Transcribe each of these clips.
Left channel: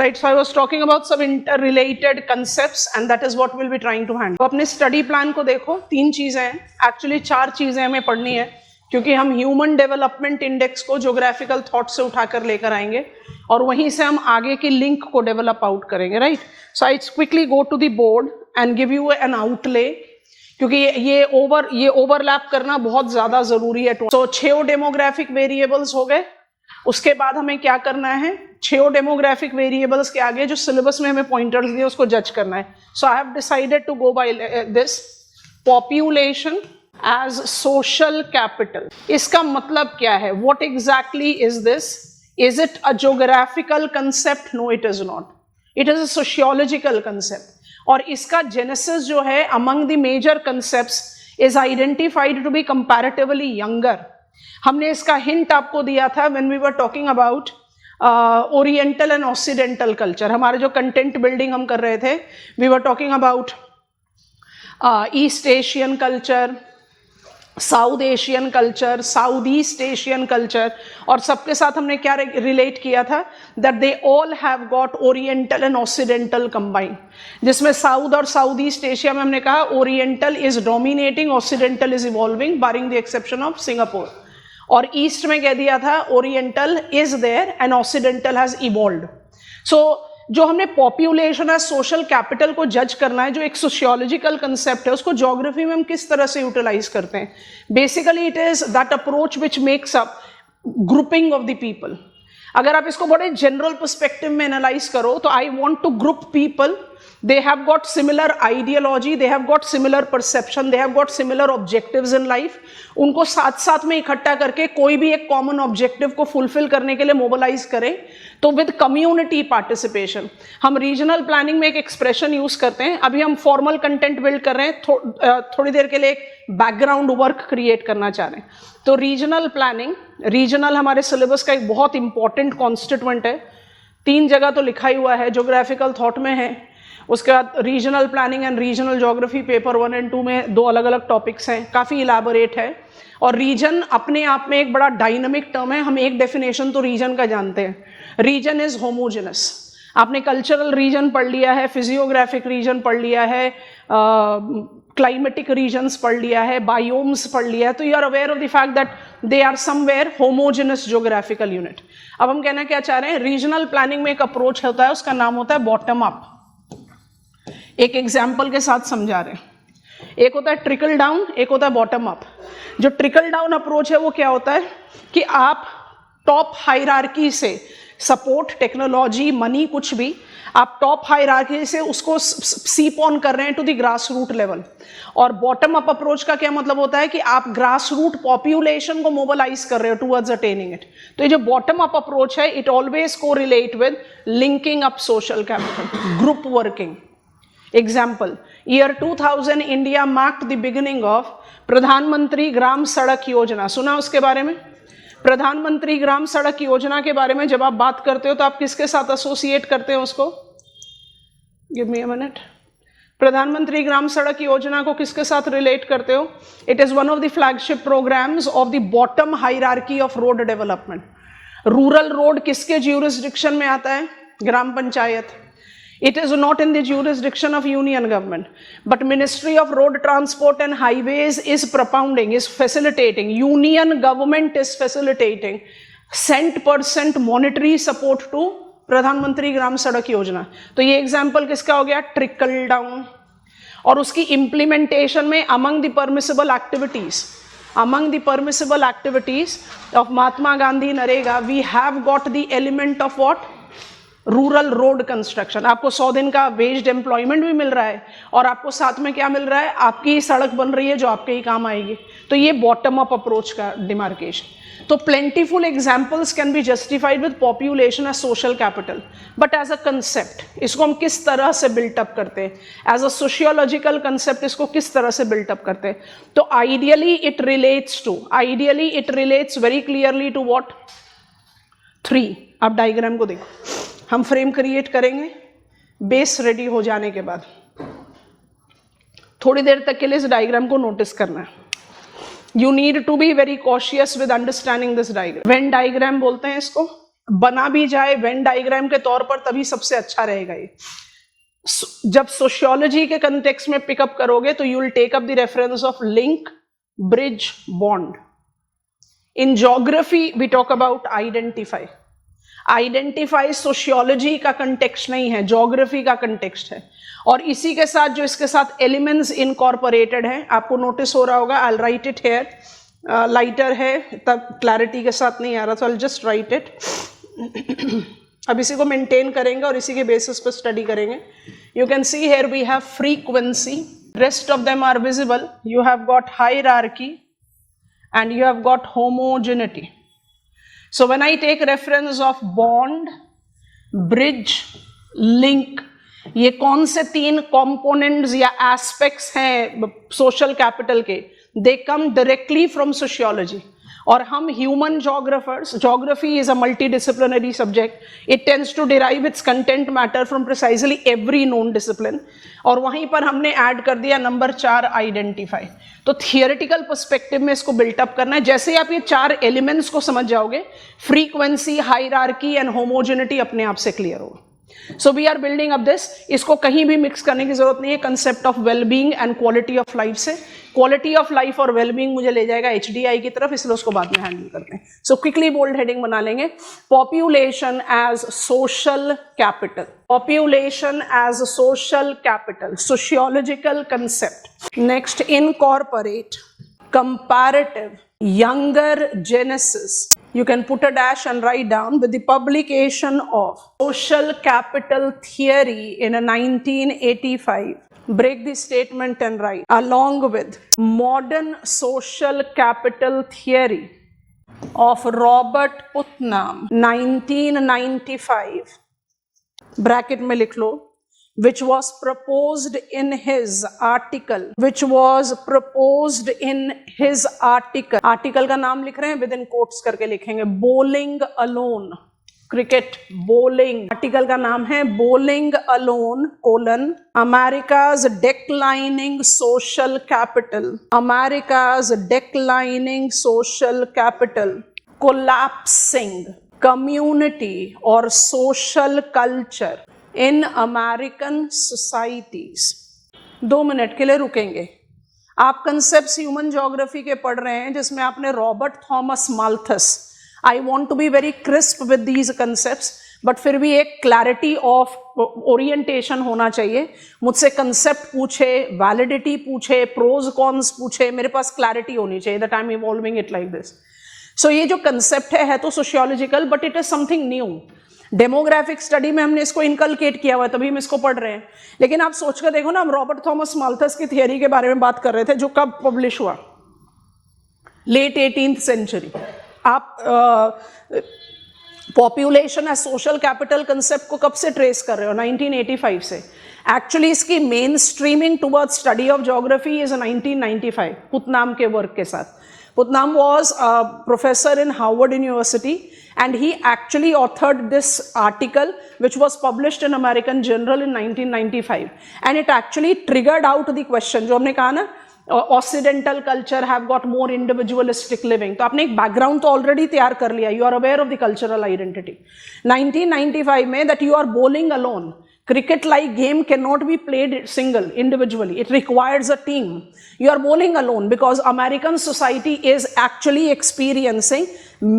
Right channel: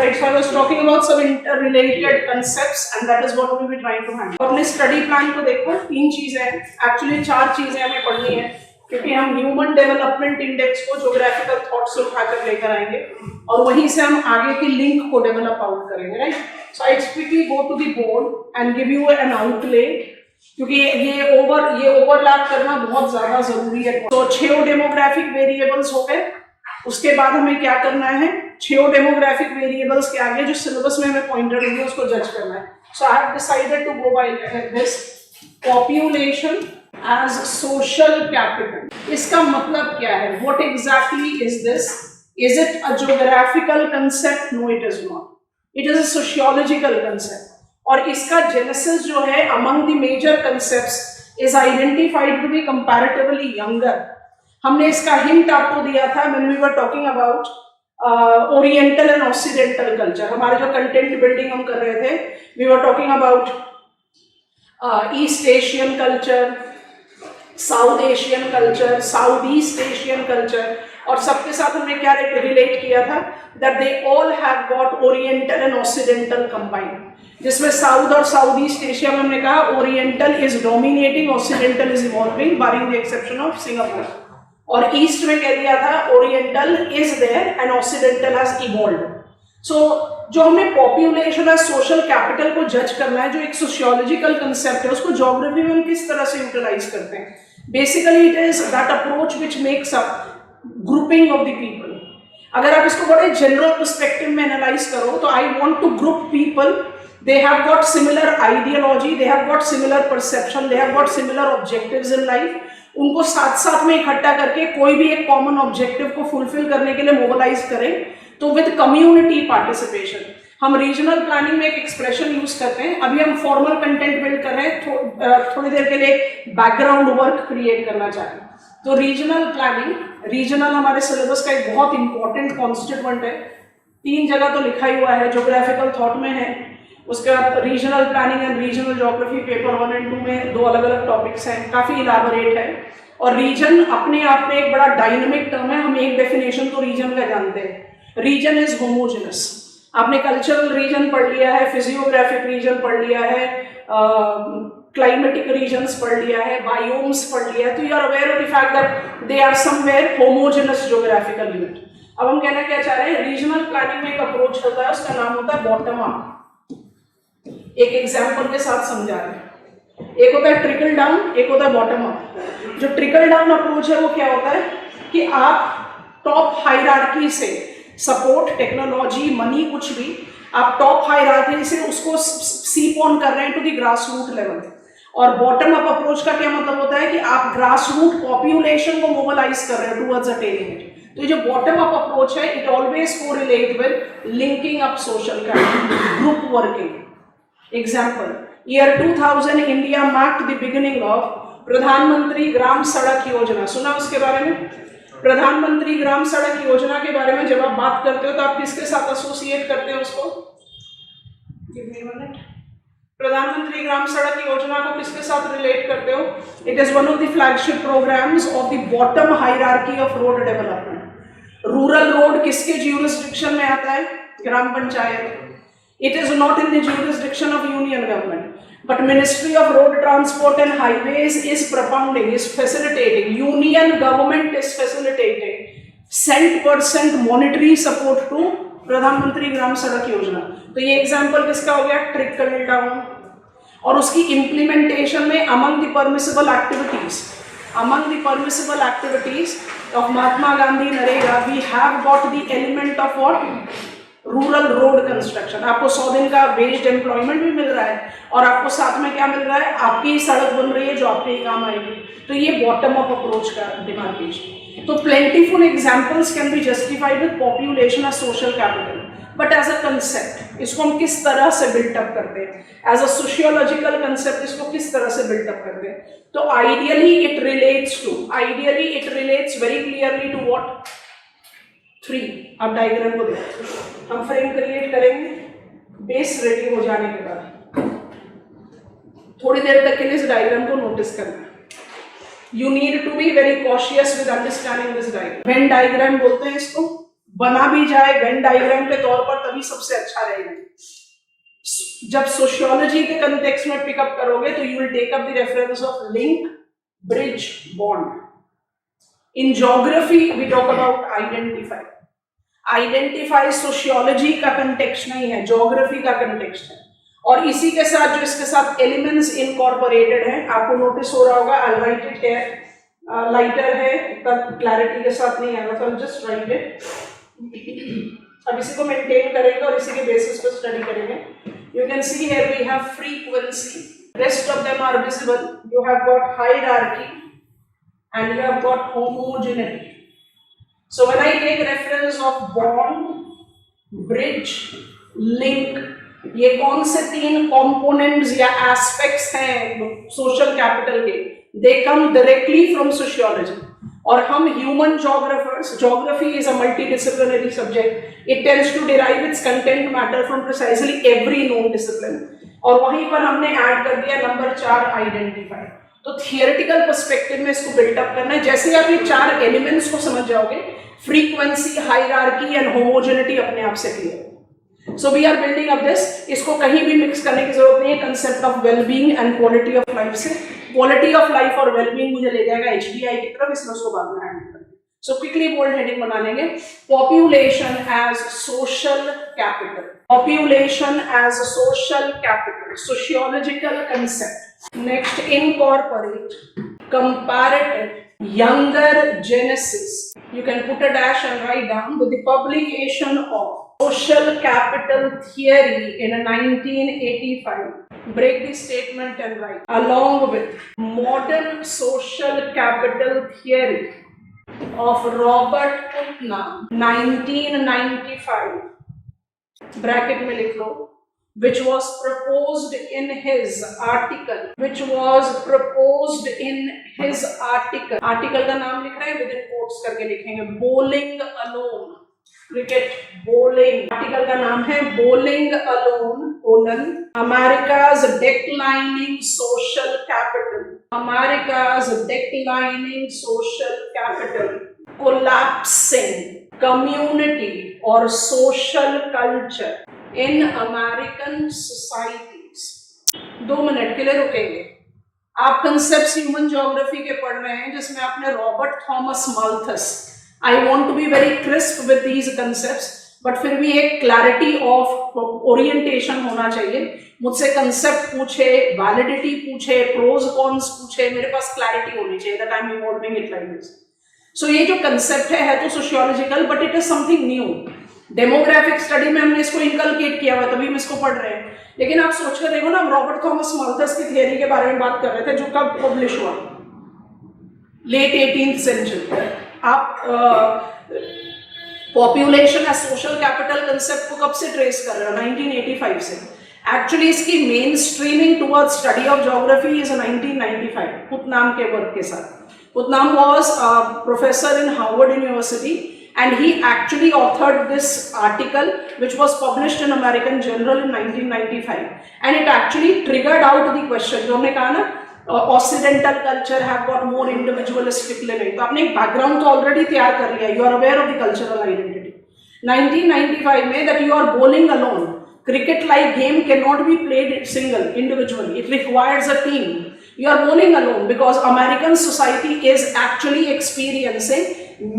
right? So I was talking about some interrelated concepts and that is what we'll be trying to handle. अपने study plan को देखो, 3 चीजें हैं, actually 4 चीजें हमें पढ़नी है क्योंकि हम ह्यूमन डेवलपमेंट इंडेक्स को ज्योग्राफिकल थॉट से उठाकर लेकर आएंगे और वहीं से हम आगे की लिंक को डेवलप आउट करेंगे, right? So I quickly go to the board and give you an outline क्योंकि ये ओवरलैप करना बहुत ज्यादा जरूरी है। तो 6 डेमोग्राफिक वेरिएबल्स हो गए। उसके बाद हमें क्या करना है, 6 डेमोग्राफिक वेरिएबल्स के आगे जो सिलेबस में हमें पॉइंटर्स दिए उसको जज करना है। So I have decided to go by this population as social capital. इसका मतलब क्या है, what exactly is this? Is it a geographical concept? No, it is not. It is a sociological concept और इसका जेनेसिस जो है among the major concepts is identified to be comparatively younger. हमने इसका हिंट आपको दिया था when we were talking about oriental and occidental culture. हमारे जो कंटेंट बिल्डिंग हम कर रहे थे, we were talking about East Asian culture, South Asian culture, South East Asian culture और सबके साथ हमने क्या रिलेट किया था, that they all have got oriental and occidental combined, जिसमें साउथ और साउथ ईस्ट एशिया में हमने कहा oriental is dominating, occidental is evolving barring the exception of Singapore. और ईस्ट में कह दिया था oriental is there and occidental has evolved. सो जो हमने पॉपुलेशन एज सोशल कैपिटल को जज करना है, जो एक सोशियोलॉजिकल कंसेप्ट है, उसको ज्योग्राफी में हम किस तरह से यूटिलाइज करते हैं? Basically it is that approach which makes up grouping of the people. अगर आप इसको बड़े जनरल पर्सपेक्टिव में एनालाइज करो तो I want to group people, they have got similar ideology, they have got similar perception, they have got similar objectives in life, उनको साथ साथ में इकट्ठा करके कोई भी एक कॉमन ऑब्जेक्टिव को फुलफिल करने के लिए मोबिलाइज करें, तो विद कम्युनिटी पार्टिसिपेशन। हम रीजनल प्लानिंग में एक एक्सप्रेशन यूज करते हैं, अभी हम फॉर्मल कंटेंट बिल्ड कर रहे हैं, थोड़ी देर के लिए बैकग्राउंड वर्क क्रिएट करना चाह रहे हैं। तो रीजनल प्लानिंग, रीजनल हमारे सिलेबस का एक बहुत इंपॉर्टेंट कॉन्स्टिट्यूएंट है, 3 जगह तो लिखा ही हुआ है, ज्योग्राफिकल थॉट में है, उसका regional planning and regional geography paper 1 और 2 में 2 अलग अलग टॉपिक्स हैं, काफी इलाबोरेट है। और रीजन अपने आप में एक बड़ा डायनामिक टर्म है, हम एक डेफिनेशन तो रीजन का जानते हैं, रीजन इज होमोजेनस। आपने कल्चरल रीजन पढ़ लिया है, फिजियोग्राफिक रीजन पढ़ लिया है, क्लाइमेटिक रीजन्स पढ़ लिया है, बायोम्स पढ़ लिया है, तो you are aware of the fact that they are somewhere homogeneous geographical unit. अब हम कहना क्या चाह रहे हैं, रीजनल प्लानिंग में एक अप्रोच होता है, उसका नाम होता है बॉटम अप। एक एग्जाम्पल के साथ समझा रहे हैं, एक होता है ट्रिकल डाउन, एक होता है बॉटम अप। जो ट्रिकल डाउन अप्रोच है वो क्या होता है कि आप टॉप हायरार्की से सपोर्ट, टेक्नोलॉजी, मनी, कुछ भी आप टॉप हायरार्की से उसको सीप ऑन कर रहे हैं to the grass root level. और बॉटम अप अप्रोच का क्या मतलब होता है कि आप ग्रास रूट पॉपुलेशन को मोबिलाइज कर रहे हो टुवर्ड्स अटेनिंग इट। तो ये जो बॉटम अप अप्रोच है, it always correlate with linking up social capital, group working. Example, year 2000 India marked the beginning of प्रधानमंत्री ग्राम सड़क योजना। सुना उसके बारे में? प्रधानमंत्री ग्राम सड़क योजना के बारे में जब आप बात करते हो तो आप किसके साथ एसोसिएट करते हो उसको? Give me a minute. प्रधानमंत्री ग्राम सड़क योजना को किसके साथ रिलेट करते हो? It is one of the flagship programmes of the bottom hierarchy of road development. Rural road किसके ज्यूरिसडिक्शन में आता है? ग्राम panchayat. It is not in the jurisdiction of union government, but Ministry of Road Transport and Highways is propounding, is facilitating, union government is facilitating cent% monetary support to प्रधानमंत्री ग्राम सड़क योजना। तो ये example किसका हो गया? Trickle down. और उसकी इम्प्लीमेंटेशन में among the permissible activities of Mahatma Gandhi Narega, we have got the element of what? Rural road construction. आपको 100 दिन का वेज्ड एम्प्लॉयमेंट भी मिल रहा है और आपको साथ में क्या मिल रहा है? आपकी सड़क बन रही है जो आपके ही काम आएगी। तो ये बॉटम अप अप्रोच का डिमार्केशन। तो plentiful examples can be justified with population as social capital, but as a concept इसको हम किस तरह से बिल्टअप करते हैं, एज अ सोशियोलॉजिकल कंसेप्ट इसको किस तरह से बिल्टअप करते हैं? तो ideally it relates very clearly to what? 3। अब डायग्राम को देखो, हम फ्रेम क्रिएट करेंगे बेस रेडी हो जाने के बाद। थोड़ी देर तक के लिए इस डायग्राम को नोटिस करना है। You need to be very cautious with understanding this diagram. Venn diagram बोलते हैं इसको, बना भी जाए वेन डायग्राम के तौर पर तभी सबसे अच्छा रहेगा ये। जब सोशियोलॉजी के कंटेक्स्ट में पिकअप करोगे तो you will take up the reference of link, bridge, bond. In geography we talk about identify. Identify sociology का कंटेक्स्ट नहीं है, ज्योग्राफी का कंटेक्स्ट है। और इसी के साथ जो इसके साथ एलिमेंट्स इनकॉर्पोरेटेड हैं, आपको नोटिस हो रहा होगा, आई राइट इट हियर, लाइटर है तब क्लैरिटी के साथ नहीं आ रहा था, आई जस्ट राइट इट। अब इसी को मेंटेन करेंगे और इसी के बेसिस पे स्टडी करेंगे। You can see here we have frequency, rest of them are visible, you have got hierarchy and you have got homogeneity. So when I take reference of bond, bridge, link, ये कौन से 3 components या aspects हैं social capital के, they come directly from sociology. और हम human geographers, geography is a multidisciplinary subject, it tends to derive its content matter from precisely every known discipline, और वहीं पर हमने ऐड कर दिया नंबर 4 आइडेंटिफाई। तो थियोरेटिकल पर्सपेक्टिव में इसको बिल्टअप करना है। जैसे आप ये 4 एलिमेंट्स को समझ जाओगे, फ्रीक्वेंसी, हायरार्की एंड होमोजेनिटी अपने आप से क्लियर होगा। So we are building up this, इसको कहीं भी मिक्स करने की जरूरत नहीं है concept of wellbeing and quality of life से। क्वालिटी ऑफ लाइफ और वेलबींग मुझे ले जाएगा HDI की तरफ, इसलिए उसको बाद में हैंडल करते हैं। सो क्विकली बोल्ड हेडिंग बना लेंगे, population as social capital. Population as social capital, sociological concept. Next, incorporate comparative younger genesis, you can put a dash and write down, with the publication of social capital theory in 1985, break the statement and write, along with modern social capital theory of Robert Putnam 1995, bracket में लिख लो, which was proposed in his article, article का नाम लिख रहे हैं, within quotes करके लिखेंगे, bowling alone, cricket, bowling, article का नाम है bowling alone, America's declining social capital, collapsing community or social culture in American societies। 2 minute के लिए रुकेंगे। आप कंसेप्ट्स ह्यूमन ज्योग्राफी के पढ़ रहे हैं जिसमें आपने Robert Thomas Malthus, I want to be very crisp with these concepts, but फिर भी एक क्लैरिटी ऑफ ओरिएंटेशन होना चाहिए। मुझसे कंसेप्ट पूछे, वैलिडिटी पूछे, प्रोज कॉन्स पूछे, मेरे पास क्लैरिटी होनी चाहिए that I am evolving it like this. So ये जो कंसेप्ट है तो sociological, but it is something new. Demographic study में हमने इसको इनकलकेट किया हुआ है, तभी हम इसको पढ़ रहे हैं। लेकिन आप सोच कर देखो ना, हम रॉबर्ट थॉमस माल्थस की थियरी के बारे में बात कर रहे थे जो कब पब्लिश हुआ, लेट 18th सेंचुरी। आप population as social capital concept को कब से ट्रेस कर रहे हो? 1985 से। एक्चुअली इसकी mainstreaming towards study of geography is 1995 Putnam के वर्क के साथ। Putnam was professor in Harvard University and he actually authored this article which was published in American Journal in 1995, and it actually triggered out the question जो हमने कहा ना, occidental culture have got more individualistic living। तो आपने एक background तो already तैयार कर लिया, you are aware of the cultural identity। 1995 में that you are bowling alone, cricket like game cannot be played single individually, it requires a team। You are bowling alone because American society is actually experiencing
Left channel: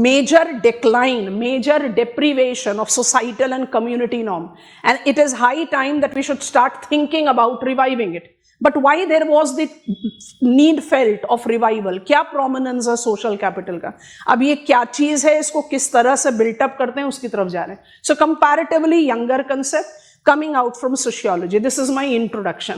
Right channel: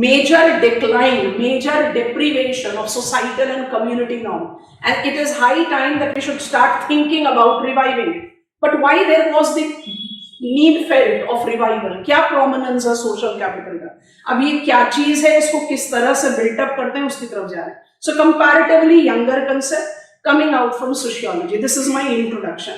major decline, major deprivation of societal and community norm, and it is high time that we should start thinking about reviving it। But why there was the need felt of revival? क्या prominence है social capital का? अब ये क्या चीज है, इसको किस तरह से built-up करते हैं, उसकी तरफ जा रहे हैं। So comparatively younger concept coming out from sociology. This is my introduction.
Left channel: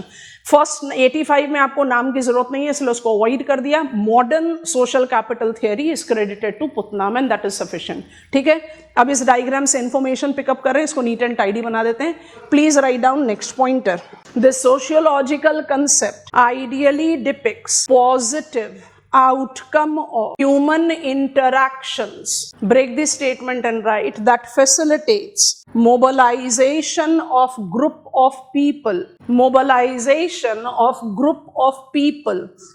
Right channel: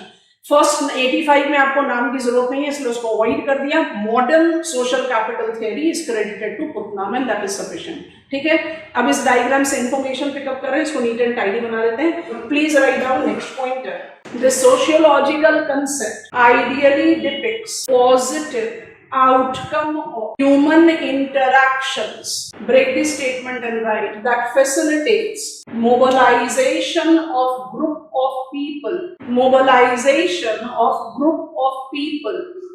First 85 में आपको नाम की जरूरत नहीं है, इसलिए उसको अवॉइड कर दिया। Modern social capital theory is credited to Putnam and that is sufficient. ठीक है, अब इस डायग्राम से इंफॉर्मेशन पिकअप कर रहे हैं, इसको नीट एंड टाइडी बना देते हैं। Please write down next pointer. The sociological concept ideally depicts positive outcome of human interactions, break the statement and write, that facilitates mobilization of group of people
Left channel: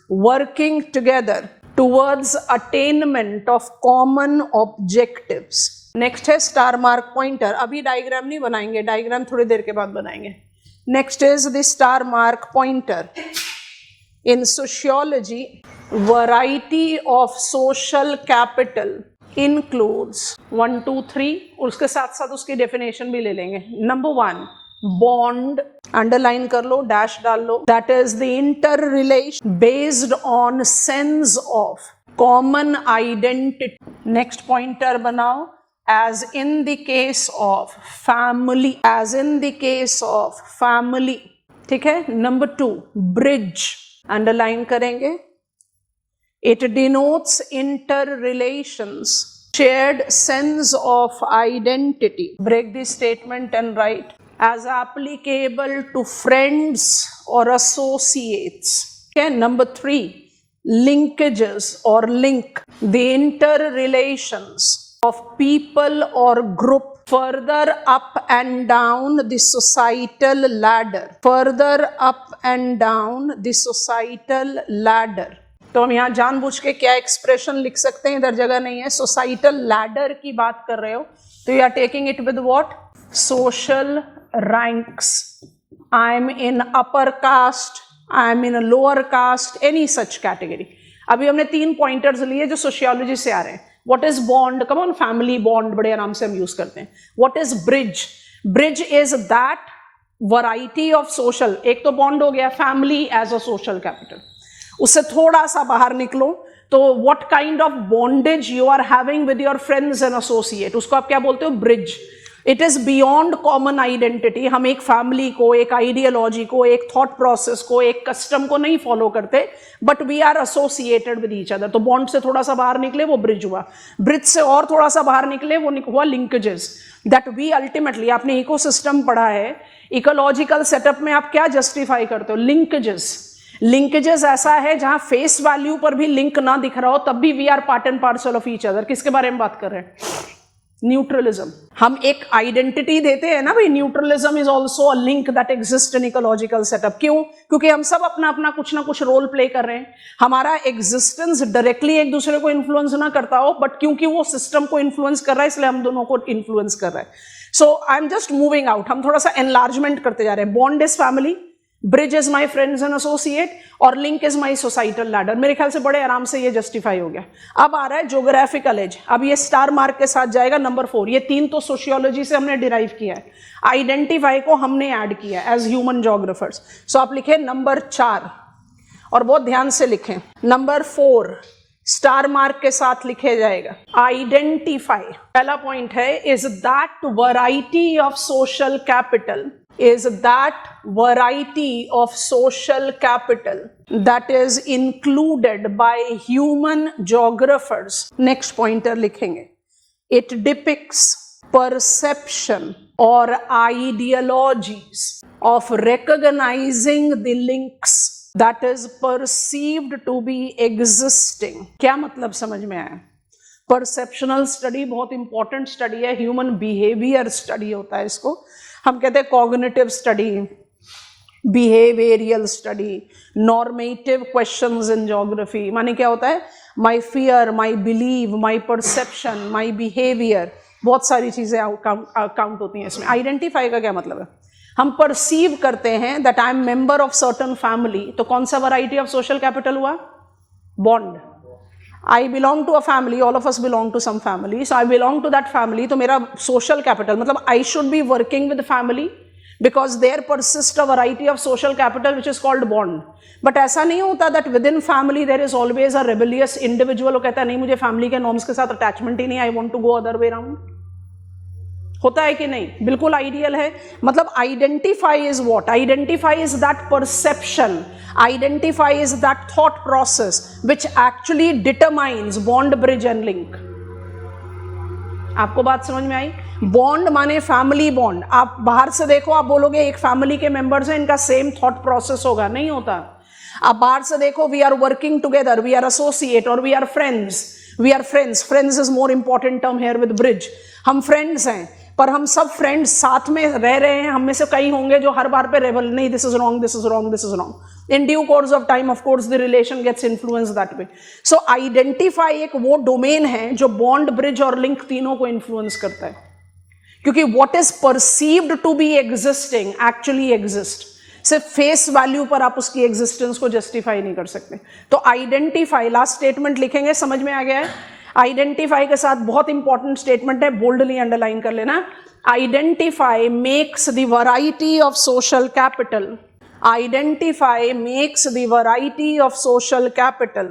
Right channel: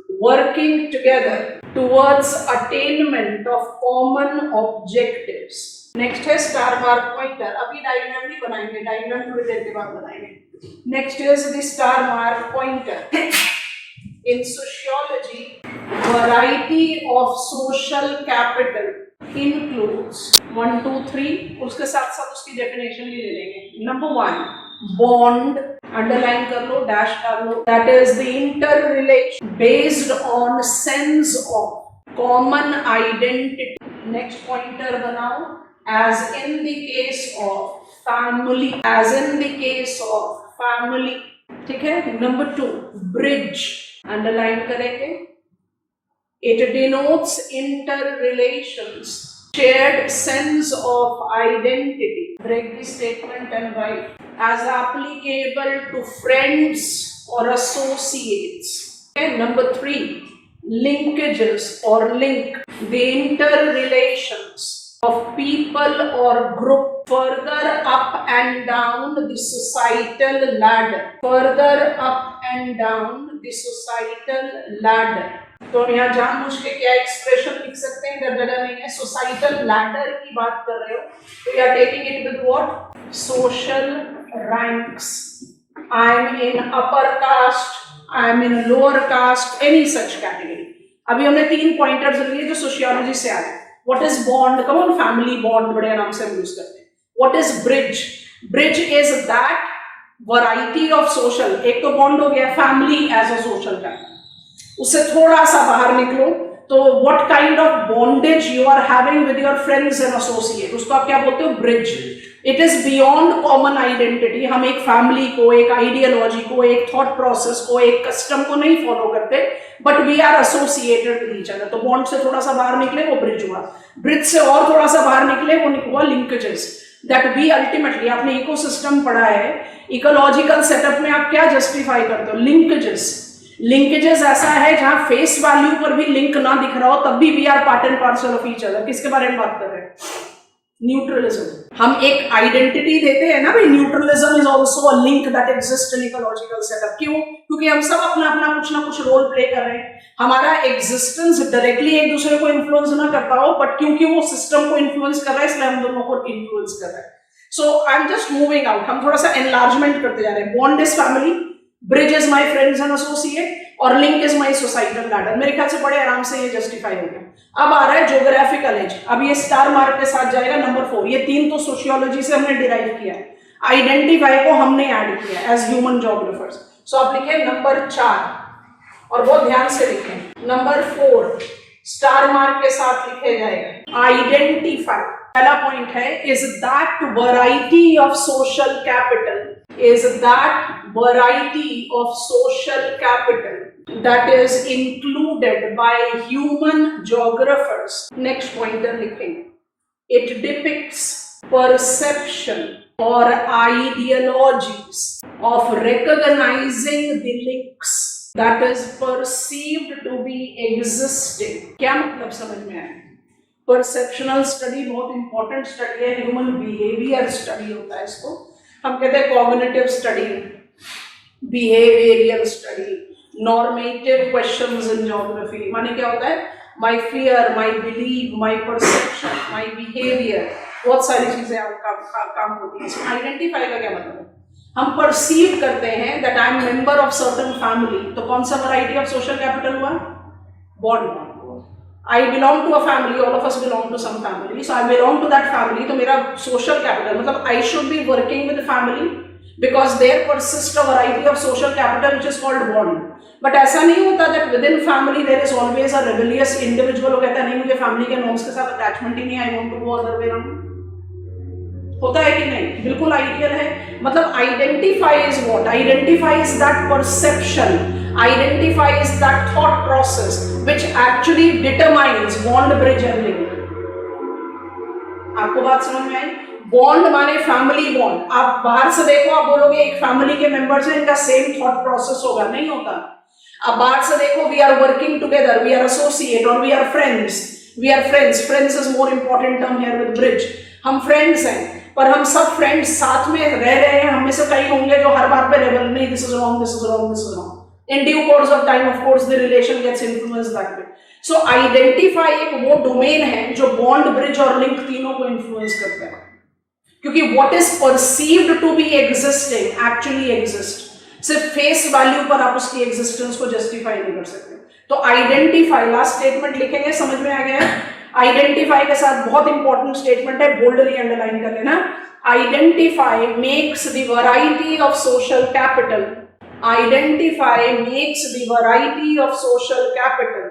working together towards attainment of common objectives। Next है star mark pointer. अभी diagram नहीं बनाएंगे, diagram थोड़ी देर के बाद बनाएंगे. Next is the star mark pointer. In sociology, variety of social capital includes 1, 2, 3. उसके साथ साथ उसकी डेफिनेशन भी ले लेंगे. नंबर 1, bond, अंडरलाइन कर लो, डैश डाल लो. That is the interrelation based on sense of common identity. Next pointer बनाओ. As in the case of family. As in the case of family. ठीक है. Number 2, bridge. अंडरलाइन करेंगे. It denotes interrelations, shared sense of identity. Break the statement and write as applicable to friends or associates. Okay, number 3, linkages or link the interrelations of people or group further up and down the societal ladder. Further up and down the societal ladder. तो हम यहाँ जानबूझ के क्या expression लिख सकते हैं, इधर जगह नहीं है. सोसाइटल लैडर की बात कर रहे हो तो you are taking it with what? Social ranks. I am in upper caste, I am in lower caste, any such category. अभी हमने 3 पॉइंटर्स लिए जो सोशियोलॉजी से आ रहे हैं. What is bond? Come on, family bond बड़े आराम से हम यूज करते हैं. What is bridge? Bridge is that variety of social. एक तो bond हो गया, family as a social capital. उससे थोड़ा सा बाहर निकलो तो what kind of bondage you are having with your friends and associate, उसको आप क्या बोलते हो? Bridge. It is beyond common identity. हम एक फैमिली को, एक आइडियोलॉजी को, एक थॉट प्रोसेस को, एक कस्टम को नहीं फॉलो करते, but we are associated with each other. तो बॉन्ड से थोड़ा सा बाहर निकले वो ब्रिज हुआ. ब्रिज से और थोड़ा सा बाहर निकले वो हुआ लिंकेजेस. दैट वी अल्टीमेटली, आपने इकोसिस्टम पढ़ा है, इकोलॉजिकल सेटअप में आप क्या जस्टिफाई करते हो? लिंकेजेस. लिंकेजेस ऐसा है जहां फेस वैल्यू पर भी लिंक ना दिख रहा हो तब भी we are part and parcel of each other. किसके बारे में बात कर रहे हैं? न्यूट्रलिज्म. हम एक आइडेंटिटी देते हैं ना भाई. Neutralism is also a link that exist in ecological setup. क्यों? क्योंकि हम सब अपना अपना कुछ ना कुछ रोल प्ले कर रहे हैं. हमारा एग्जिस्टेंस डायरेक्टली एक दूसरे को इन्फ्लुएंस ना करता हो, बट क्योंकि वो सिस्टम को इन्फ्लुएंस कर रहा है इसलिए हम दोनों को इन्फ्लुएंस कर रहा है. So I am just moving out. हम थोड़ा सा एनलार्जमेंट करते जा रहे हैं. Bond is family, bridge is my friends and associate, और link is my societal ladder. मेरे ख्याल से बड़े आराम से ये जस्टिफाई हो गया. अब आ रहा है ज्योग्राफिकल एज. अब ये स्टार मार्क के साथ जाएगा. नंबर 4. ये 3 तो सोशियोलॉजी से हमने डिराइव किया है. आइडेंटिफाई को हमने ऐड किया एज ह्यूमन ज्योग्राफर्स. सो आप लिखे नंबर 4 और बहुत ध्यान से लिखें. नंबर 4 स्टार मार्क के साथ लिखे जाएगा. आइडेंटिफाई. पहला पॉइंट है is that variety of social capital, is that variety of social capital that is included by human geographers. Next pointer लिखेंगे. It depicts perception or ideologies of recognizing the links that is perceived to be existing. क्या मतलब समझ में आया? Perceptual study बहुत important study है. Human behaviour study होता है इसको. हम कहते हैं cognitive study, behavioural study, normative questions in geography. माने क्या होता है? My fear, my believe, my perception, my behaviour, बहुत सारी चीजें काउंट होती हैं इसमें. आइडेंटिफाई का क्या मतलब है? हम परसीव करते हैं that I M member of certain family. तो कौन सा वैरायटी ऑफ सोशल कैपिटल हुआ? Bond. I belong to a family, all of us belong to some family, so I belong to that family. तो मेरा social capital मतलब I should be working with the family because there persists a variety of social capital which is called bond. But ऐसा नहीं होता that within family there is always a rebellious individual वो कहता है नहीं मुझे family के norms के साथ attachment ही नहीं, I want to go other way around. होता है कि नहीं? बिल्कुल आइडियल है. मतलब identify is what? Identify is that perception. Identify is that thought process which actually determines bond, bridge and link. आपको बात समझ में आई? बॉन्ड माने फैमिली बॉन्ड. आप बाहर से देखो, आप बोलोगे एक फैमिली के मेंबर्स हैं, इनका सेम थॉट प्रोसेस होगा. नहीं होता. आप बाहर से देखो, we are working together, we are associate और we are friends. We are friends. Friends is more important term here with bridge. हम फ्रेंड्स हैं पर हम सब फ्रेंड्स साथ में रह रहे हैं. हम में से कई होंगे जो हर बार पे रेबल नहीं, this is wrong, this is wrong, this is wrong. In due course of time, of course, the relation gets influenced that way. So identify एक वो डोमेन है जो बॉन्ड, ब्रिज और लिंक तीनों को इन्फ्लुएंस करता है, क्योंकि what is perceived to be existing actually exists. सिर्फ फेस वैल्यू पर आप उसकी एग्जिस्टेंस को जस्टिफाई नहीं कर सकते. तो आइडेंटिफाई, लास्ट स्टेटमेंट लिखेंगे, समझ में आ गया? आइडेंटिफाई के साथ बहुत इंपॉर्टेंट स्टेटमेंट है, बोल्डली अंडरलाइन कर लेना. Identify makes the variety of social capital. Identify makes the variety of social capital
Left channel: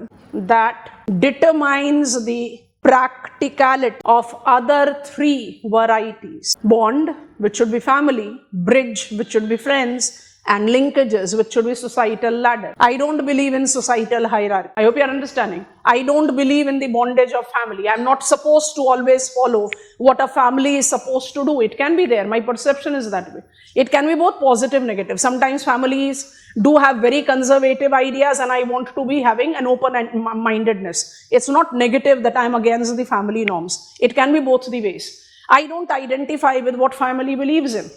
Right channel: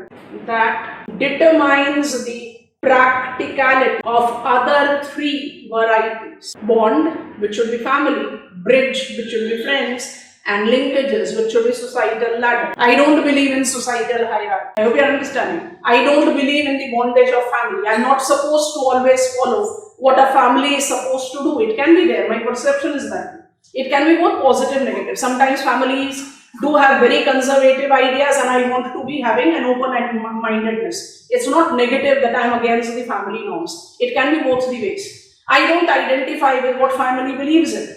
that determines the practicality of other three varieties. Bond, which should be family, bridge, which should be friends, and linkages, which should be societal ladder. I don't believe in societal hierarchy. I hope you are understanding. I don't believe in the bondage of family. I'm not supposed to always follow what a family is supposed to do. It can be there. My perception is that way. It can be both positive, negative. Sometimes families do have very conservative ideas and I want to be having an open-mindedness. It's not negative that I'm against the family norms. It can be both the ways. I don't identify with what family believes in.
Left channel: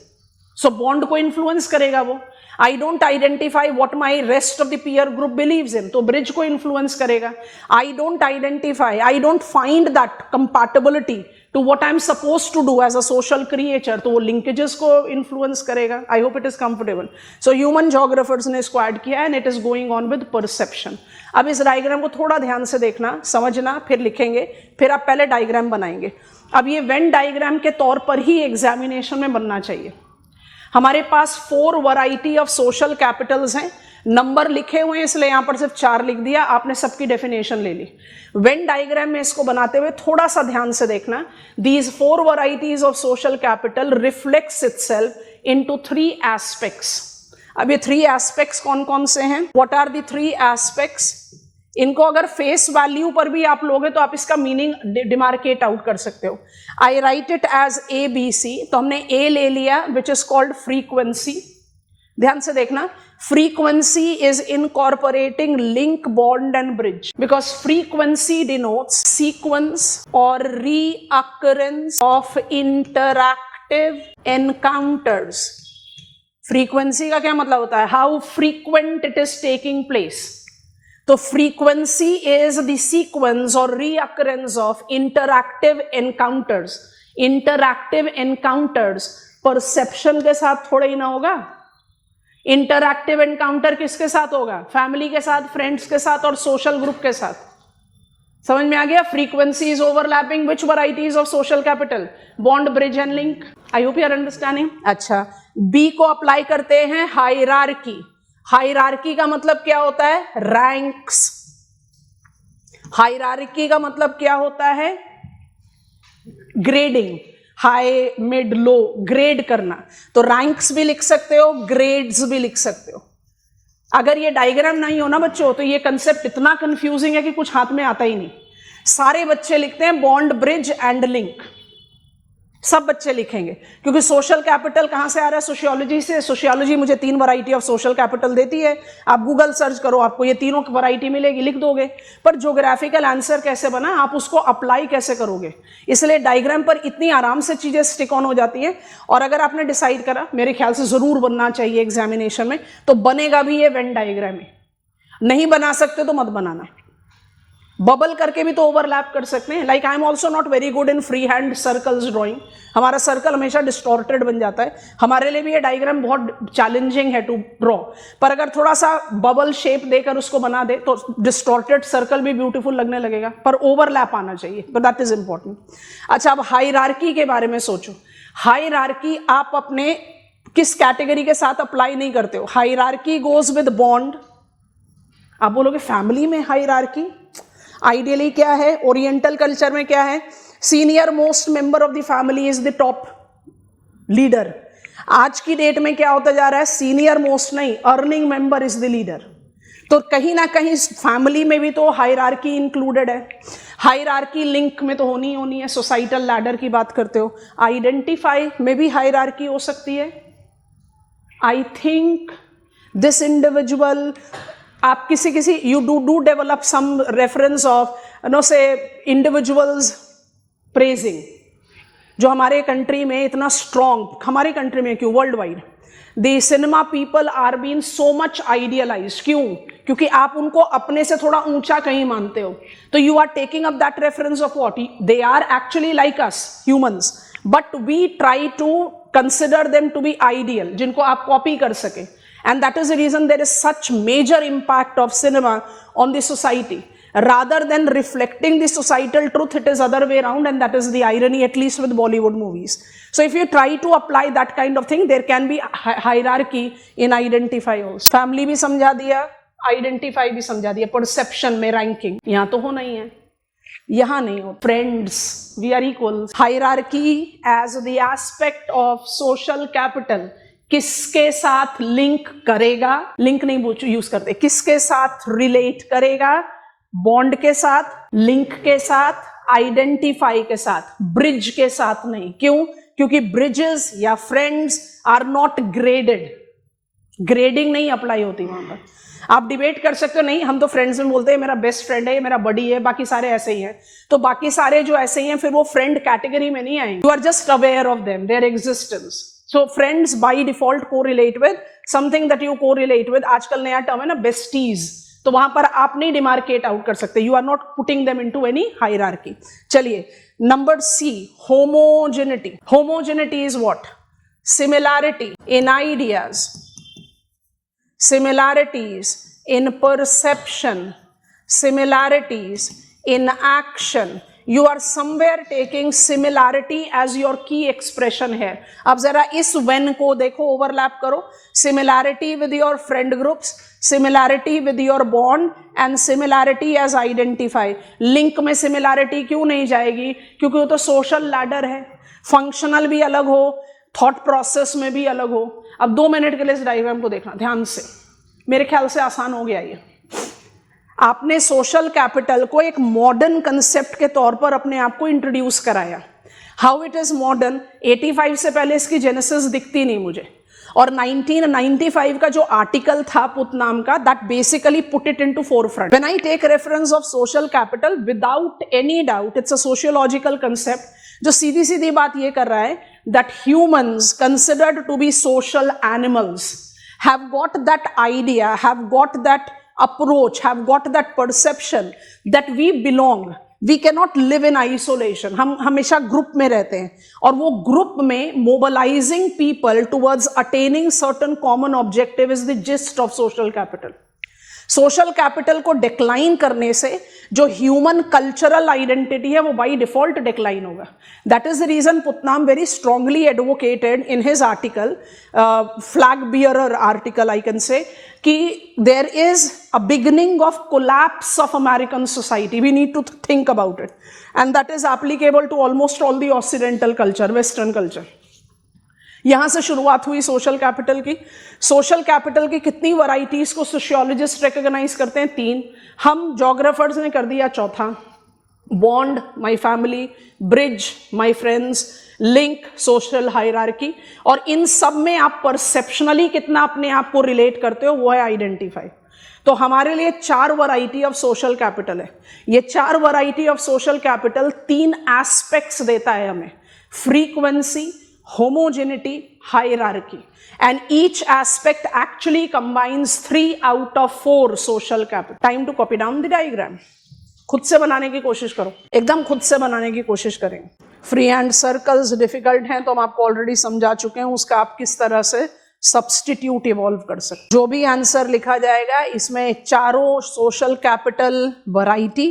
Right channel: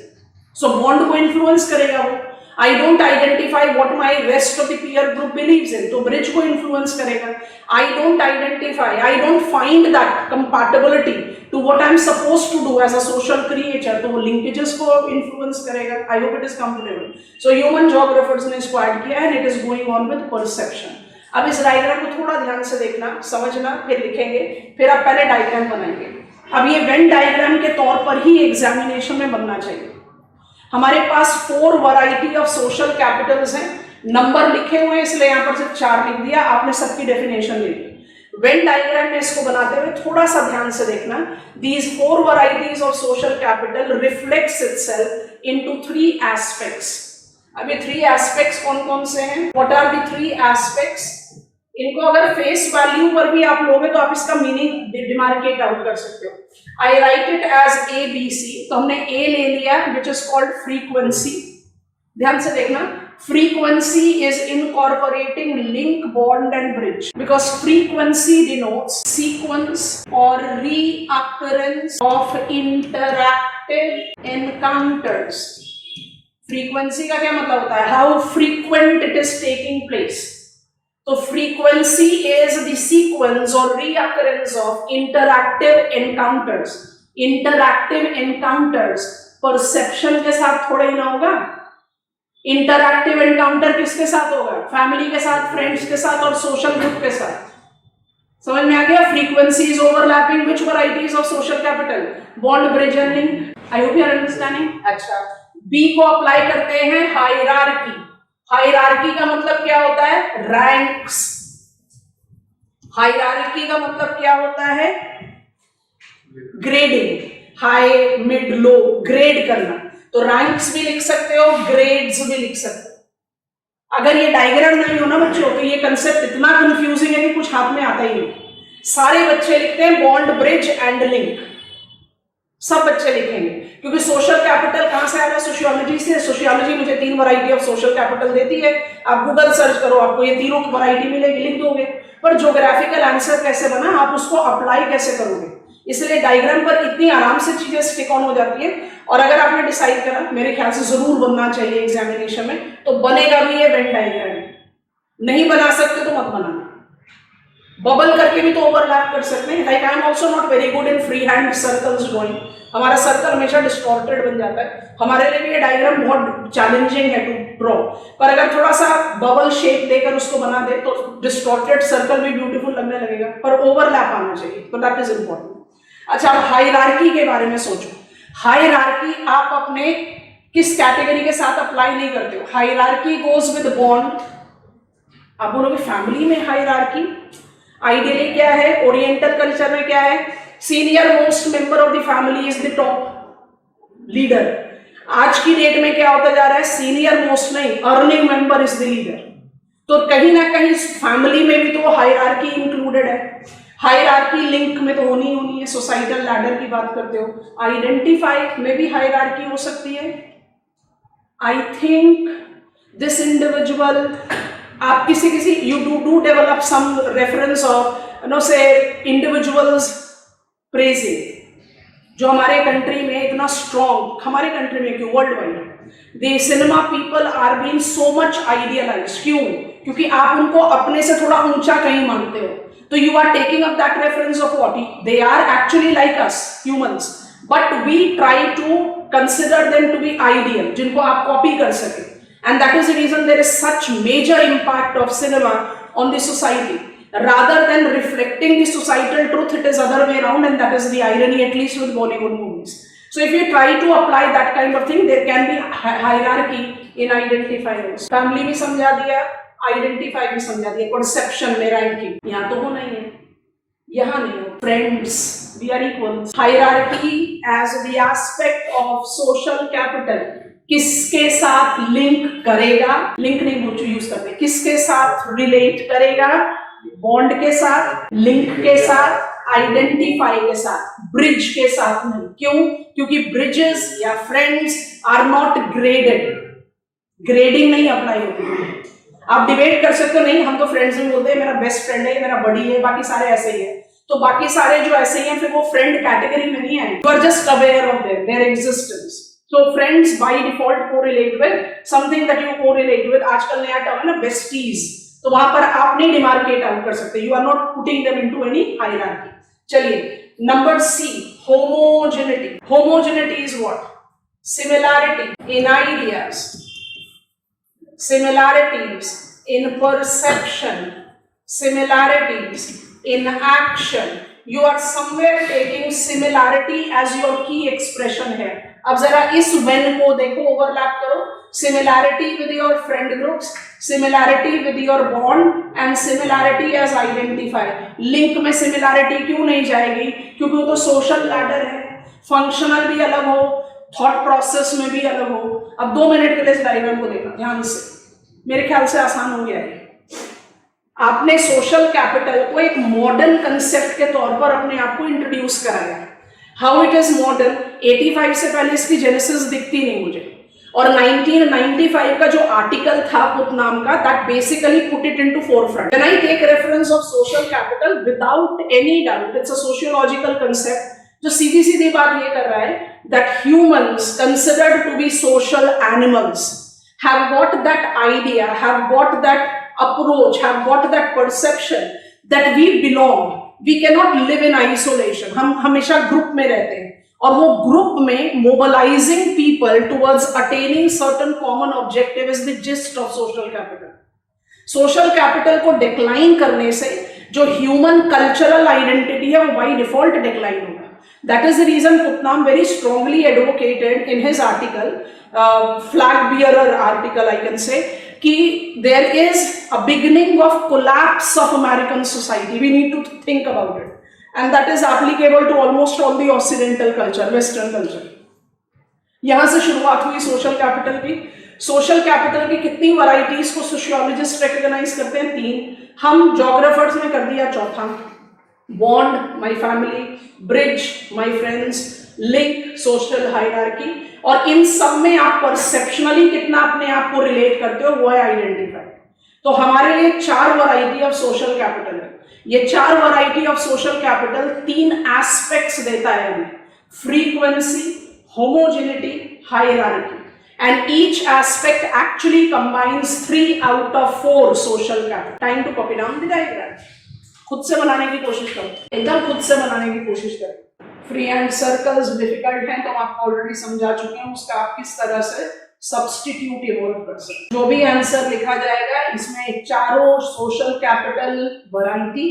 So bond को influence करेगा वो. I don't identify what my rest of the peer group believes in. तो bridge को influence करेगा. I don't identify, I don't find that compatibility to what I'm supposed to do as a social creature. तो वो linkages को influence करेगा. I hope it is comfortable. So human geographers ने इसको add किया and it is going on with perception. अब इस diagram को थोड़ा ध्यान से देखना, समझना, फिर लिखेंगे, फिर आप पहले डायग्राम बनाएंगे. अब ये वेन डायग्राम के तौर पर ही एग्जामिनेशन में बनना चाहिए. हमारे पास 4 वैरायटी ऑफ सोशल कैपिटल्स हैं. नंबर लिखे हुए इसलिए यहां पर सिर्फ 4 लिख दिया, आपने सबकी डेफिनेशन ले ली. वेन डायग्राम में इसको बनाते हुए थोड़ा सा ध्यान से देखना. These 4 varieties of social capital reflects itself into 3 aspects. अब ये 3 एस्पेक्ट्स कौन कौन से हैं? What are the 3 aspects? इनको अगर फेस वैल्यू पर भी आप लोगे तो आप इसका मीनिंग डिमार्केट आउट कर सकते हो. I write it as A B C. तो हमने ए ले लिया विच इज कॉल्ड फ्रीक्वेंसी. ध्यान से देखना, frequency is incorporating link, bond and bridge, because frequency denotes sequence और reoccurrence of interactive encounters. Frequency का क्या मतलब होता है? How frequent it is taking place. तो फ्रीक्वेंसी इज द सीक्वेंस और reoccurrence of interactive encounters. Interactive encounters perception के साथ थोड़ा ही ना होगा. इंटरैक्टिव एनकाउंटर किसके साथ होगा? फैमिली के साथ, फ्रेंड्स के साथ और सोशल ग्रुप के साथ. समझ में आ गया? Frequency is overlapping which varieties of social capital? Bond, bridge and link. I hope you are understanding. अच्छा, बी को अप्लाई करते हैं हायरार्की. हायरार्की का मतलब क्या होता है? रैंक्स. हायरार्की का मतलब क्या होता है? ग्रेडिंग. हाई, मिड, लो, ग्रेड करना. तो रैंक्स भी लिख सकते हो, ग्रेड्स भी लिख सकते हो. अगर ये डायग्राम नहीं हो ना बच्चों तो ये कंसेप्ट इतना कंफ्यूजिंग है कि कुछ हाथ में आता ही नहीं. सारे बच्चे लिखते हैं बॉन्ड, ब्रिज एंड लिंक. सब बच्चे लिखेंगे क्योंकि सोशल कैपिटल कहां से आ रहा है? सोशियोलॉजी से. सोशियोलॉजी मुझे 3 वैरायटी ऑफ सोशल कैपिटल देती है. आप गूगल सर्च करो, आपको ये तीनों की वैरायटी मिलेगी, लिख दोगे. पर ज्योग्राफिकल आंसर कैसे बना, आप उसको अप्लाई कैसे करोगे? इसलिए डायग्राम पर इतनी आराम से चीजें स्टिक ऑन हो जाती है. और अगर आपने डिसाइड करा मेरे ख्याल से जरूर बनना चाहिए एग्जामिनेशन में, तो बनेगा भी ये वेन डायग्राम. नहीं बना सकते तो मत बनाना. बबल करके भी तो ओवरलैप कर सकते हैं. Like I am also not very good in free hand circles drawing. हमारा सर्कल हमेशा डिस्टॉर्टेड बन जाता है. हमारे लिए भी ये डायग्राम बहुत चैलेंजिंग है टू ड्रॉ. पर अगर थोड़ा सा बबल शेप देकर उसको बना दे तो डिस्टॉर्टेड सर्कल भी ब्यूटीफुल लगने लगेगा. पर ओवरलैप आना चाहिए, तो दैट इज इंपॉर्टेंट. अच्छा, हायरार्की के बारे में सोचो. हायरार्की आप अपने किस कैटेगरी के साथ अप्लाई नहीं करते हो? Hierarchy goes with bond. आप बोलोगे फैमिली में हायरार्की आइडियली क्या है? ओरिएंटल कल्चर में क्या है? Senior most member of the family is the top leader. आज की डेट में क्या होता जा रहा है? सीनियर मोस्ट नहीं, earning member is the leader. तो कहीं ना कहीं फैमिली में भी तो हायरार्की इंक्लूडेड है. हायरार्की लिंक में तो होनी है. सोसाइटल लैडर की बात करते हो. आइडेंटिफाई में भी हायरार्की हो सकती है. आई थिंक दिस इंडिविजुअल, आप किसी you do develop some reference of say individuals praising. जो हमारे कंट्री में इतना स्ट्रॉन्ग, हमारे कंट्री में क्यों, world wide the cinema people are being so much idealized. क्यों? क्योंकि आप उनको अपने से थोड़ा ऊंचा कहीं मानते हो, तो you are taking up that reference of what they are actually like us humans, but we try to consider them to be ideal, जिनको आप कॉपी कर सके। And that is the reason there is such major impact of cinema on the society rather than reflecting the societal truth. It is other way around, and that is the irony, at least with Bollywood movies. So if you try to apply that kind of thing, there can be hierarchy in identifiers. Family भी समझा दिया, identify भी समझा दिया, perception में ranking यहाँ तो हो नहीं है, यहाँ नहीं हो। Friends, we are equals. Hierarchy as the aspect of social capital. किसके साथ लिंक करेगा, लिंक नहीं बोल यूज करते, किसके साथ रिलेट करेगा, बॉन्ड के साथ, लिंक के साथ, आइडेंटिफाई के साथ, ब्रिज के साथ नहीं। क्यों? क्योंकि ब्रिजेस या friends are not graded, grading नहीं अप्लाई होती है। आप डिबेट कर सकते हो, नहीं हम तो फ्रेंड्स में बोलते हैं मेरा बेस्ट फ्रेंड है, मेरा बडी है, बाकी सारे ऐसे ही हैं, तो बाकी सारे जो ऐसे ही हैं फिर वो फ्रेंड कैटेगरी में नहीं आए। You are just aware of them, their existence. So friends by default correlate with something that you correlate with. आजकल नया टर्म है ना besties, तो वहां पर आप नहीं डिमार्केट आउट कर सकते, you are not putting them into any hierarchy. चलिए number C, homogeneity. Homogeneity is what? Similarity in ideas, similarities in perception, similarities in action. You are somewhere taking similarity as your key expression here. अब जरा इस when को देखो, overlap करो, similarity with your friend groups, similarity with your bond and similarity as identify. Link में similarity क्यों नहीं जाएगी? क्योंकि वो तो social ladder है, functional भी अलग हो, thought process में भी अलग हो। अब 2 मिनट के लिए इस डायग्राम को देखना ध्यान से, मेरे ख्याल से आसान हो गया है। आपने सोशल कैपिटल को एक मॉडर्न कंसेप्ट के तौर पर अपने आप को इंट्रोड्यूस कराया। How it is modern? 85 से पहले इसकी जेनेसिस दिखती नहीं मुझे, और 1995 का जो आर्टिकल था पुतनाम का, that basically put it into forefront. When I take reference of social capital, without any doubt it's a sociological concept जो सीधी सीधी बात ये कर रहा है that humans considered to be social animals have got that idea, have got that approach, have got that perception that we belong. We cannot live in isolation. हम हमेशा ग्रुप में रहते हैं, और वो ग्रुप में mobilizing people towards attaining certain common objective is the gist of social capital. Social capital को decline करने से जो ह्यूमन कल्चरल आइडेंटिटी है वो बाई डिफॉल्ट डिक्लाइन होगा। That is the reason Putnam very strongly advocated in his article, flag bearer article I can say, कि there is a beginning of collapse of American society. We need to think about it, and that is applicable to almost all the Occidental culture, Western culture. यहां से शुरुआत हुई social capital की। Social capital की कितनी varieties को sociologist recognise करते हैं? 3। हम जोग्राफर्स ने कर दिया चौथा। Bond, my family, bridge, my friends, link, social hierarchy, और इन सब में आप परसेप्शनली कितना अपने आप को रिलेट करते हो वो है आइडेंटिफाई। तो हमारे लिए 4 वैरायटी ऑफ सोशल कैपिटल है। ये 4 variety of social capital 3 aspects देता है हमें: frequency, homogeneity, hierarchy, and each aspect actually combines 3 out of 4 social capital. Time to copy down the diagram. खुद से बनाने की कोशिश करो, एकदम खुद से बनाने की कोशिश करेंगे। फ्री हैंड सर्कल्स डिफिकल्ट हैं तो हम आपको ऑलरेडी समझा चुके हैं, उसका आप किस तरह से सब्स्टिट्यूट इवॉल्व कर सकते। जो भी आंसर लिखा जाएगा इसमें चारों सोशल कैपिटल वैरायटी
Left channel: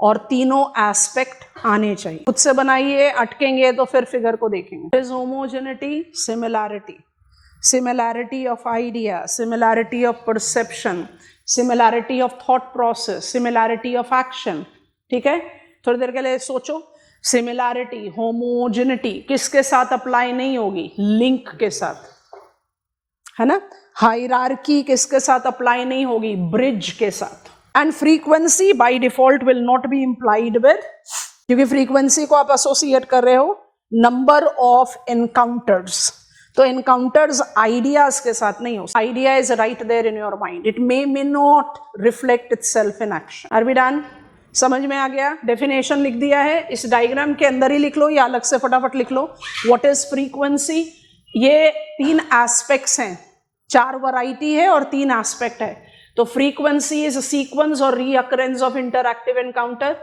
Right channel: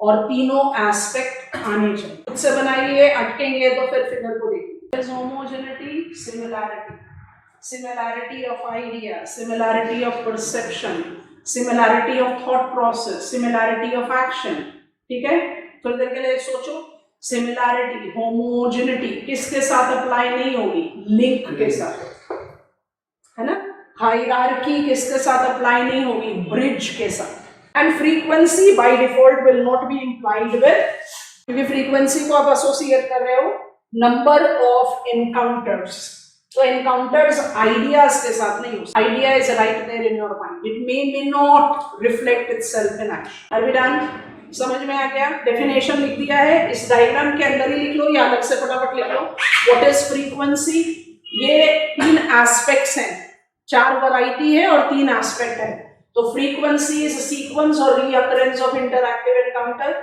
और तीनों एस्पेक्ट आने चाहिए। खुद से बनाइए, अटकेंगे तो फिर फिगर को देखेंगे। Homogeneity, similarity, similarity of idea, similarity of perception, similarity of thought process, similarity of action. ठीक है, थोड़ी देर के लिए सोचो। सिमिलैरिटी, होमोजेनिटी किसके साथ अप्लाई नहीं होगी? लिंक के साथ, है ना। हायरार्की किसके साथ अप्लाई नहीं होगी? ब्रिज के साथ। And frequency by default will not be implied with, क्योंकि फ्रीक्वेंसी को आप एसोसिएट कर रहे हो नंबर ऑफ एनकाउंटर्स। तो एनकाउंटर्स आइडियाज के साथ नहीं हो। Idea is right there in your mind, it may not reflect itself in action. Are we done? समझ में आ गया? डेफिनेशन लिख दिया है, इस डायग्राम के अंदर ही लिख लो या अलग से फटाफट लिख लो। What is frequency? ये 3 एस्पेक्ट्स हैं, 4 वैरायटी है और 3 एस्पेक्ट है। तो फ्रीक्वेंसी इज सीक्वेंस और reoccurrence of interactive encounter,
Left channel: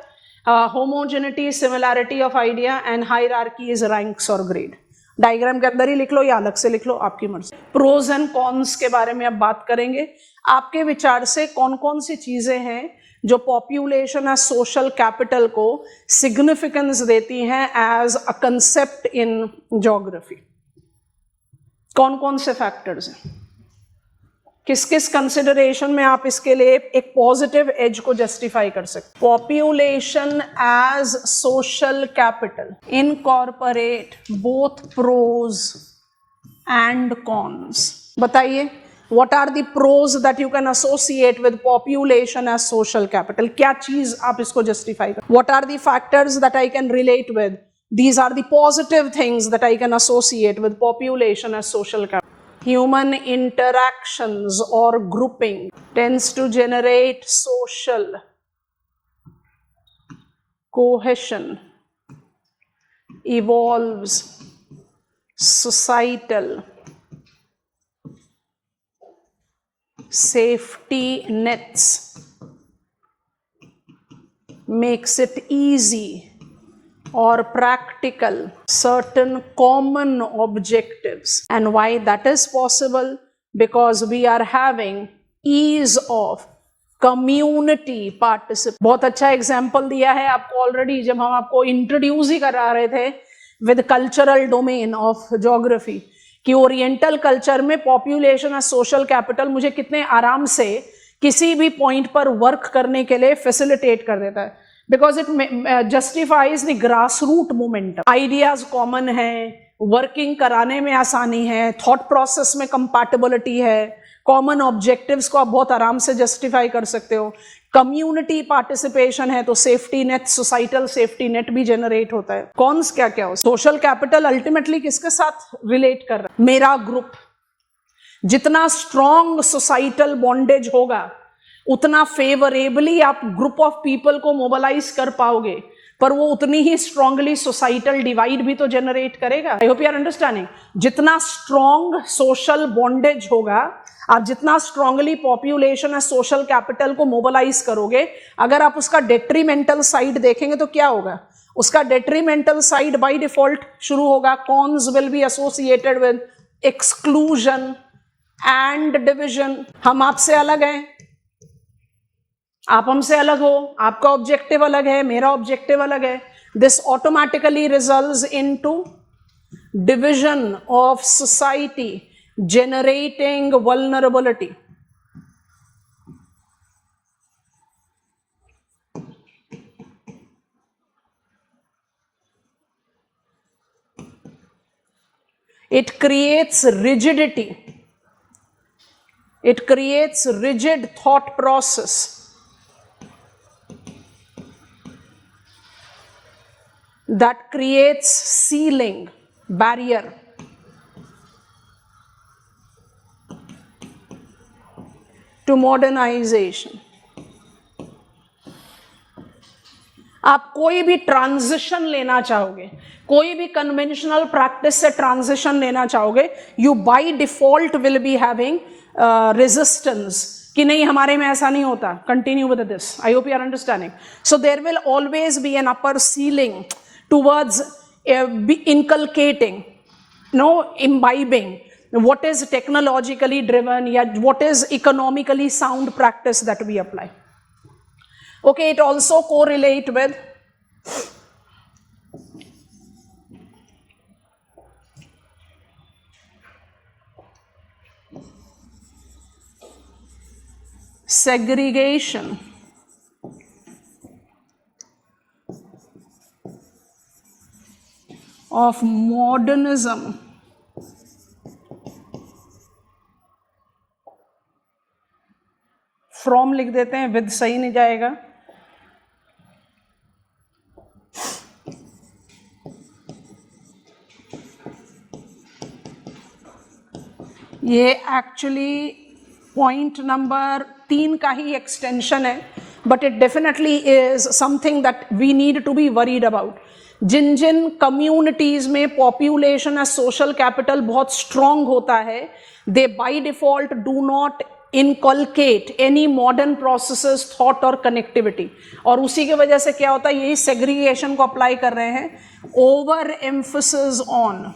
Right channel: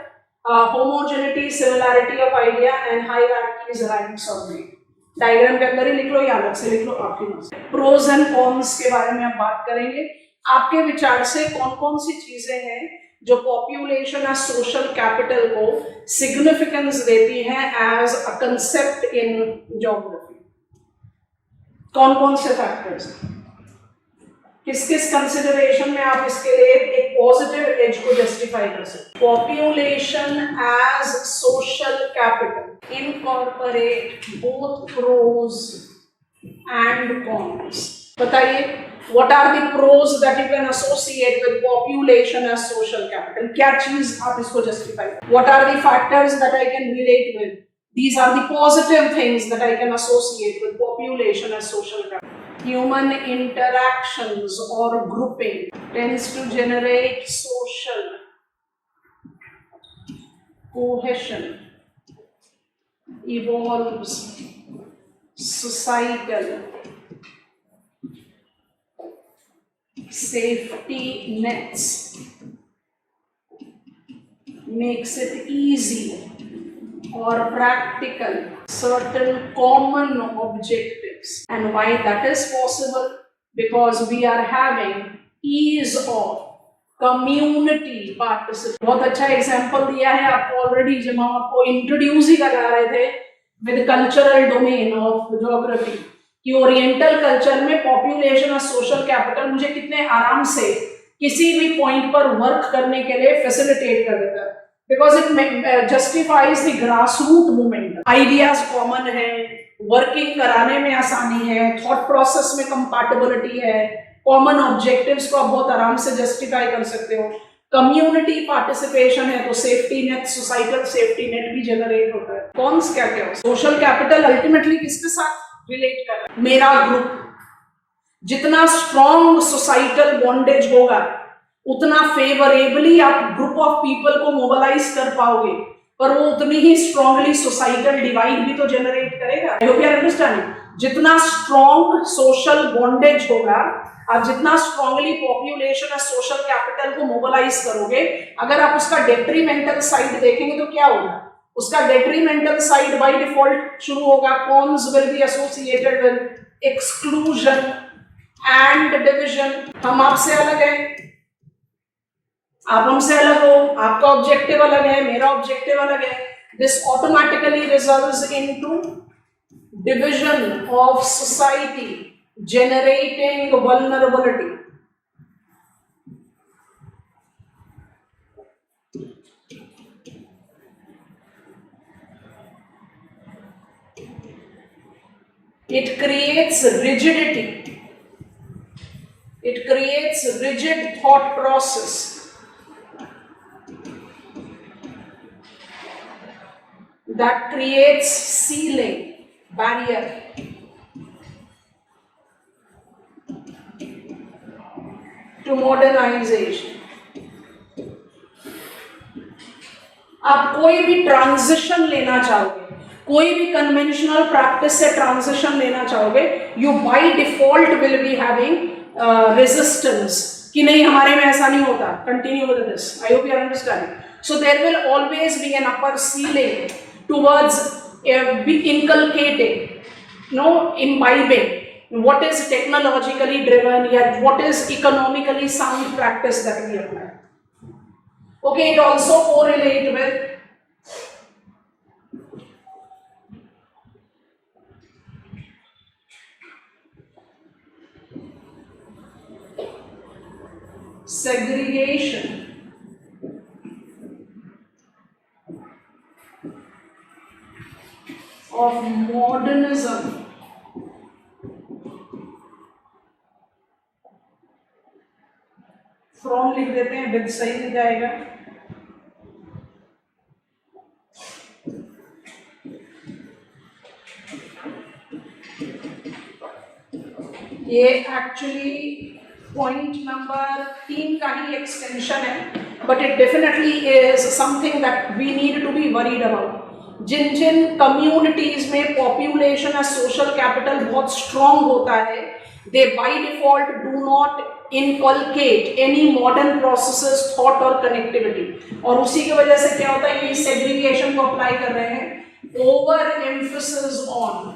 homogeneity, similarity of idea and hierarchy is ranks और ग्रेड। डायग्राम के अंदर ही लिख लो या अलग से लिख लो, आपकी मर्जी। प्रोज एंड कॉन्स के बारे में अब बात करेंगे। आपके विचार से कौन कौन सी चीजें हैं जो पॉपुलेशन या सोशल कैपिटल को सिग्निफिकेंस देती हैं as a concept in geography? कौन कौन से फैक्टर्स हैं? किस किस कंसिडरेशन में आप इसके लिए एक पॉजिटिव एज को जस्टिफाई कर सकते? Population as social capital incorporate both pros and cons. बताइए, what are the pros that you can associate with population as social capital? क्या चीज आप इसको justify कर? What are the factors that I can relate with? These are the positive things that I can associate with population as social capital. Human interactions or grouping tends to generate social cohesion, evolves societal safety nets, makes it easy or practical certain common objectives. And why that is possible? Because we are having ease of community participation. बहुत अच्छा example दिया है आपको already जब हम आपको introduce ही करा रहे थे with cultural domain of geography कि ओरिएंटल कल्चर में पॉपुलेशन और सोशल कैपिटल मुझे कितने आराम से किसी भी पॉइंट पर वर्क करने के लिए फैसिलिटेट कर देता है, because it justifies the grass root movement. Ideas common है, वर्किंग कराने में आसानी है, थॉट प्रोसेस में कंपैटिबिलिटी है, कॉमन ऑब्जेक्टिव्स को आप बहुत आराम से जस्टिफाई कर सकते हो, कम्युनिटी पार्टिसिपेशन है तो safety net, societal safety net भी जनरेट होता है। कॉन्स क्या क्या हो? सोशल कैपिटल अल्टीमेटली किसके साथ रिलेट कर रहा है? मेरा ग्रुप। जितना स्ट्रॉन्ग सोसाइटल बॉन्डेज होगा उतना फेवरेबली आप ग्रुप ऑफ पीपल को मोबिलाइज कर पाओगे, पर वो उतनी ही स्ट्रांगली सोसाइटल डिवाइड भी तो जनरेट करेगा। I hope you are understanding. जितना स्ट्रॉन्ग सोशल बॉन्डेज होगा, आप जितना स्ट्रांगली पॉपुलेशन या सोशल कैपिटल को मोबिलाइज करोगे, अगर आप उसका डेट्रीमेंटल साइड देखेंगे तो क्या होगा? उसका डेट्रीमेंटल साइड बाय डिफॉल्ट शुरू होगा। Cons will be associated with exclusion and division. हम आपसे अलग हैं, आप हमसे अलग हो, आपका ऑब्जेक्टिव अलग है, मेरा ऑब्जेक्टिव अलग है। This automatically results into division of society, generating vulnerability. It creates rigidity. It creates rigid thought process. That creates ceiling, barrier. To modernization. आप कोई भी ट्रांजिशन लेना चाहोगे, कोई भी कन्वेंशनल प्रैक्टिस से ट्रांजिशन लेना चाहोगे, you by default will be having resistance कि नहीं हमारे में ऐसा नहीं होता, continue with this. I hope you are understanding. So there will always be an upper ceiling towards inculcating, no, imbibing what is technologically driven, yet what is economically sound practice that we apply. Okay, it also correlate with segregation of modernism from लिख देते हैं, with सही नहीं जाएगा। ये actually point number 3 का ही extension है। but it definitely is something that we need to be worried about. जिन जिन communities में population as social capital बहुत strong होता है, they by default do not inculcate any modern processes, thought और connectivity. और उसी की वजह से क्या होता है, ये segregation को apply कर रहे हैं, over emphasis on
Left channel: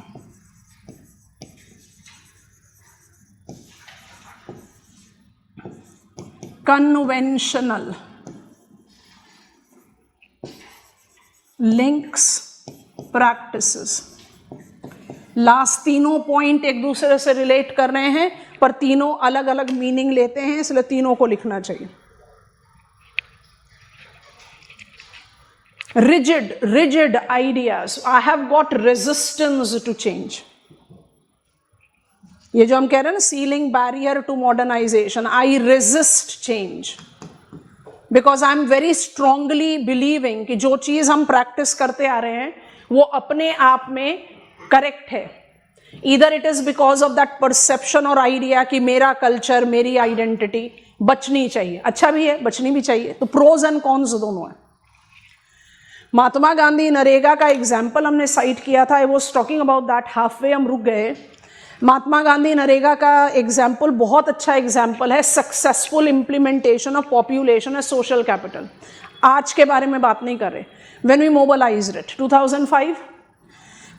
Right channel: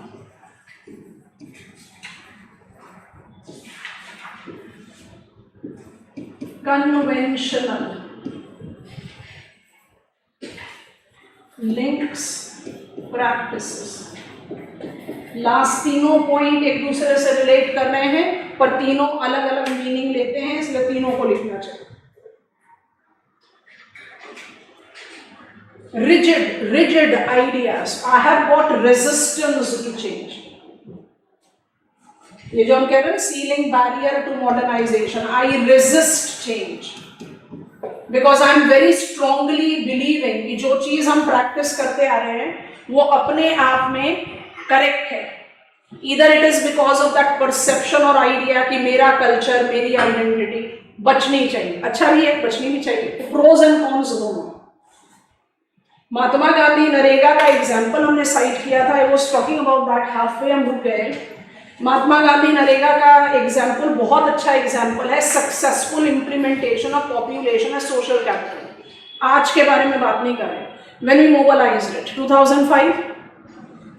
conventional links, practices. Last तीनों पॉइंट एक दूसरे से रिलेट कर रहे हैं पर तीनों अलग अलग मीनिंग लेते हैं, इसलिए तीनों को लिखना चाहिए. Rigid ideas. I have got resistance to change. ये जो हम कह रहे हैं ceiling barrier to modernization, I resist change because I am very strongly believing कि जो चीज हम प्रैक्टिस करते आ रहे हैं वो अपने आप में करेक्ट है. Either it is because of that perception और आइडिया कि मेरा कल्चर, मेरी आइडेंटिटी बचनी चाहिए, अच्छा भी है, बचनी भी चाहिए. तो प्रोज एंड कॉन्स दोनों है. महात्मा गांधी नरेगा का एग्जाम्पल हमने साइट किया था. I was talking about that, halfway हम रुक गए. महात्मा गांधी नरेगा का एग्जाम्पल बहुत अच्छा एग्जाम्पल है successful implementation of population as social capital. आज के बारे में बात नहीं कर रहे. When we mobilized it 2005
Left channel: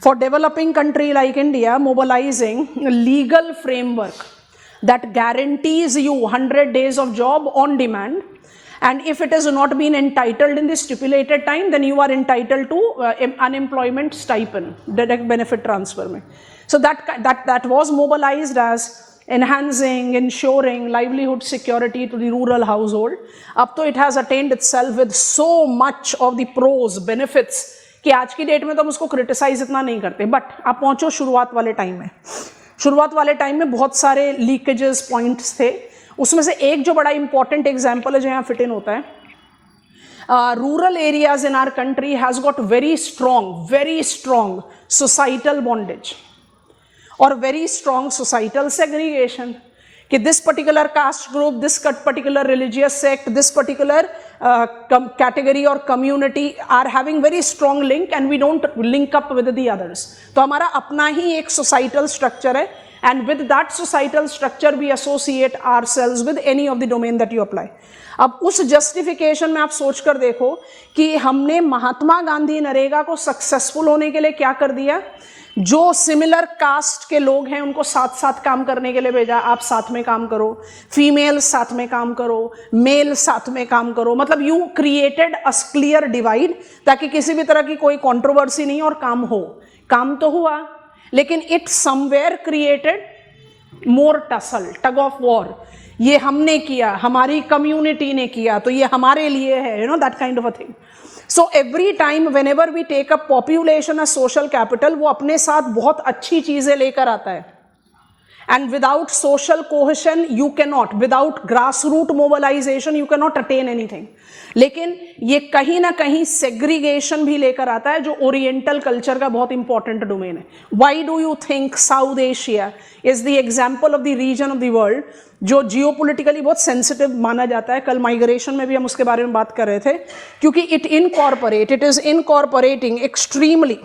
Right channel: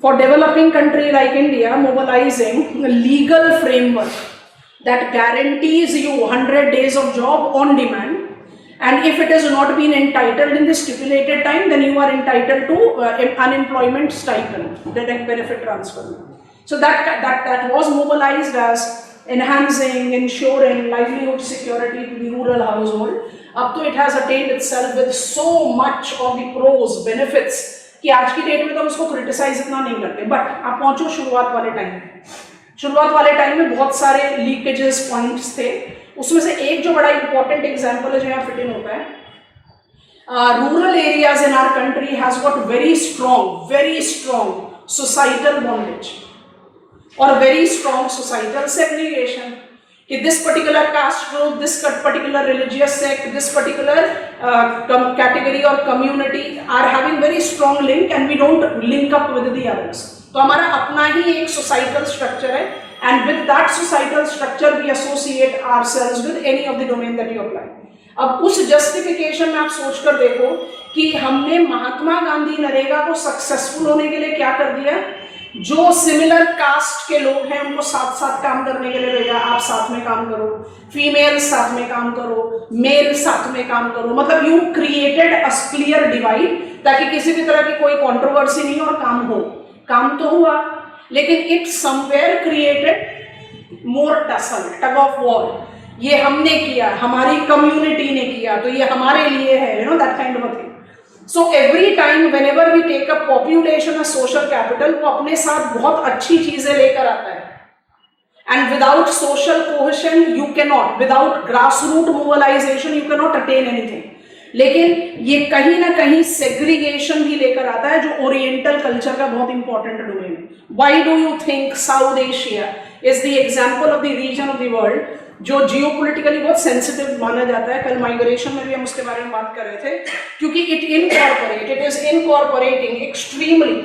for developing country like India, mobilizing legal framework that guarantees you 100 days of job on demand, and if it has not been entitled in the stipulated time, then you are entitled to unemployment stipend, direct benefit transfer में. So that was mobilized as enhancing, ensuring livelihood security to the rural household. अब तो it has attained itself with so much of the pros, benefits कि आज की date में तो हम उसको क्रिटिसाइज इतना नहीं करते. बट आप पहुंचो शुरुआत वाले टाइम में. शुरुआत वाले टाइम में बहुत सारे लीकेजेस पॉइंट्स थे. उसमें से एक जो बड़ा इंपॉर्टेंट एग्जाम्पल है जो यहाँ फिट इन होता है, rural areas in our country has got very strong societal bondage और वेरी स्ट्रॉन्ग सोसाइटल सेग्रीगेशन कि this particular caste group, this particular religious sect, this particular category और community are having very strong link and we don't link up with the others. तो हमारा अपना ही एक societal structure है and with that societal structure we associate ourselves with any of the domain that you apply. अब उस justification में आप सोच कर देखो कि हमने महात्मा गांधी नरेगा को सक्सेसफुल होने के लिए क्या कर दिया. जो सिमिलर कास्ट के लोग हैं उनको साथ साथ काम करने के लिए भेजा. आप साथ में काम करो, फीमेल साथ में काम करो, मेल साथ में काम करो. मतलब you created a clear divide ताकि किसी भी तरह की कोई कंट्रोवर्सी नहीं और काम हो. काम तो हुआ लेकिन it somewhere created more tussle, tug of war. ये हमने किया, हमारी कम्युनिटी ने किया, तो ये हमारे लिए है, you know that kind of a thing. So every time whenever we take a population a social capital, वो अपने साथ बहुत अच्छी चीजें लेकर आता है. And without social cohesion you can not, without grass root mobilization you can not attain anything. लेकिन ये कहीं ना कहीं सेग्रीगेशन भी लेकर आता है जो ओरिएंटल कल्चर का बहुत इंपॉर्टेंट डोमेन है. Why do you think South Asia is the example of the region of the world जो जियोपॉलिटिकली बहुत सेंसिटिव माना जाता है. कल माइग्रेशन में भी हम उसके बारे में बात कर रहे थे क्योंकि it is incorporating extremely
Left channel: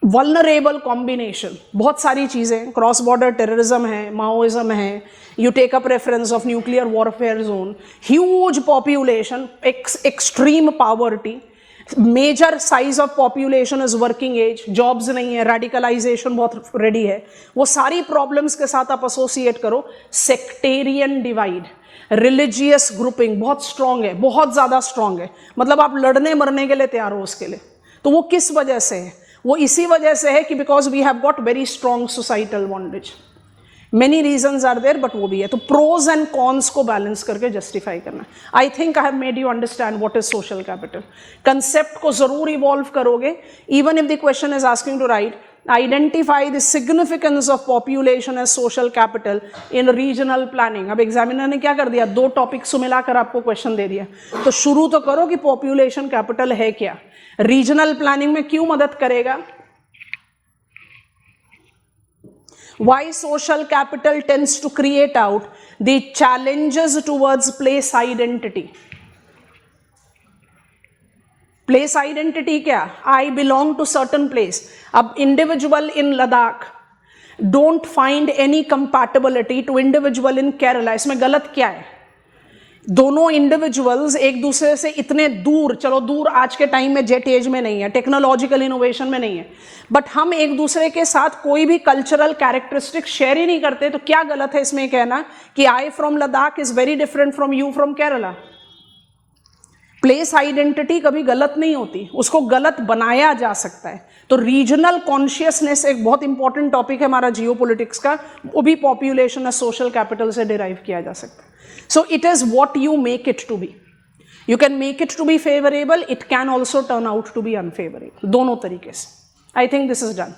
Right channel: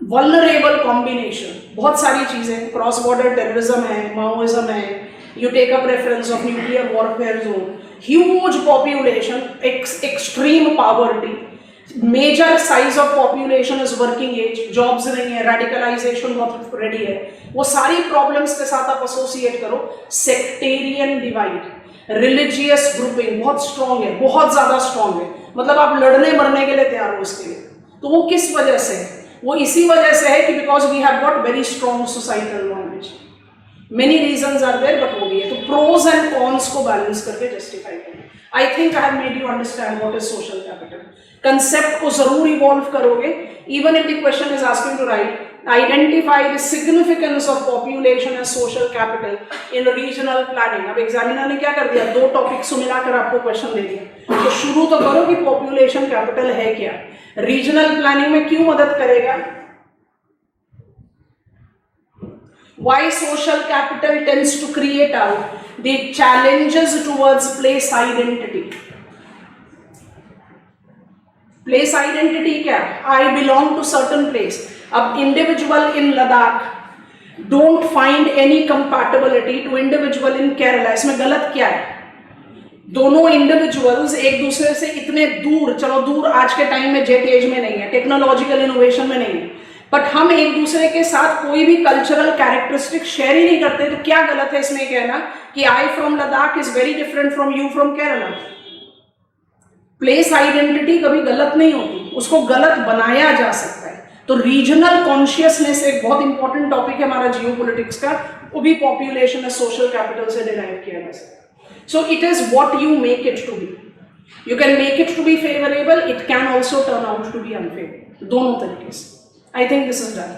vulnerable combination. बहुत सारी चीजें, क्रॉस बॉर्डर टेररिज्म है, माओइज्म है, you take up reference of nuclear warfare zone, huge population, extreme poverty, major size of population is working age, jobs नहीं है, radicalization बहुत ready है. वो सारी problems के साथ आप associate करो. sectarian divide, religious grouping बहुत strong है, बहुत ज्यादा strong है. मतलब आप लड़ने मरने के लिए तैयार हो उसके लिए. तो वो किस वजह से है? वो इसी वजह से है कि because we have got very strong societal bondage. Many reasons are there, but वो भी है. तो pros and cons को बैलेंस करके जस्टिफाई करना. I think I have made you understand what is social capital. Concept को जरूर इवॉल्व करोगे. Even if the question is asking to write, identify the significance of population as social capital in regional planning. अब examiner ने क्या कर दिया, 2 topics मिलाकर आपको क्वेश्चन दे दिया. तो शुरू तो करो कि पॉपुलेशन कैपिटल है क्या, रीजनल प्लानिंग में क्यों मदद करेगा, Why social capital tends to create out the challenges towards place identity. Place identity क्या? I belong to certain place. अब individual in Ladakh don't find any compatibility to individual in Kerala. इसमें गलत क्या है? दोनों इंडिविजुअल्स एक दूसरे से इतने दूर, चलो दूर आज के टाइम में जेट एज में नहीं है, टेक्नोलॉजिकल इनोवेशन में नहीं है, बट हम एक दूसरे के साथ कोई भी कल्चरल कैरेक्टरिस्टिक शेयर ही नहीं करते, तो क्या गलत है इसमें कहना कि I from Ladakh is very different from you from Kerala? Place identity कभी गलत नहीं होती, उसको गलत बनाया जा सकता है। तो रीजनल कॉन्शियसनेस एक बहुत इंपॉर्टेंट टॉपिक है हमारा जियोपॉलिटिक्स का, वो भी पॉपुलेशन और सोशल कैपिटल से डिराइव किया जा सकता है। So it is what you make it to be. You can make it to be favorable, it can also turn out to be unfavorable. दोनों तरीके से। I think this is done.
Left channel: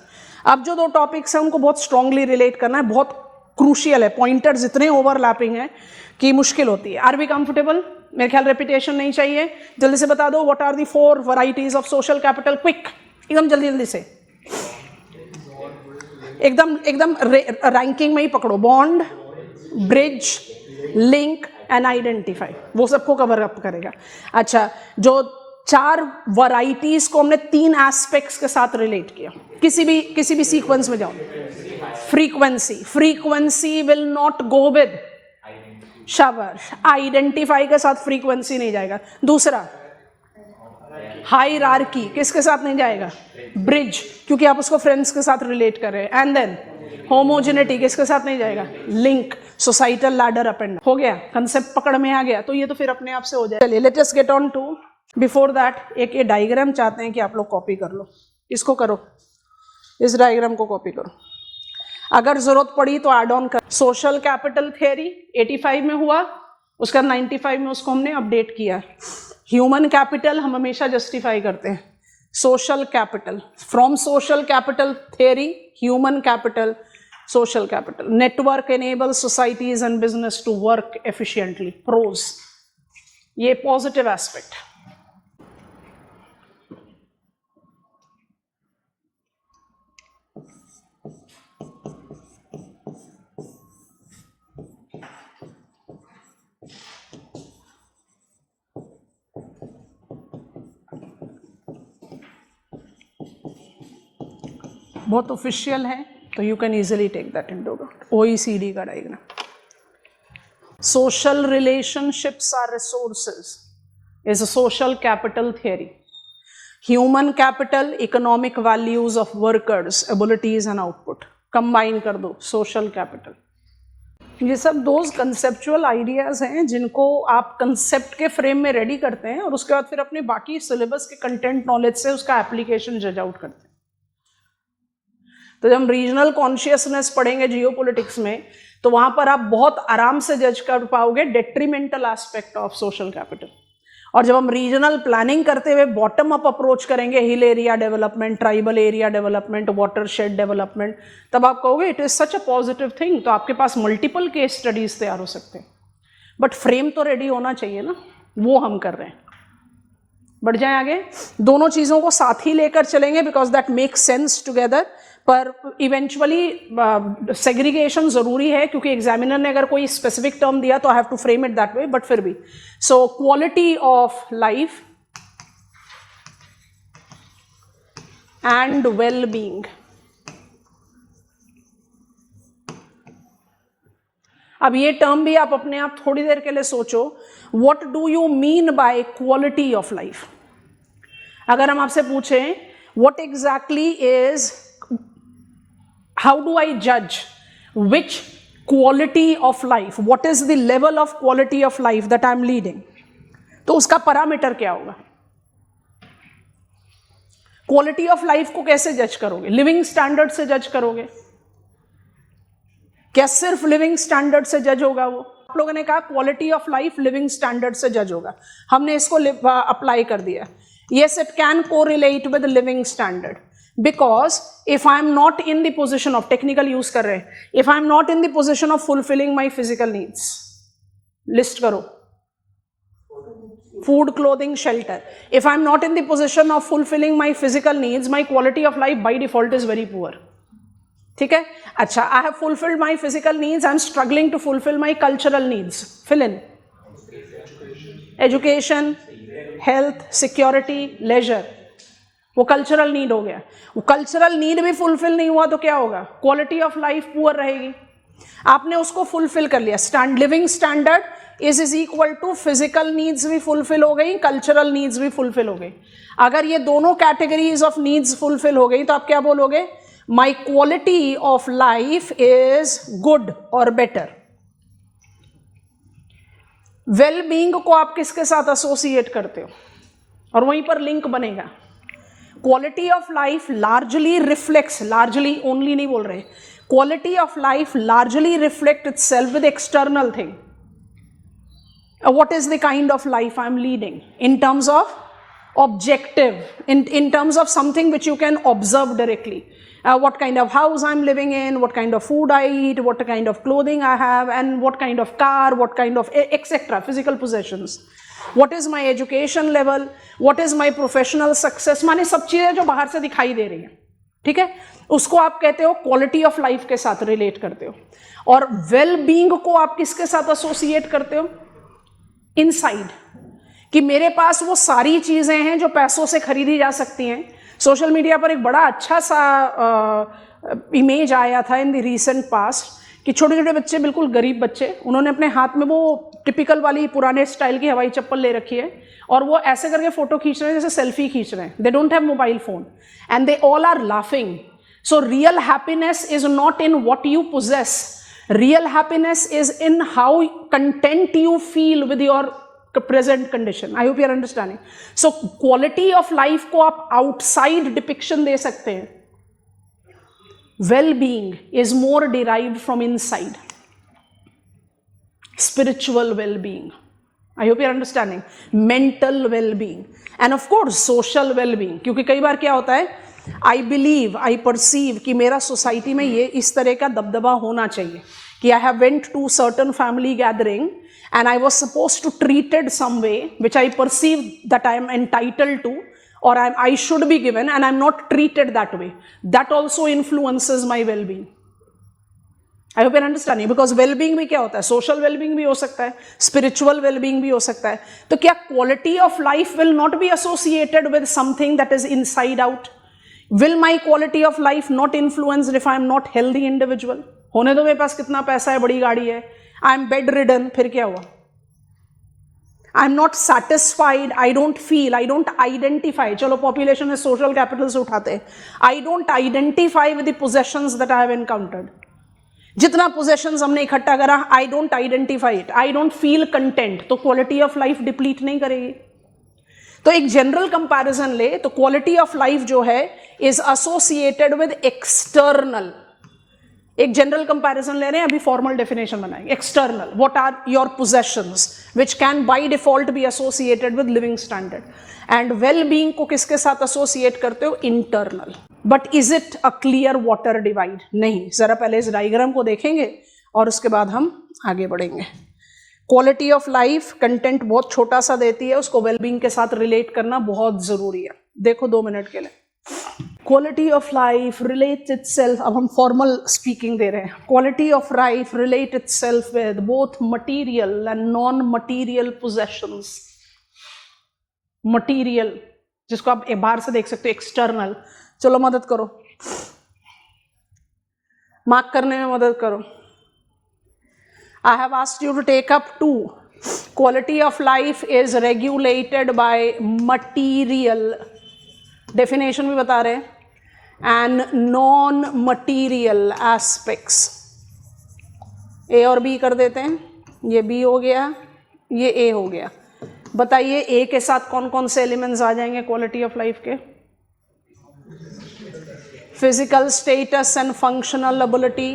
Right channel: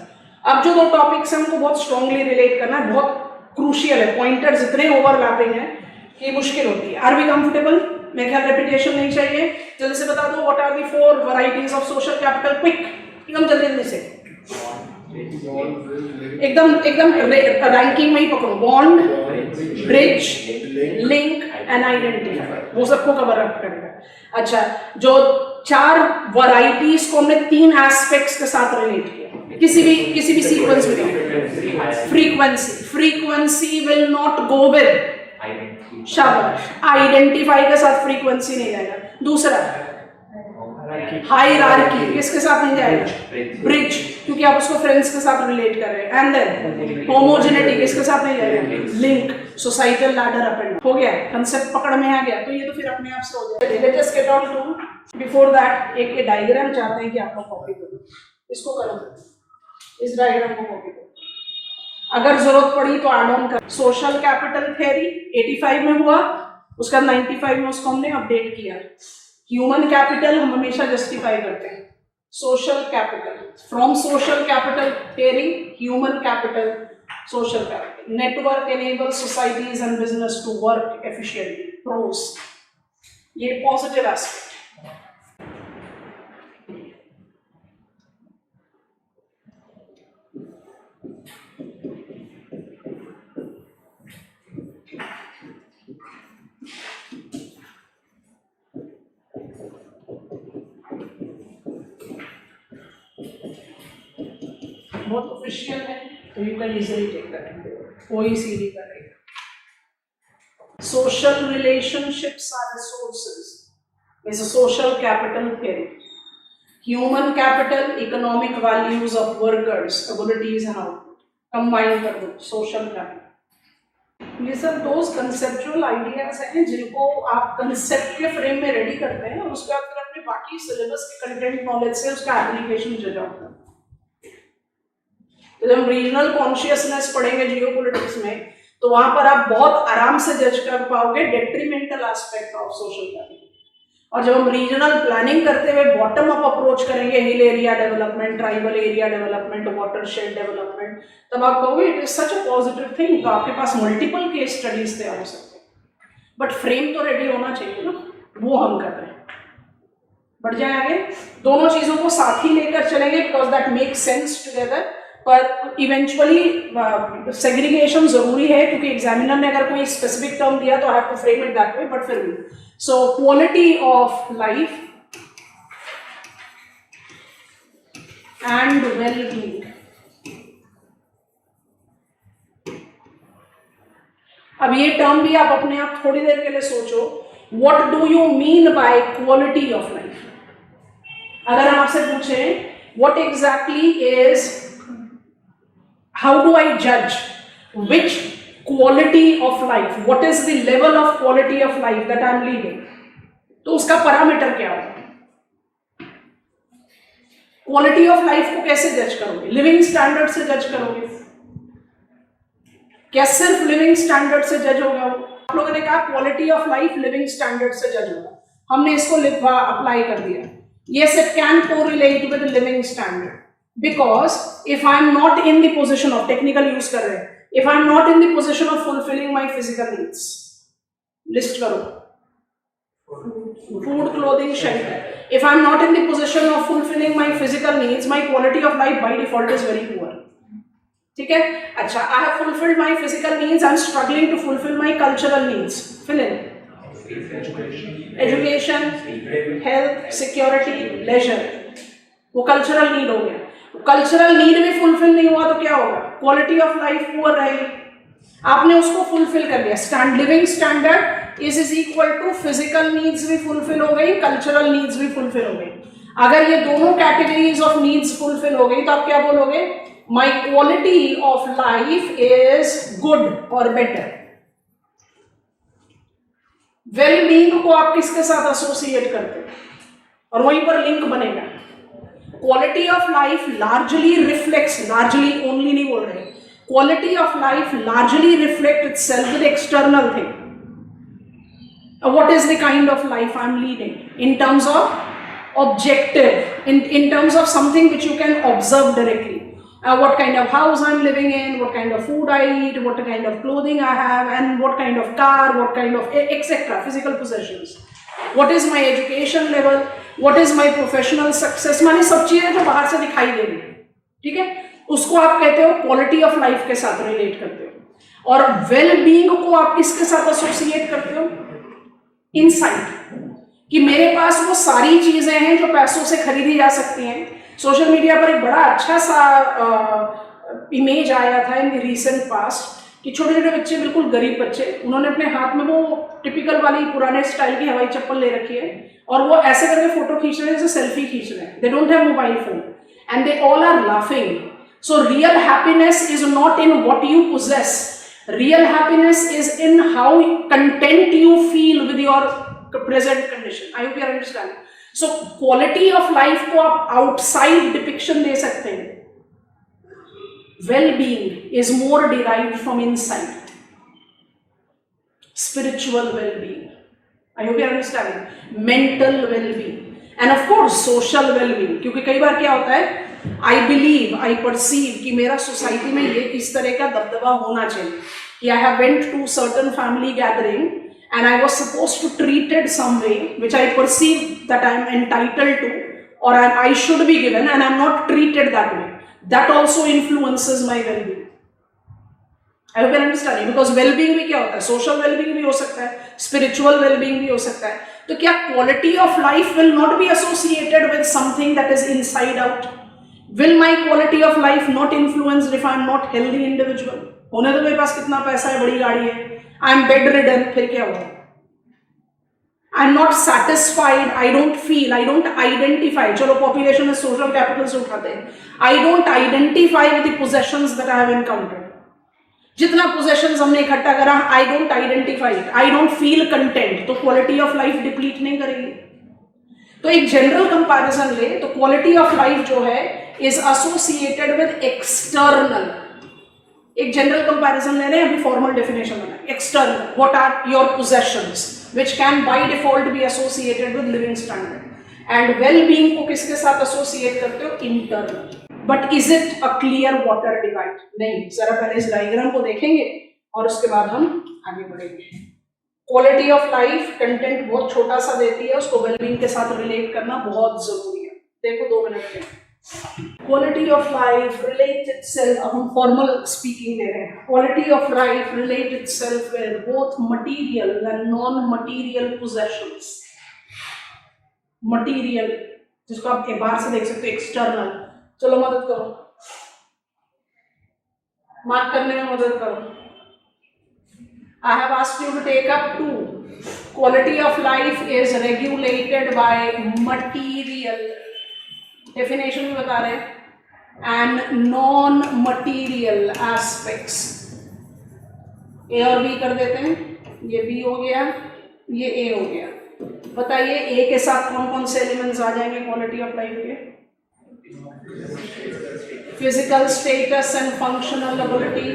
अब जो दो टॉपिक्स हैं उनको बहुत स्ट्रांगली रिलेट करना है, बहुत क्रूशियल है, पॉइंटर्स इतने ओवरलैपिंग है कि मुश्किल होती है। Are we comfortable? मेरे ख्याल रेपिटेशन नहीं चाहिए, जल्दी से बता दो what are the 4 varieties of social capital, quick, एकदम जल्दी जल्दी से, एकदम एकदम रैंकिंग में ही पकड़ो। Bond, bridge, link and identify, वो सबको कवर अप करेगा। अच्छा, जो 4 वैरायटीज को हमने 3 एस्पेक्ट्स के साथ रिलेट किया, किसी भी सीक्वेंस में। Frequency will not go with, शाबाश, आइडेंटिफाई के साथ फ्रीक्वेंसी नहीं जाएगा। दूसरा हायरार्की, किसके साथ नहीं जाएगा? ब्रिज, क्योंकि आप उसको फ्रेंड्स के साथ रिलेट कर रहे हैं। एंड देन होमोजेनिटी, किसके साथ नहीं जाएगा? Link, societal ladder up and हो गया, कंसेप्ट पकड़ में आ गया, तो ये तो फिर अपने आप से हो जाएगा। चलिए let us get on to, before that एक डायग्राम चाहते हैं कि आप लोग कॉपी कर लो, इसको करो, इस डायग्राम को कॉपी करो, अगर जरूरत पड़ी तो एड ऑन कर। सोशल कैपिटल थ्योरी 85 में हुआ, उसका 95 में उसको हमने अपडेट किया। ह्यूमन कैपिटल हम हमेशा जस्टिफाई करते हैं, social capital, from social capital theory human capital, social capital, network enable societies and business to work efficiently, pros, ये पॉजिटिव एस्पेक्ट। बहुत ऑफिशियल है, तो you can easily take that into OECD का diagram. Social relationships are resources is a social capital theory. Human capital, economic values of workers, abilities and output, combine कर दो social capital. ये सब दोस्त conceptual ideas हैं जिनको आप concept के फ्रेम में रेडी करते हैं और उसके बाद फिर अपने बाकी सिलेबस के कंटेंट नॉलेज से उसका एप्लीकेशन जज आउट करते हैं। तो जब हम रीजनल कॉन्शियसनेस पढ़ेंगे जियोपॉलिटिक्स में, तो वहां पर आप बहुत आराम से जज कर पाओगे detrimental aspect of social capital. और जब हम रीजनल प्लानिंग करते हुए बॉटम अप अप्रोच करेंगे, hill area development, tribal area development, watershed development, तब आप कहोगे it is such a positive thing. तो आपके पास मल्टीपल केस स्टडीज तैयार हो सकते हैं, बट फ्रेम तो रेडी होना चाहिए ना, वो हम कर रहे हैं। बढ़ जाए आगे, दोनों चीजों को साथ ही लेकर चलेंगे because that make sense together. पर इवेंचुअली सेग्रीगेशन जरूरी है, क्योंकि एग्जामिनर ने अगर कोई स्पेसिफिक टर्म दिया तो I have to frame it that way, but फिर भी। So quality of life and well being, अब ये टर्म भी आप अपने आप थोड़ी देर के लिए सोचो, what do you mean by quality of life? अगर हम आपसे पूछें what exactly is, how do I judge which quality of life, what is the level of quality of life that I am leading, तो उसका parameter क्या होगा? Quality of life को कैसे जज करोगे? लिविंग स्टैंडर्ड से जज करोगे? क्या सिर्फ लिविंग स्टैंडर्ड से जज होगा वो? आप लोगों ने कहा quality of life living standard से जज होगा, हमने इसको अप्लाई कर दिया। yes, it can correlate with the living standard, because if I am not in the position of, technical use कर रहे हैं, if I am not in the position of fulfilling my physical needs, list करो, food, clothing, shelter, if I am not in the position of fulfilling my physical needs, my quality of life by default is very poor. ठीक है, अच्छा, I have fulfilled my physical needs, I am struggling to fulfil my cultural needs, fill in education, health, security, leisure, वो cultural need हो गया। वो cultural need भी fulfil नहीं हुआ तो क्या होगा, क्वालिटी ऑफ लाइफ पुअर रहेगी। आपने उसको फुलफिल कर लिया, living standard is equal to physical needs भी फुलफिल हो गई, कल्चरल नीड्स भी फुलफिल हो गई। अगर ये दोनों कैटेगरीज ऑफ नीड्स फुलफिल हो गई तो आप क्या बोलोगे, my quality of life is good और बेटर। वेल बीइंग को आप किसके साथ एसोसिएट करते हो, और वहीं पर लिंक बनेगा। Quality of life largely reflects, largely only नहीं बोल रहे, quality of life largely reflect itself with external thing. What is the kind of life I'm leading in terms of objective, in terms of something which you can observe directly. What kind of house I'm living in, what kind of food I eat, what kind of clothing I have, and what kind of car, what kind of etc. physical possessions. What is my education level, what is my professional success, माने सब चीजें जो बाहर से दिखाई दे रही है, ठीक है, उसको आप कहते हो क्वालिटी ऑफ लाइफ के साथ रिलेट करते हो। और वेल बीइंग को आप किसके साथ एसोसिएट करते हो, इनसाइड, कि मेरे पास वो सारी चीजें हैं जो पैसों से खरीदी जा सकती हैं। सोशल मीडिया पर एक बड़ा अच्छा सा इमेज आया था इन रीसेंट पास्ट कि छोटे छोटे बच्चे, बिल्कुल गरीब बच्चे, उन्होंने अपने हाथ में वो टिपिकल वाली पुराने स्टाइल की हवाई चप्पल ले रखी है और वो ऐसे करके फोटो खींच रहे हैं जैसे सेल्फी खींच रहे हैं। They don't have mobile phone and they all are laughing. So real happiness is not in what you possess, real happiness is in how content you feel with your present condition. I hope you are understanding. So quality of life को आप outside depiction दे सकते हैं, well-being is more derived from inside, spiritual well-being. I hope you are understanding. Mental well-being and of course social well-being, क्योंकि कई बार क्या होता है, I believe, I perceive कि मेरा सोसाइटी में ये इस तरह का दबदबा होना चाहिए कि I have went to certain family gathering and I was supposed to treated some way which I perceive that I am entitled to और I should be given and I am not treated that way, that also influences my wellbeing. I hope you are understanding, because wellbeing भी क्या होता है, social wellbeing भी हो सकता है, spiritual wellbeing भी हो सकता है। तो क्या quality of life will not B associated with something that is inside out? Will my quality of life not influenced if I am not healthy individual? होने तो मेरे पास कितना पैसा है, बड़ी गाड़ी है, I am bedridden, फिर क्या होगा? I am not satisfied, I don't feel, I don't identify. चलो population में social capital से उठाते हैं, I don't identify with the possessions that I have encountered. जितना possessions हमने इकट्ठा करा, I don't identify it, I don't feel content, तो quality of life deplete नहीं करेगी। तो एक जनरल कंपैरिजन ले तो क्वालिटी ऑफ लाइफ जो है इज एसोसिएटेड विद एक्सटर्नल। एक जनरल कंपैरिजन ले रहे हैं, अभी फॉर्मल डेफिनेशन बनाएंगे। External, what are your possessions which can by default be associated with living standard. And well being को किसके साथ एसोसिएट करते हो, internal. But is it a clear water divide? नहीं, जरा पहले इस डायग्राम को देखेंगे और उसके बाद हम आगे बढ़ेंगे। क्वालिटी ऑफ लाइफ कंटेंट बहुत छोटा सा देती है, उसको वेलबींग के साथ रिलेट करना बहुत जरूरी है। देखो 2 मिनट के लिए। Quality of life relate itself, अब हम फॉर्मल स्पीकिंग दे रहे हैं। Quality of life relate itself with both material and non material possessions. Material जिसको आप बाहर से देख सकते हो, एक्सटर्नल। चलो मदद करो, मार्क करने में मदद करो। I have asked you to take up 2. Quality of life is regulated by material, definition भी बता रहे हैं, and non-material aspects. A और B कर देते हैं, ये B हो गया, ये A हो गया। बताइए A के साथ कौन कौन से एलिमेंट्स आ जाएंगे क्वालिटी ऑफ लाइफ के? Physical status and functional ability,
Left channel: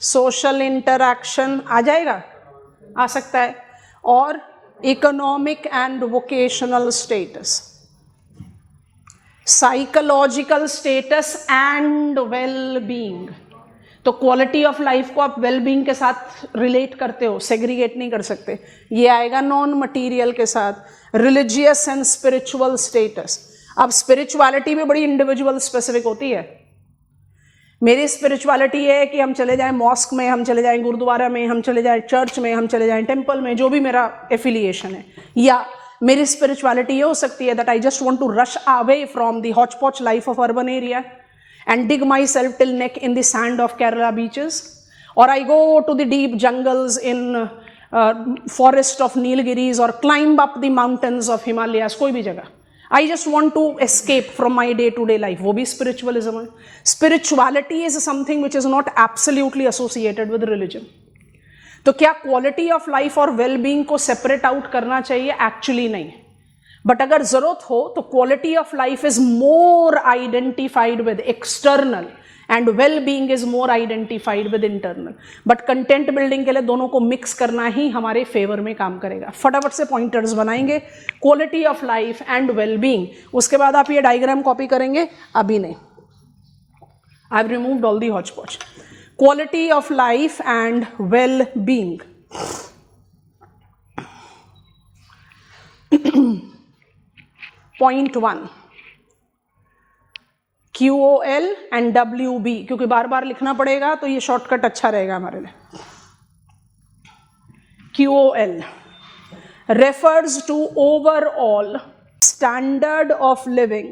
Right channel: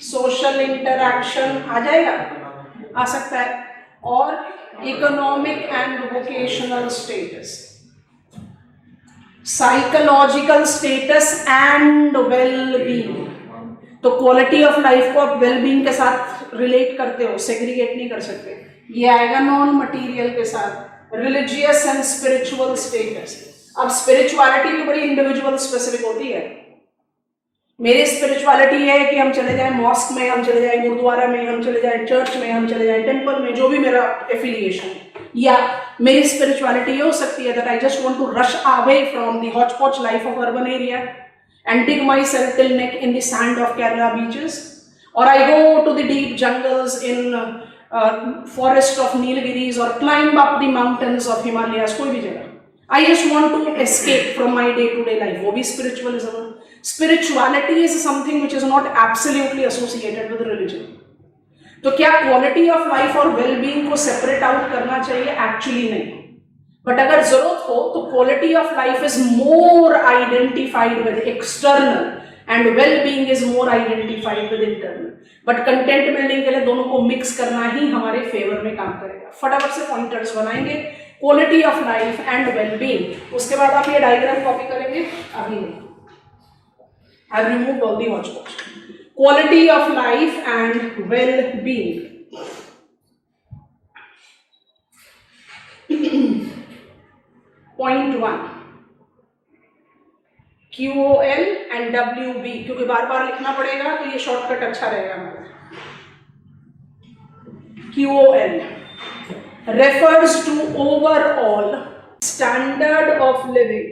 social interaction आ जाएगा, आ सकता है, और economic and vocational status, psychological status and wellbeing. तो क्वालिटी ऑफ लाइफ को आप वेलबींग के साथ रिलेट करते हो, सेग्रीगेट नहीं कर सकते। ये आएगा नॉन मटीरियल के साथ, रिलीजियस एंड स्पिरिचुअल स्टेटस। अब स्पिरिचुअलिटी भी बड़ी इंडिविजुअल स्पेसिफिक होती है। मेरी स्पिरिचुअलिटी है कि हम चले जाए मॉस्क में, हम चले जाए गुरुद्वारा में, हम चले जाए चर्च में, हम चले जाए टेम्पल में, जो भी मेरा एफिलिएशन है, या मेरी स्पिरिचुअलिटी ये हो सकती है that I just want to rush away from the hotchpotch life of urban area and dig myself till neck in the sand of Kerala beaches, or I go to the deep jungles in forest of Nilgiris, or climb up the mountains of Himalayas, कोई भी जगह. I just want to escape from my day-to-day life. वो भी spiritualism है. Spirituality is something which is not absolutely associated with religion. तो क्या quality of life और well-being को separate out करना चाहिए? Actually नहीं. बट अगर जरूरत हो तो quality of life is more identified with external and well being is more identified with internal. But content building के लिए दोनों को मिक्स करना ही हमारे फेवर में काम करेगा. फटाफट से पॉइंटर्स बनाएंगे, quality of life and well being. उसके बाद आप ये डायग्राम कॉपी करेंगे, अभी नहीं, I have removed all the hotchpotch. Quality of life and well being. Point 1, QOL and WB, क्योंकि बार बार लिखना पड़ेगा तो ये शॉर्टकट अच्छा रहेगा हमारे लिए. QOL refers to overall standard of living.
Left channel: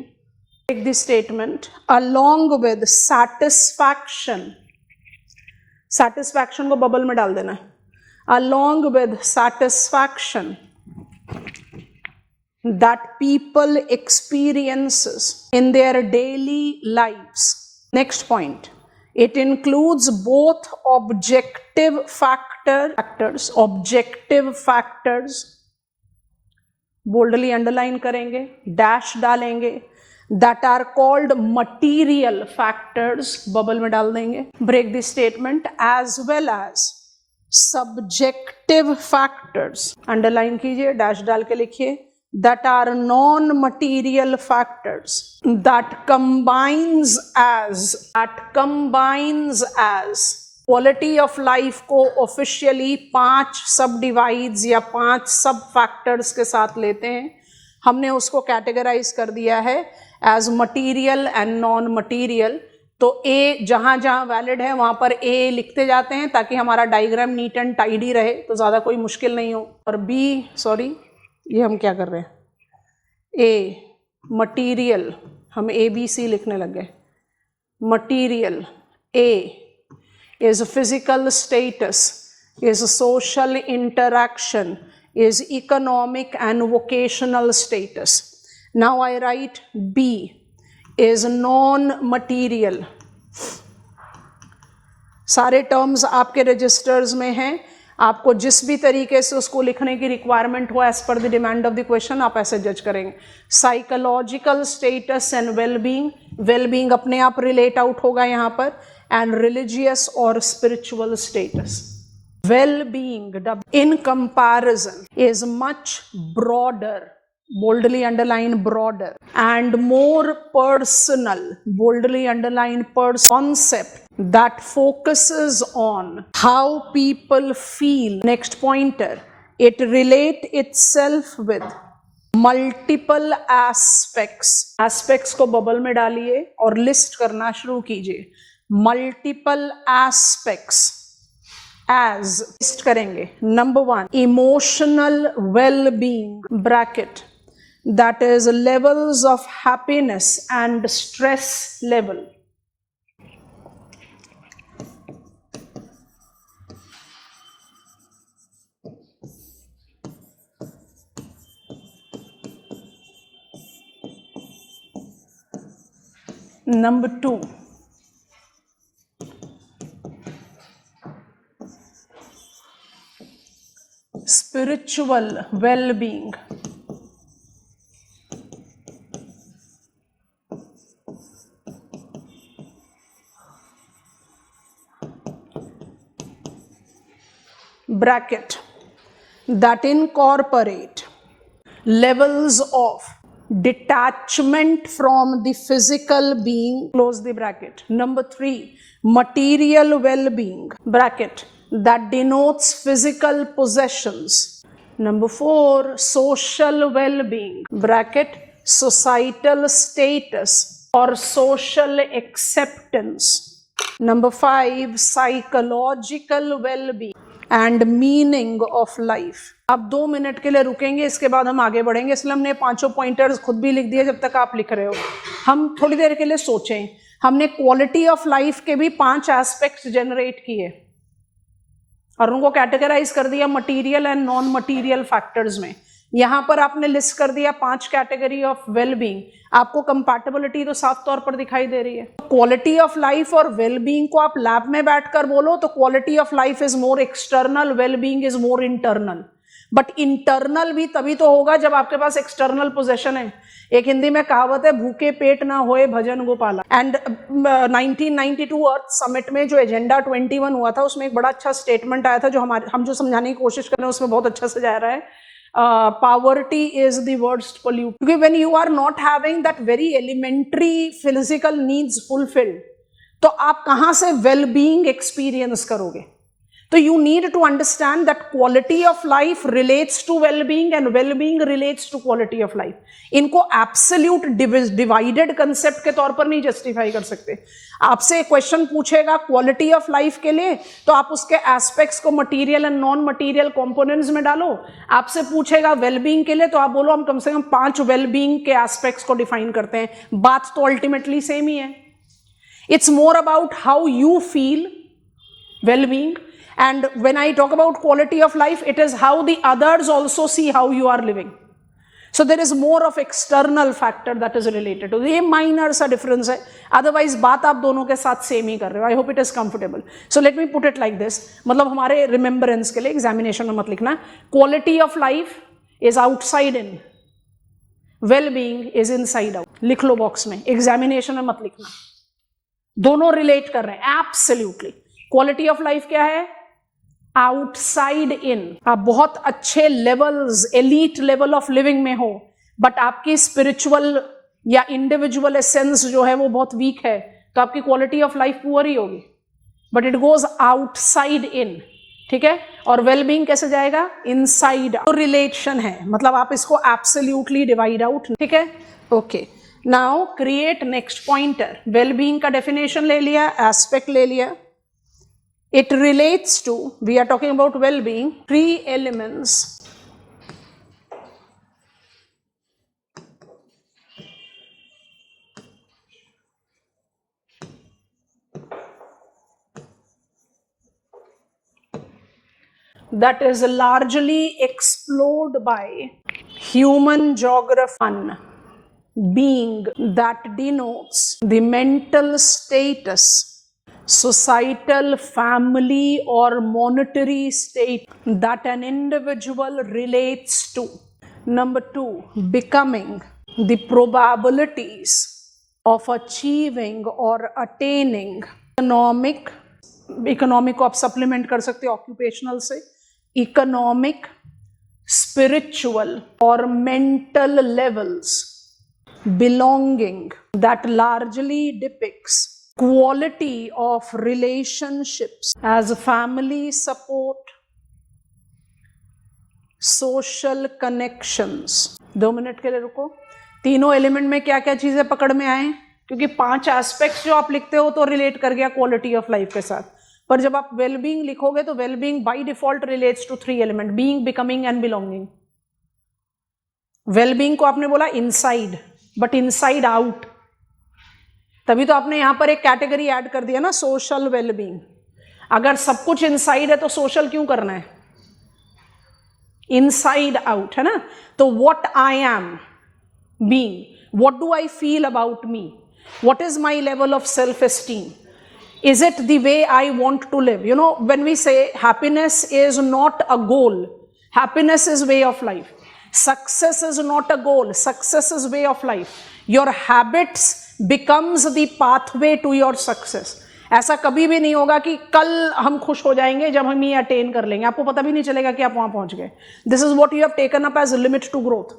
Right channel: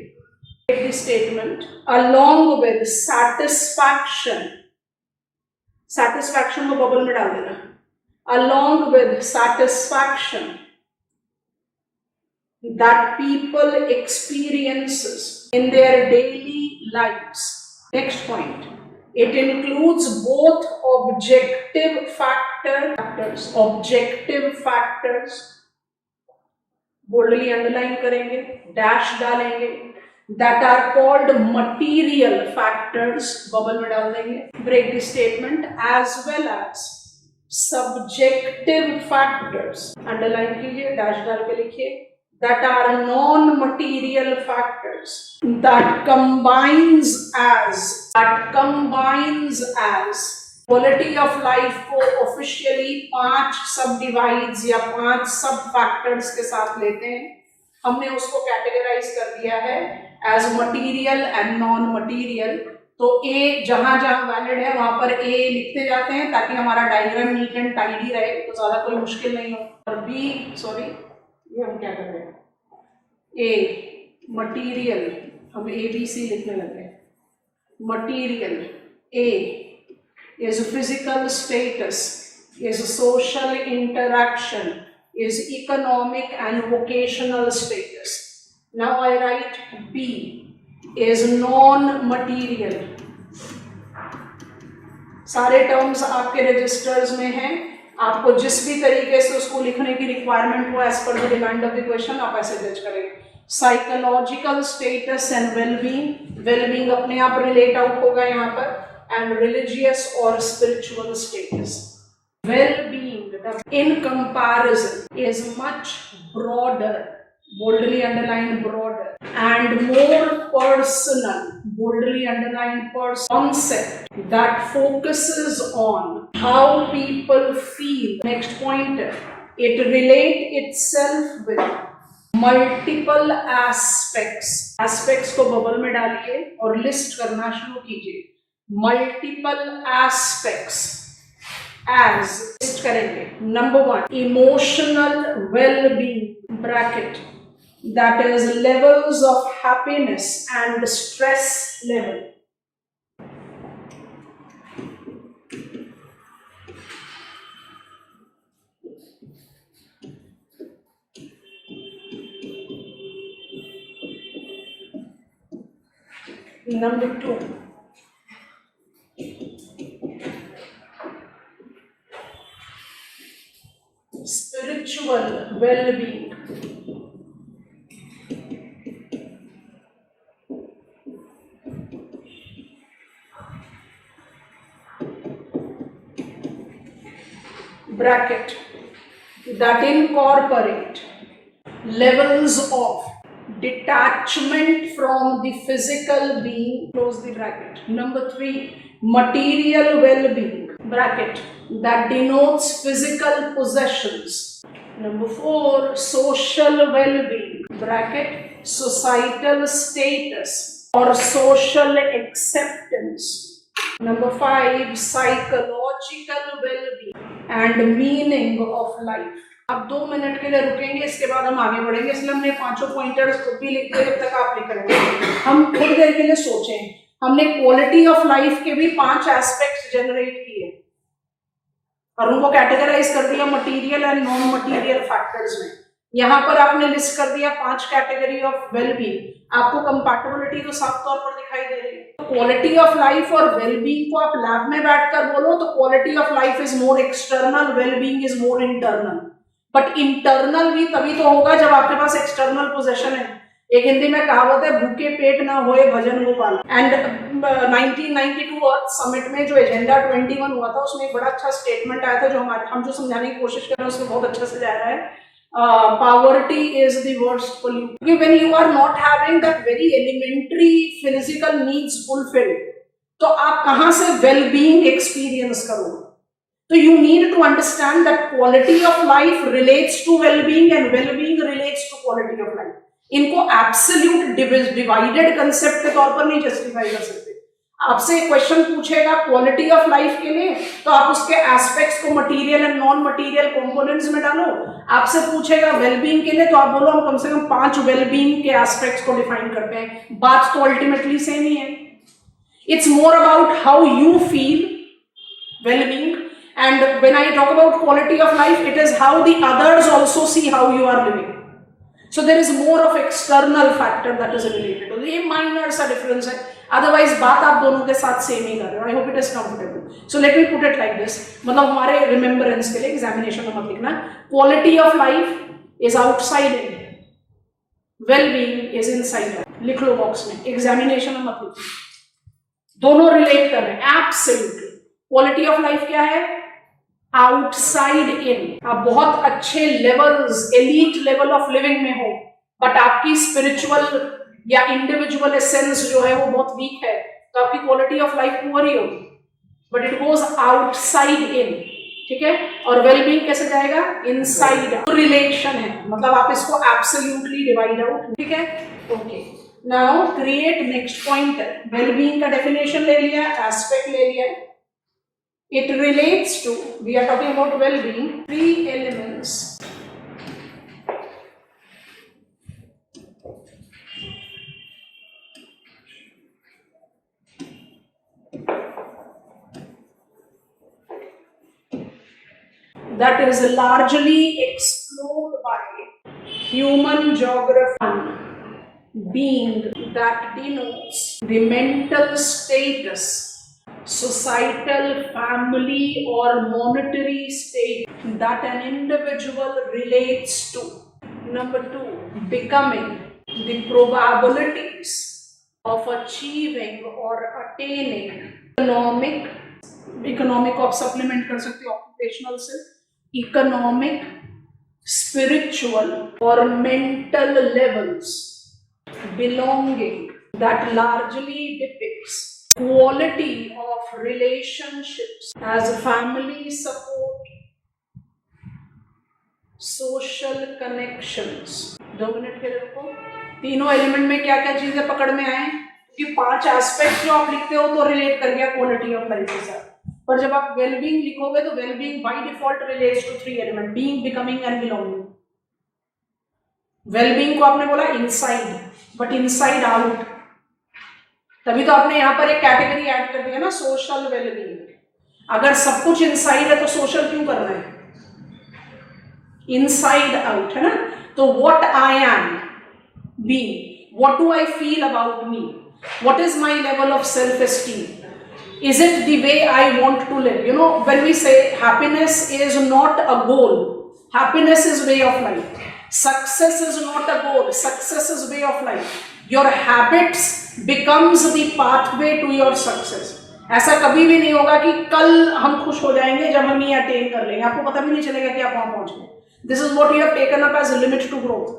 Take this statement along with satisfaction. Satisfaction को बबल में डाल देना. Along with satisfaction that people experiences in their daily lives. Next point, it includes both objective factors, boldly underline करेंगे, dash डालेंगे, that are called material factors, bubble में डाल देंगे, break the statement, as well as subjective factors, underline कीजिए, dash डाल के लिखिए, that are non-material factors that combines as quality of life को officially 5 सब डिवाइड्स या 5 सब फैक्टर्स के साथ लेते हैं. हमने उसको कैटेगराइज कर दिया है as material and non material. तो ए जहां जहां वैलिड है वहां पर ए लिखते जाते हैं ताकि हमारा डायग्राम नीट एंड टाइडी रहे, तो ज्यादा कोई मुश्किल नहीं हो. और बी, सॉरी ये हम क्या कर रहे हैं, ए मटीरियल, हम ए बी सी लिखने लगे. Material A is physical status, is social interaction, is economic and vocational status. Now I write B is non-material. सारे टर्म्स आपके रजिस्टर्स में हैं. आपको जिस भी तरीके से उसको लिखने की रिक्वायरमेंट हो as per the demand of the question आप ऐसे जज करेंगे. साइकोलॉजिकल स्टेटस एंड वेलबींग अपने आप रिलेट आउट होगा यहाँ पर. एंड रिलीजियस और spiritual status. Well-being in comparison is much broader, boldly underline broader, and more personal, boldly underline concept that focuses on how people feel. Next pointer, it relate itself with multiple aspects. Aspects को bubble में डालिए और list करना शुरू कीजिए. Multiple aspects as list करेंगे. Number 1, emotional well-being, bracket, that is levels of happiness and stress level. Number 2, spiritual well-being. Bracket, that incorporate levels of detachment from the physical being, close the bracket. Number 3, material well-being, bracket, that denotes physical possessions. Number 4, social well-being, bracket, societal status or social acceptance. Number 5, psychological well-being and meaning of life. आप 2 minute के लिए रुकेंगे, इसके बाद हम आगे बढ़ेंगे, इसलिए हमने 5 पॉइंटर्स खुद भी लिख दिए जब तक आप लिख रहे हो। हम थोड़ी देर के लिए सोचें। हमने क्वालिटी ऑफ लाइफ के भी 5 एस्पेक्ट्स जनरेट किए और उनको कैटेगराइज कर दिया material and non material factors में। यहां पर आपने लिस्ट कर दिया 5 कैटेगरी ऑफ वेलबींग। आपको कंपैटिबिलिटी तो साफ तौर पर दिखाई दे रही है। क्वालिटी ऑफ लाइफ और वेलबींग को आप लैब में बैठकर बोलो तो quality of life is more external, wellbeing is more internal. But internal भी तभी तो होगा जब आपके पास एक्सटर्नल पोजेशन है। एक हिंदी में कहावत है, भूखे पेट ना होए भजन गोपाला। एंड 1992 अर्थ समिट में जो एजेंडा 21 हुआ था उसमें एक बड़ा अच्छा स्टेटमेंट आया था जो हम जो समझाने की कोशिश कर रहे हैं उसमें बहुत अच्छा से जा रहा है। Poverty is the worst pollutant. Because when you are not having that very elementary physical needs fulfilled, तो आप कहां से well-being experience करोगे? So you need to understand that quality of life relates to well-being and well-being relates to quality of life. इनको absolute divided concept के तौर पर नहीं justify कर सकते। आपसे एक क्वेश्चन पूछेगा क्वालिटी ऑफ लाइफ के लिए तो आप उसके एस्पेक्ट्स को material and non material components में डालो। आपसे पूछेगा वेलबींग के लिए तो आप बोलो हम कम से कम 5 वेलबींग के एस्पेक्ट्स को डिफाइन करते हैं। बात तो अल्टीमेटली सेम ही है। It's more about how you feel wellbeing, and when I talk about quality of life, it is how the others also see how you are living. So there is more of external factor that is related to ये minor सा difference है, otherwise बात आप दोनों के साथ same ही कर रहे हो। I hope it is comfortable. So let me put it like this, मतलब हमारे remembrance के लिए examination में मत लिखना quality of life is outside in, well-being is inside out। लिख लो बॉक्स में, examination में मत लिखना, दोनों relate कर रहे हैं absolutely। quality of life क्या है? Outside in. आप बहुत अच्छे levels, elite level of living में हो बट आपकी स्पिरिचुअल या इंडिविजुअल एसेंस जो है वो बहुत वीक है तो आपकी क्वालिटी ऑफ लाइफ पुअर ही होगी। But it goes outside in, ठीक है। और वेलबींग कैसे जाएगा? Inside out. रिलेशन है, मतलब आप इसको एब्सोल्युटली डिवाइड आउट, ठीक है। Okay, now create next pointer. Wellbeing का डेफिनेशन ले लिया, एस्पेक्ट ले लिया। It relates to, we are talking about well-being, 3 elements. That is largely explored by human geography. Being that denotes the mental status, societal, family or monetary state that an individual relates to. Number 2, becoming the probabilities of achieving or attaining economic को आप supplement कर सकते हो occupational से, economic, spiritual or mental levels belonging that largely depicts quality of relationships as family support, social connections। 2 minute के लिए रुको। तीनों एलिमेंट में क्या क्या चीजें पकड़ में आए, क्योंकि 5 एस्पेक्ट्स जो आप लिखते हो तो रिलेट कर गया क्वालिटी ऑफ लाइफ के साथ। पर जब आप वेलबींग लिखोगे तो wellbeing by default relates to 3 element, being, becoming and belonging. Wellbeing को आपने बोला इनसाइड, बट इनसाइड आउट, तभी तो आपने यहां पर एक कैटेगरी ऐड कर दिया ना, सोशल वेलबींग। अगर सब कुछ इनसाइड है तो सोशल क्यों करना है? इनसाइड आउट है ना। तो what I am being, what do I feel about me, what is my level of self esteem, is it the way I want to live. You know, when we say happiness is not a goal, happiness is way of life. Success is not a goal, success is way of life. Your habits becomes the pathway to your success. ऐसा कभी भी नहीं होगा कि कल हम खुश हो जाएंगे जब हम ये अटेन कर लेंगे, आपको पता भी नहीं चलेगा कि आप वहां पहुंच गए। This is what you have taken up as limit to growth.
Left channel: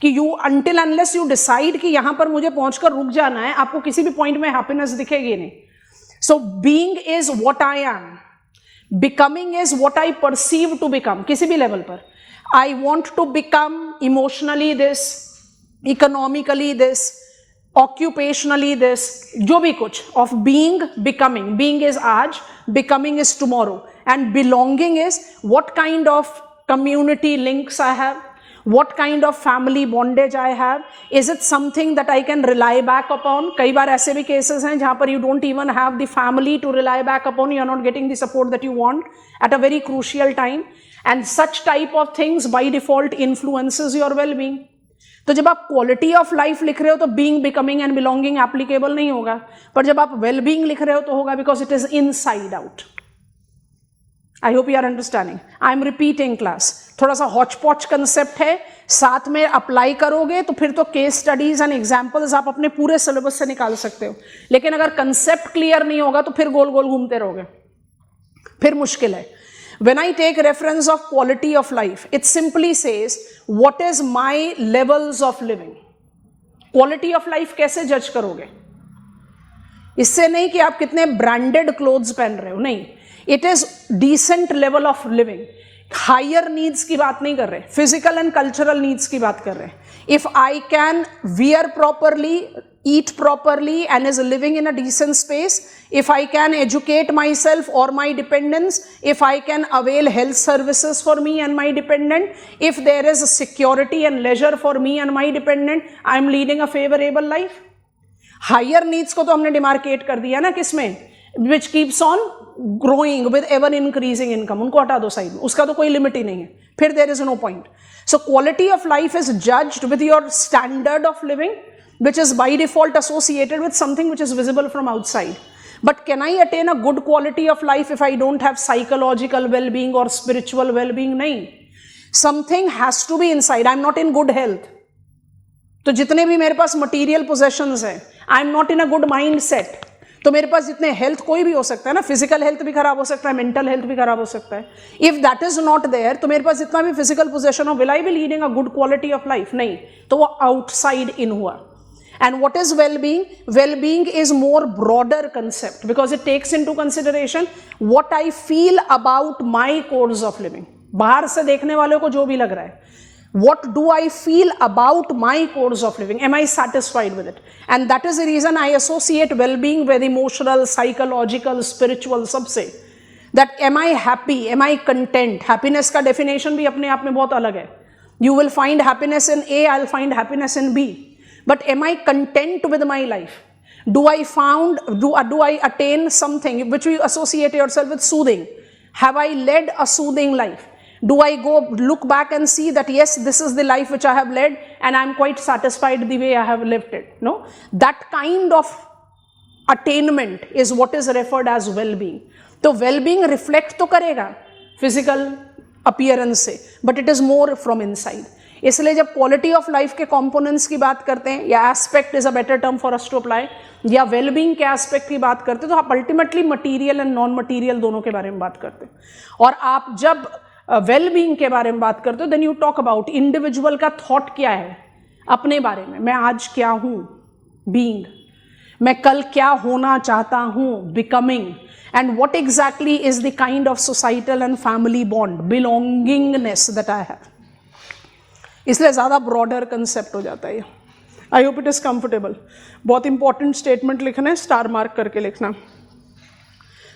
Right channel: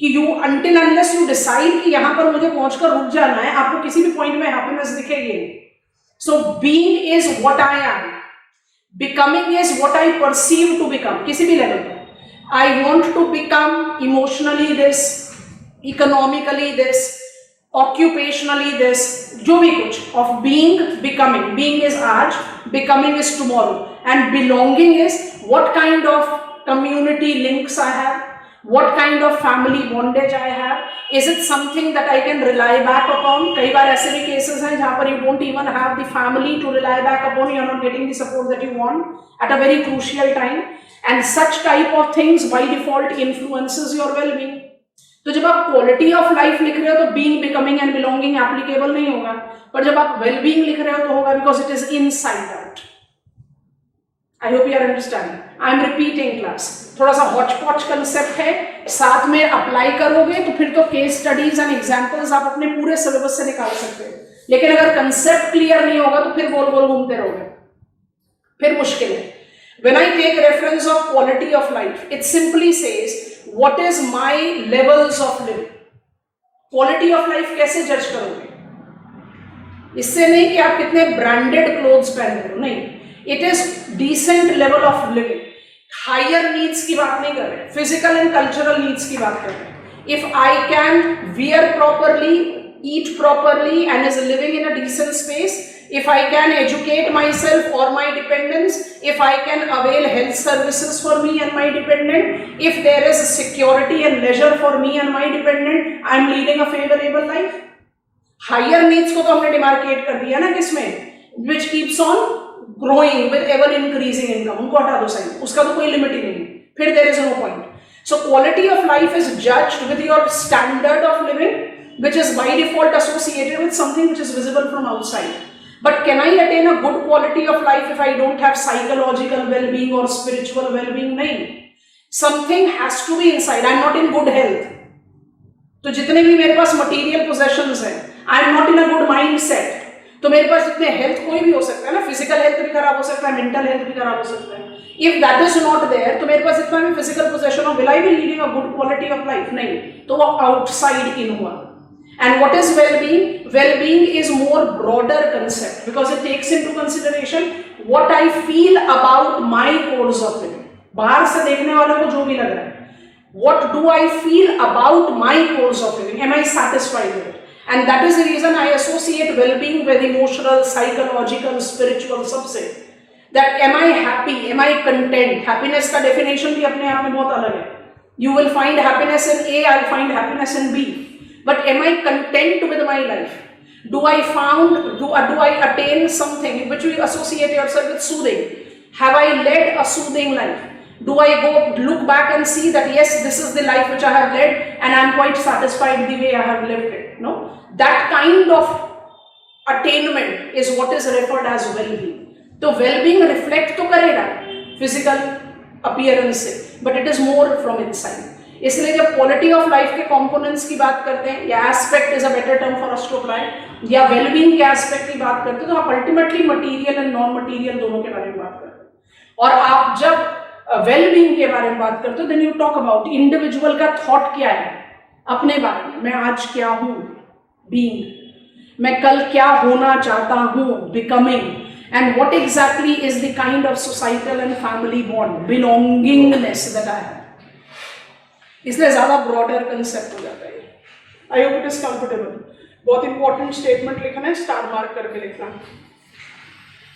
कि you until unless you decide कि यहां पर मुझे पहुंचकर रुक जाना है, आपको किसी भी पॉइंट में हैप्पीनेस दिखेगी नहीं। So being is what I am, becoming is what I perceive to become, किसी भी लेवल पर। I want to become emotionally this, economically this, occupationally this, जो भी कुछ, of being, becoming. Being is आज, becoming is tomorrow, and belonging is what kind of community links I have, what kind of family bondage I have. Is it something that I can rely back upon? कई बार ऐसे भी cases हैं जहाँ पर you don't even have the family to rely back upon, you are not getting the support that you want at a very crucial time, and such type of things by default influences your well-being. तो जब आप quality of life लिख रहे हो तो being, becoming and belonging applicable नहीं होगा, पर जब आप वेल बीइंग लिख रहे हो तो होगा, because it is inside out. I hope you are understanding. I am repeating class. थोड़ा सा हॉच पॉच कंसेप्ट है, साथ में अप्लाई करोगे तो फिर तो केस स्टडीज एंड एग्जांपल्स आप अपने पूरे सिलेबस से निकाल सकते हो, लेकिन अगर कंसेप्ट क्लियर नहीं होगा तो फिर गोल गोल घूमते रहोगे, फिर मुश्किल है. When I take reference of quality of life, it simply says what is my levels of living. Quality of life कैसे जज करोगे? इससे नहीं कि आप कितने ब्रांडेड क्लोथ्स पहन रहे हो, नहीं. It is decent level of living. Higher needs की बात नहीं कर रहे, फिजिकल एंड कल्चरल नीड्स की बात कर रहे हैं. If I can wear properly, eat properly and is living in a decent space, if I can educate myself or my dependents, if I can avail health services for me and my dependent, if there is security and leisure for me and my dependent, I am leading a favorable life. Higher needs को तो हमने demarcate कर दिया ना किसमें, which keeps on growing with ever increasing income. उनको हटा दो साइड, उसका तो कोई लिमिट ही नहीं है, फिर there is no point. So quality of life is judged with your standard of living, which is by default associated with something which is visible from outside. But can I attain a good quality of life if I don't have psychological well-being or spiritual well-being? नहीं. Something has to be inside. I'm not in good health. तो जितने भी मेरे पास material possessions हैं, I'm not in a good mindset. तो मेरे पास जितने health कोई भी हो सकता है ना, फिजिकल हेल्थ भी खराब हो सकता है, मेंटल हेल्थ भी खराब हो सकता है. If that is not there, तो मेरे पास जितना भी फिजिकल पोजेशन हो, will I be leading a good quality of life? नहीं. तो वो आउटसाइड इन हुआ. And what is well-being? Well-being is more broader concept because it takes into consideration what I feel about my course of living. बाहर से देखने वाले को जो भी लग रहा है, what do I feel about my course of living? Am I satisfied with it? And that is the reason I associate well-being with emotional, psychological, spiritual सबसे. That am I happy? Am I content? Happiness का definition भी अपने आप में बहुत अलग है. You will find happiness in A, I'll find happiness in B. But am I content with my life? Do I attain something which we associate yourself with soothing? Have I led a soothing life? Do I go look back and see that yes, this is the life which I have led and I am quite satisfied the way I have lived it? No, that kind of attainment is what is referred as well-being. So well-being reflect तो करेगा physical appearance से, but it is more from inside. इसलिए जब quality of life के components की बात करते हैं, या aspect is a better term for us to apply, या वेलबींग के एस्पेक्ट की बात करते हैं, तो आप ultimately material and non material दोनों के बारे में बात करते हैं. और आप जब वेलबींग के बारे में बात करते हो, then you talk about individual का थॉट क्या है अपने बारे में. मैं आज क्या हूं, बीइंग. मैं कल क्या होना चाहता हूं, becoming. And what exactly is the kind of societal and family bond, belongingness that I have. इसलिए ज्यादा ब्रॉडर कंसेप्ट हो जाता है. I hope it is comfortable. बहुत इंपॉर्टेंट स्टेटमेंट लिखना है, स्टार मार्क करके लिखना.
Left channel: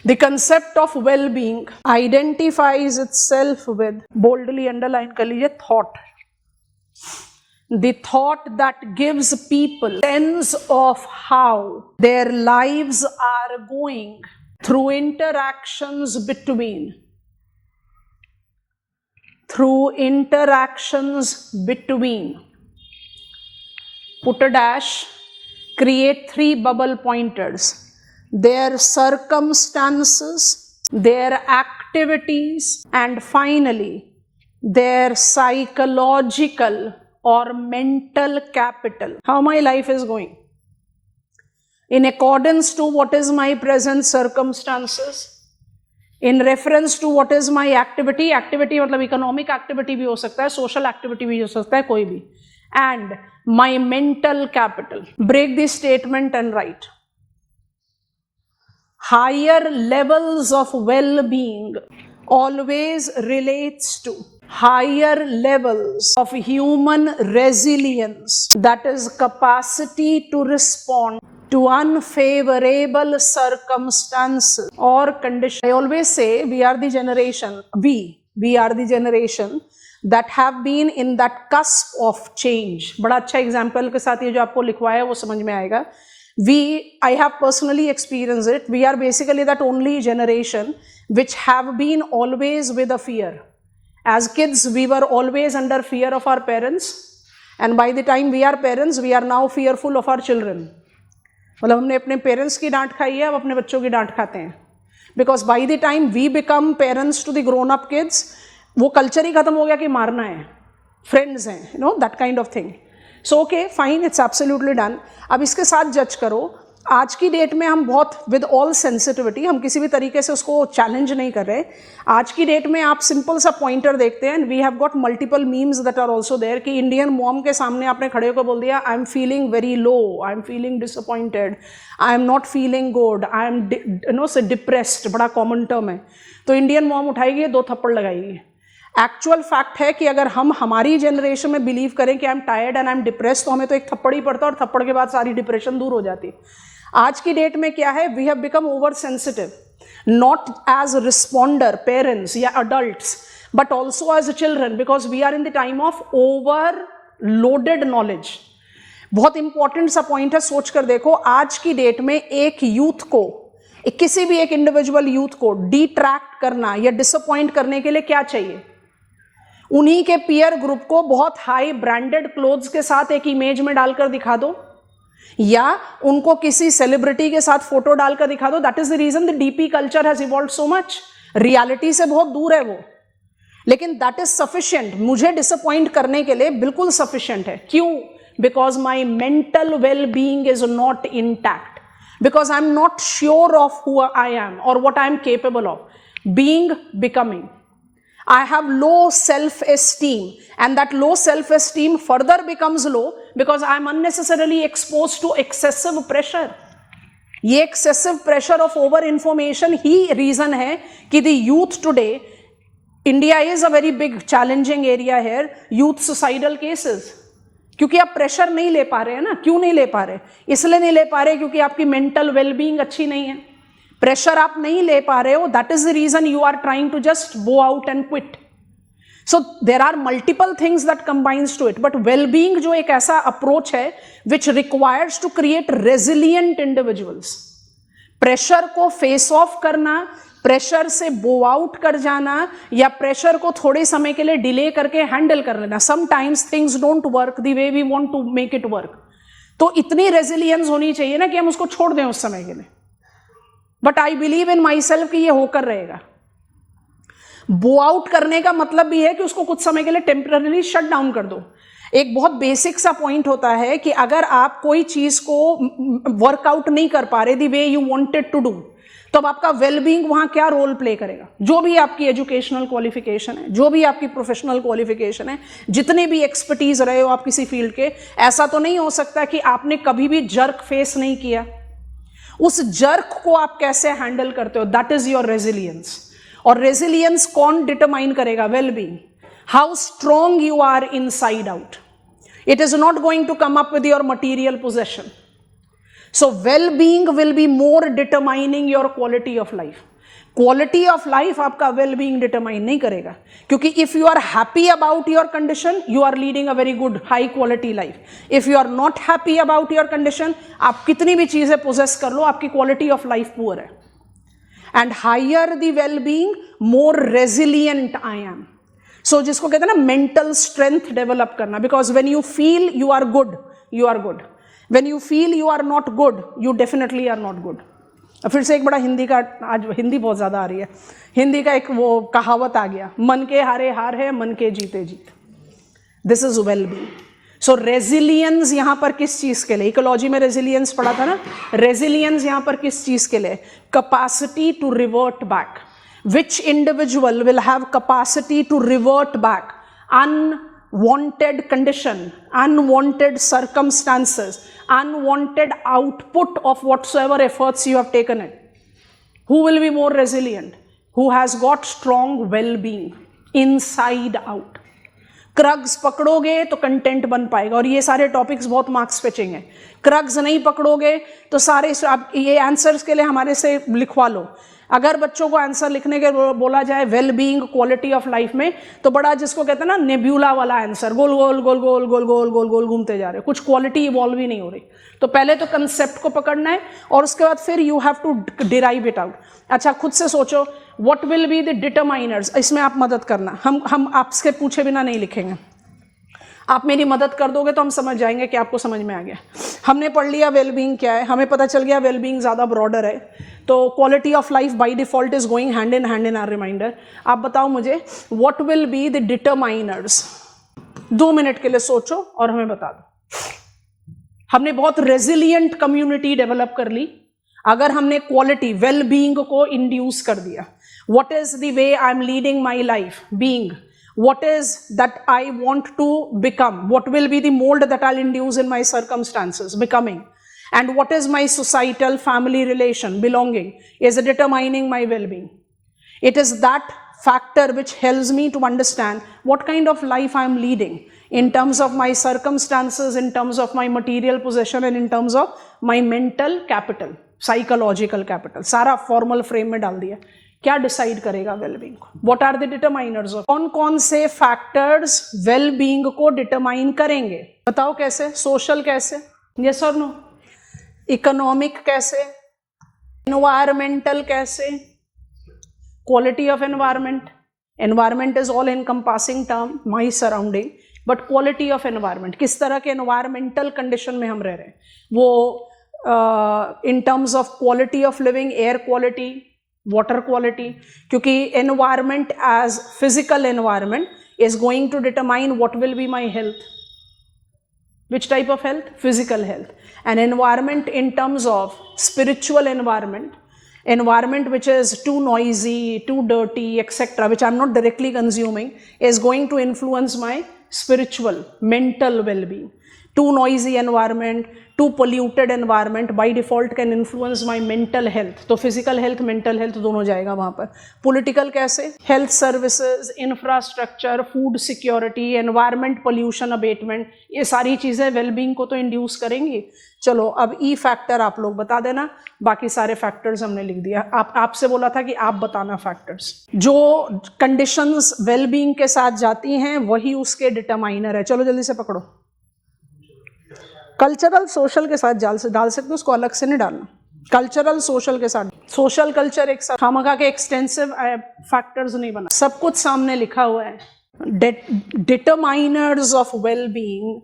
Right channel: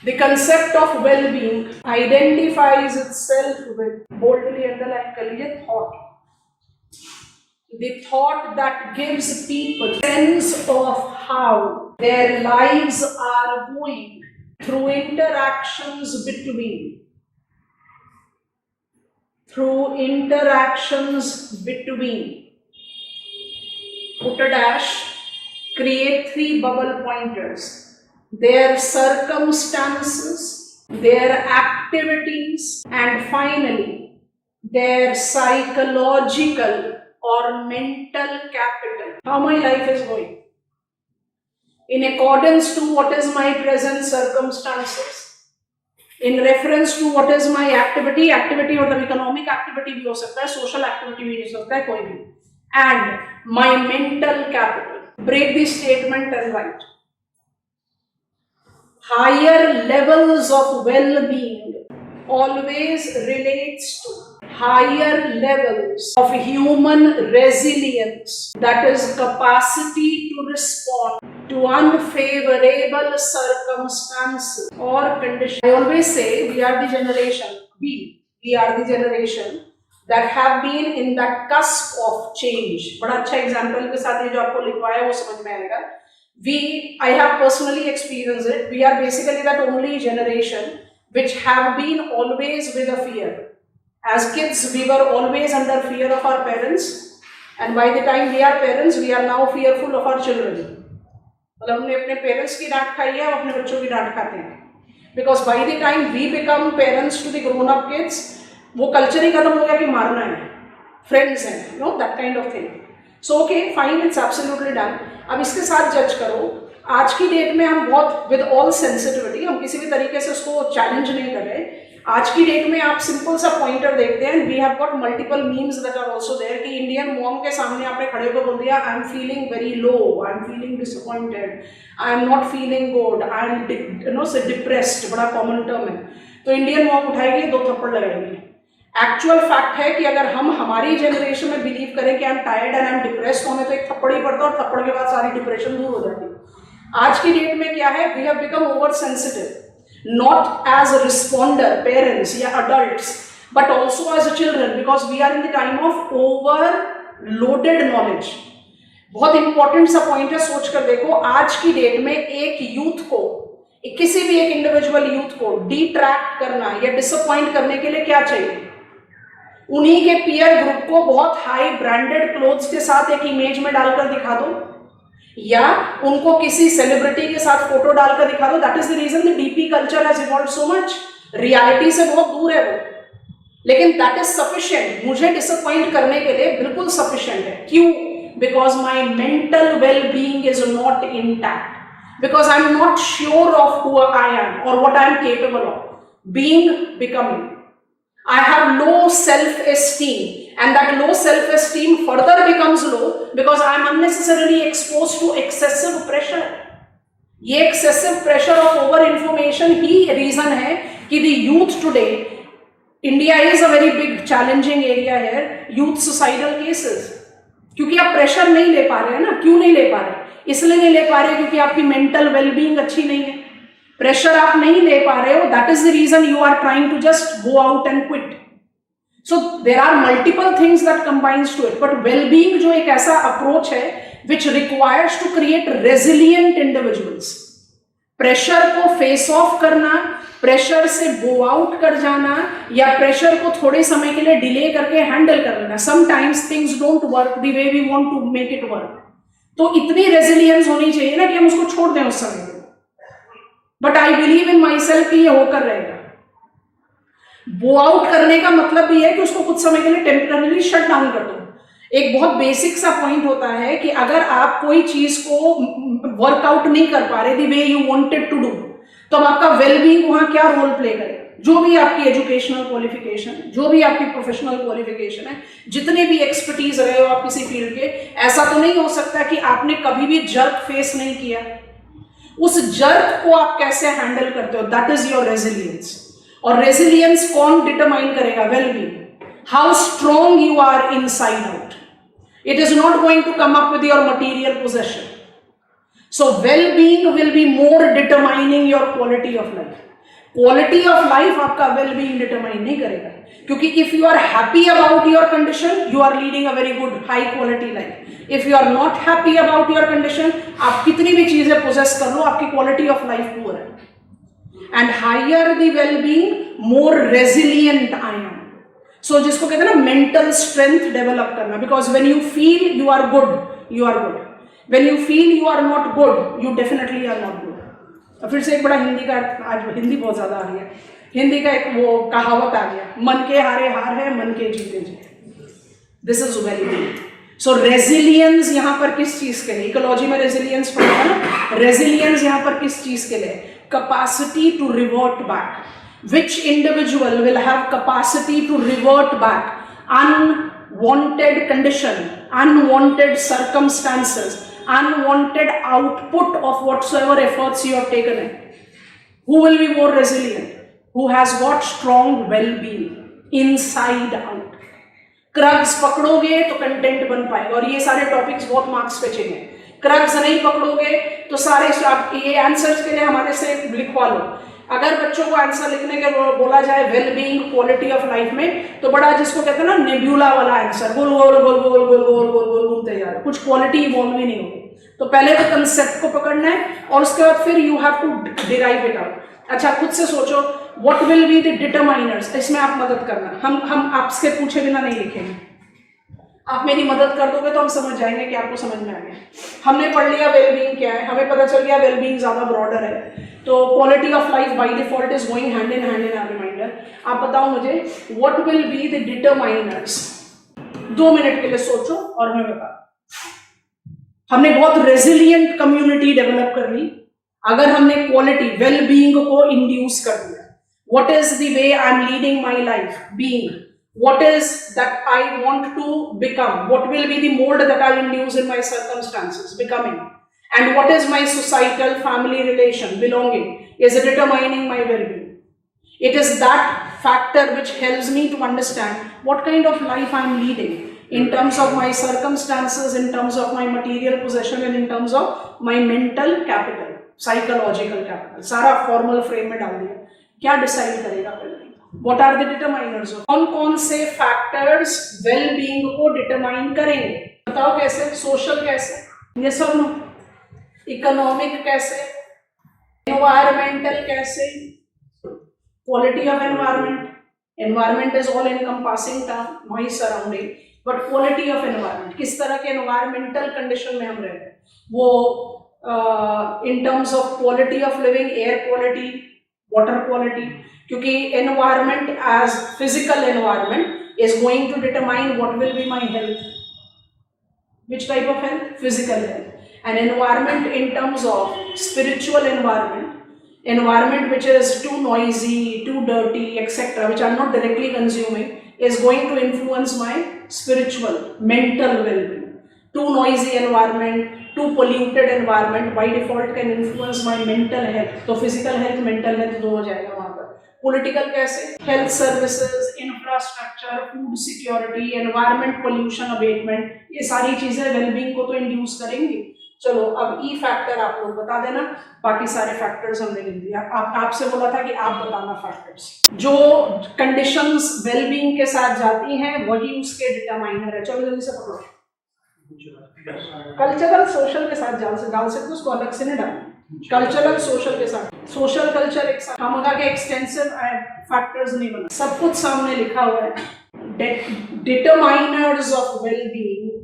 The concept of well being identifies itself with, boldly underline कर लीजिए, thought. The thought that gives people sense of how their lives are going through interactions between. Through interactions between, put a dash, create 3 bubble pointers, their circumstances, their activities, and finally their psychological or mental capital. How my life is going in accordance to what is my present circumstances, in reference to what is my activity. Activity मतलब economic activity भी हो सकता है, social activity भी हो सकता है, कोई भी. And my mental capital. Break the statement and write. Higher levels of well being always relates to higher levels of human resilience, that is capacity to respond to unfavorable circumstances or conditions. I always say we are the generation, we are the generation that have been in that cusp of change. बड़ा अच्छा example के साथ ये जो आपको लिखवाया वो समझ में आएगा. I have personally experienced it. We are basically that only generation which have been always with a fear. As kids, we were always under fear of our parents, and by the time we are parents, we are now fearful of our children. मतलब हमने अपने parents की डांट खाई है, हम अपने बच्चों की डांट खाते हैं. Because by the time we become parents to the grown-up kids, वो कल्चर ही खत्म हो गया कि मारना है, फ्रेंड्स हैं, you know, that kind of thing. So okay, fine, it's absolutely done. अब इसके साथ जज करो. आज की डेट में हम बहुत विद ऑल सेंसिटिविटी, हम किसी भी तरीके से उसको चैलेंज नहीं कर रहे. आज की डेट में आप सिंपल सा पॉइंटर देखते हैं, we have got multiple memes that are also there कि इंडियन मॉम के सामने आपने खड़े होकर बोल दिया, I am feeling very low, I am feeling disappointed, I am not feeling good, I am depressed, बड़ा कॉमन टर्म है. तो इंडियन मॉम उठाएगी, 2 थप्पड़ लगाएगी. एक्चुअल फैक्ट है कि अगर हम हमारी जनरेशन में बिलीव करें कि I am tired and I am depressed, तो हमें तो एक थप्पड़ ही पड़ता और थप्पड़ के बाद सारी डिप्रेशन दूर हो जाती. आज की डेट में क्या है, we have become over sensitive, not as responder parents या adults, but also as a children, because we are in the time of over loaded knowledge. बहुत इंपॉर्टेंट सा पॉइंट है, सोच कर देखो. आज की डेट में एक यूथ को, किसी भी एक इंडिविजुअल यूथ को डिट्रैक्ट करना या डिसअपॉइंट करने के लिए क्या चाहिए? उन्हीं के पीयर ग्रुप को बहुत हाई ब्रांडेड क्लोथ्स के साथ एक इमेज में डालकर दिखा दो, या उनको किसी सेलिब्रिटी के साथ फोटो डालकर दिखा दो. That is the reason the DP culture has evolved so much. Reality से बहुत दूर है वो, लेकिन दैट इज सफिशिएंट. मुझे डिसअपॉइंट करने के लिए बिल्कुल सफिशिएंट है. क्यों? Because my mental well being is not intact, because I am not sure of who I am और what I am capable of being, becoming. I have low self-esteem, and that low self-esteem further becomes low because I am unnecessarily exposed to excessive pressure. ये excessive pressure of over information he reason है कि the youth today, India is a very big challenging area here, youth suicidal cases. क्योंकि आप pressure नहीं ले पा रहे हैं ना. क्यों नहीं ले पा रहे? इसलिए नहीं ले पा रहे क्योंकि आपकी मेंटल वेलबींग अच्छी नहीं है. प्रेशर आप नहीं ले पा रहे हो, that is the reason you are trying to just go out and quit. So there are multiple things that combines to it, but wellbeing जो एक ऐसा अप्रोच है which requires to create resilient individuals. Pressure को face off करना, pressure से go out कर जाना, या प्रेशर को थोड़े समय के लिए डिले करके हैंडल कर लेना. Sometimes things don't work the way we want to make it work. तो इतनी रेजिलियंस होनी चाहिए ना कि हम उसको छोड़ दें उस समय के लिए. But I believe in my self कि ये होकर रहेगा. बो आउट करने का मतलब भी है कि उसको कुछ समय के लिए टेम्पररी शट डाउन कर दो. एक बहुत बेसिक सा पॉइंट होता है कि अगर आप कोई चीज को वर्कआउट नहीं कर पा रहे the way you wanted to do, तो आपका वेलबींग वहां क्या रोल प्ले करेगा? जो भी आपकी एजुकेशनल क्वालिफिकेशन है, जो भी आपकी प्रोफेशनल क्वालिफिकेशन है, जितने भी एक्सपर्टीज रहे हो आप किसी फील्ड के, ऐसा तो नहीं हो सकता कि आपने कभी भी जर्क फेस नहीं किया. उस जर्क को आप कैसे हैंडल करते हो, दैट इज योर रेजिलियंस. और रेजिलियंस कौन डिटरमाइन करेगा? Wellbeing. How strong you are inside out. It is not going to come up with your material possession. So wellbeing will be more determining your quality of life. Quality of life आपका wellbeing determine नहीं करेगा, क्योंकि if you are happy about your condition you are leading a very good high quality life. If you are not happy about your condition, आप कितनी भी चीजें possess कर लो, आपकी क्वालिटी ऑफ लाइफ पुअर है. And higher the wellbeing, more resilient I am. So जिसको कहते हैं ना मेंटल स्ट्रेंथ डेवलप करना, because when you feel you are good, you are good. When you feel you are not good, you definitely are not good. फिर से एक बड़ा हिंदी का, आज हिंदी बहुत ज्यादा आ रही है, हिंदी का एक वो कहावत आ गया, मन के हारे हार है, मन के जीते जीत. This is wellbeing. So resilience यहां पर किस चीज के लिए? इकोलॉजी में रेजिलियंस पढ़ा था ना. रेजिलियंस यहां पर किस चीज के लिए? Capacity to revert back. Which individual will have capacity to revert back unwanted condition, unwanted circumstances, unwanted output of whatsoever efforts you have taken in. Who will be more resilient? Who has got strong well-being. Inside out. Crux पकड़ोगे तो content बन पाएगा, और ये सारे topics बहुत marks पे चाहिए। क्रग्स नहीं पकड़ोगे तो सारे आप ये आंसर्स के लिए हमारे से लिखवा लो। अगर बच्चों को आंसर लिखने के बोला जाए well being quality of life में, तो बड़ा जिसको कहते हैं ना नेब्यूला वाला आंसर, गोल गोल गोल गोल गोल गोल गोल गोल घूमते जा रहे, कुछ क्वालिटी इवॉल्व ही नहीं हो रही। तो पहले तो कंसेप्ट को पकड़ना है, और उसके बाद फिर you have to derive it out. अच्छा, खुद से सोचो what will be the determiners, इसमें आप मदद करना। हम आपसे पूछे बिना नहीं लिखेंगे, आप मेरी मदद कर दोगे तो हम समझ जाएंगे कि आपको समझ में आ गया। हमने पढ़ लिया वेलबींग क्या है, हमें पता चल गया वेलबींग ज्यादा ब्रॉडर है, तो quality of life by default is going hand in our reminder. आप बताओ मुझे what will be the determiners. 2 minute के लिए सोचो और हमें बता दो। हमने बहुत रेजिलियंट कम्युनिटी डेवलप कर ली अगर हमने क्वालिटी वेलबींग को इंड्यूस कर दिया। What is the way I am leading my life being, what is that I want to become, what will be the mold that I'll induce in my circumstances becoming, and what is my societal family relation belonging is determining my well-being. It is that factor which helps me to understand what kind of life I'm leading in terms of my circumstances, in terms of my material possession, and in terms of my mental capital, psychological capital. सारा formal frame में डाल दिया। क्या decide करेगा wellbeing को? What are the determiners of, कौन कौन से फैक्टर्स वेलबींग को डिटरमाइन करेंगे? बताओ कैसे? सोशल कैसे, यस और नो? इकोनॉमिक कैसे? एनवायरमेंटल कैसे? Quality of environment, environment is all encompassing term, my surrounding, but quality of environment, किस तरह के एनवायरमेंटल कंडीशन में हम रह रहे हैं, वो in terms of quality of living, air quality, water quality, क्योंकि environment as physical environment is going to determine what will be my health. Which type of health? Physical health. And environment in terms of spiritual environment, environment which is too noisy, too dirty, etc., which I'm not directly consuming, is going to influence my spiritual, mental well-being. Too noisy environment, too polluted environment by default can influence my mental health. तो physical health, mental health दोनों जाएगा वहाँ पर। Political कैसे? Health services, infrastructure, food security, environment pollution abatement, ये सारी चीजें well-being को तो induce करेंगी। चलो अब E factor आप लोग बता देना, बाकी सारे factors हमने लिख दिया। आपसे बोला था कि आप बताना factors। जो conditions well-being के साथ जाती हैं वही उसके determiner है। चलो जल्दी से पकड़ो। कल्चरल सोशल के साथ डाल सकते हो, उसको अलग से नहीं डालना। कल्चरल सोशल के साथ, सोशल कल्चर एक साथ, खामखा के एक्सटेंसिव फैक्टर्स नहीं बना, सब कुछ सामने लिखा हुआ है। Determiners of wellbeing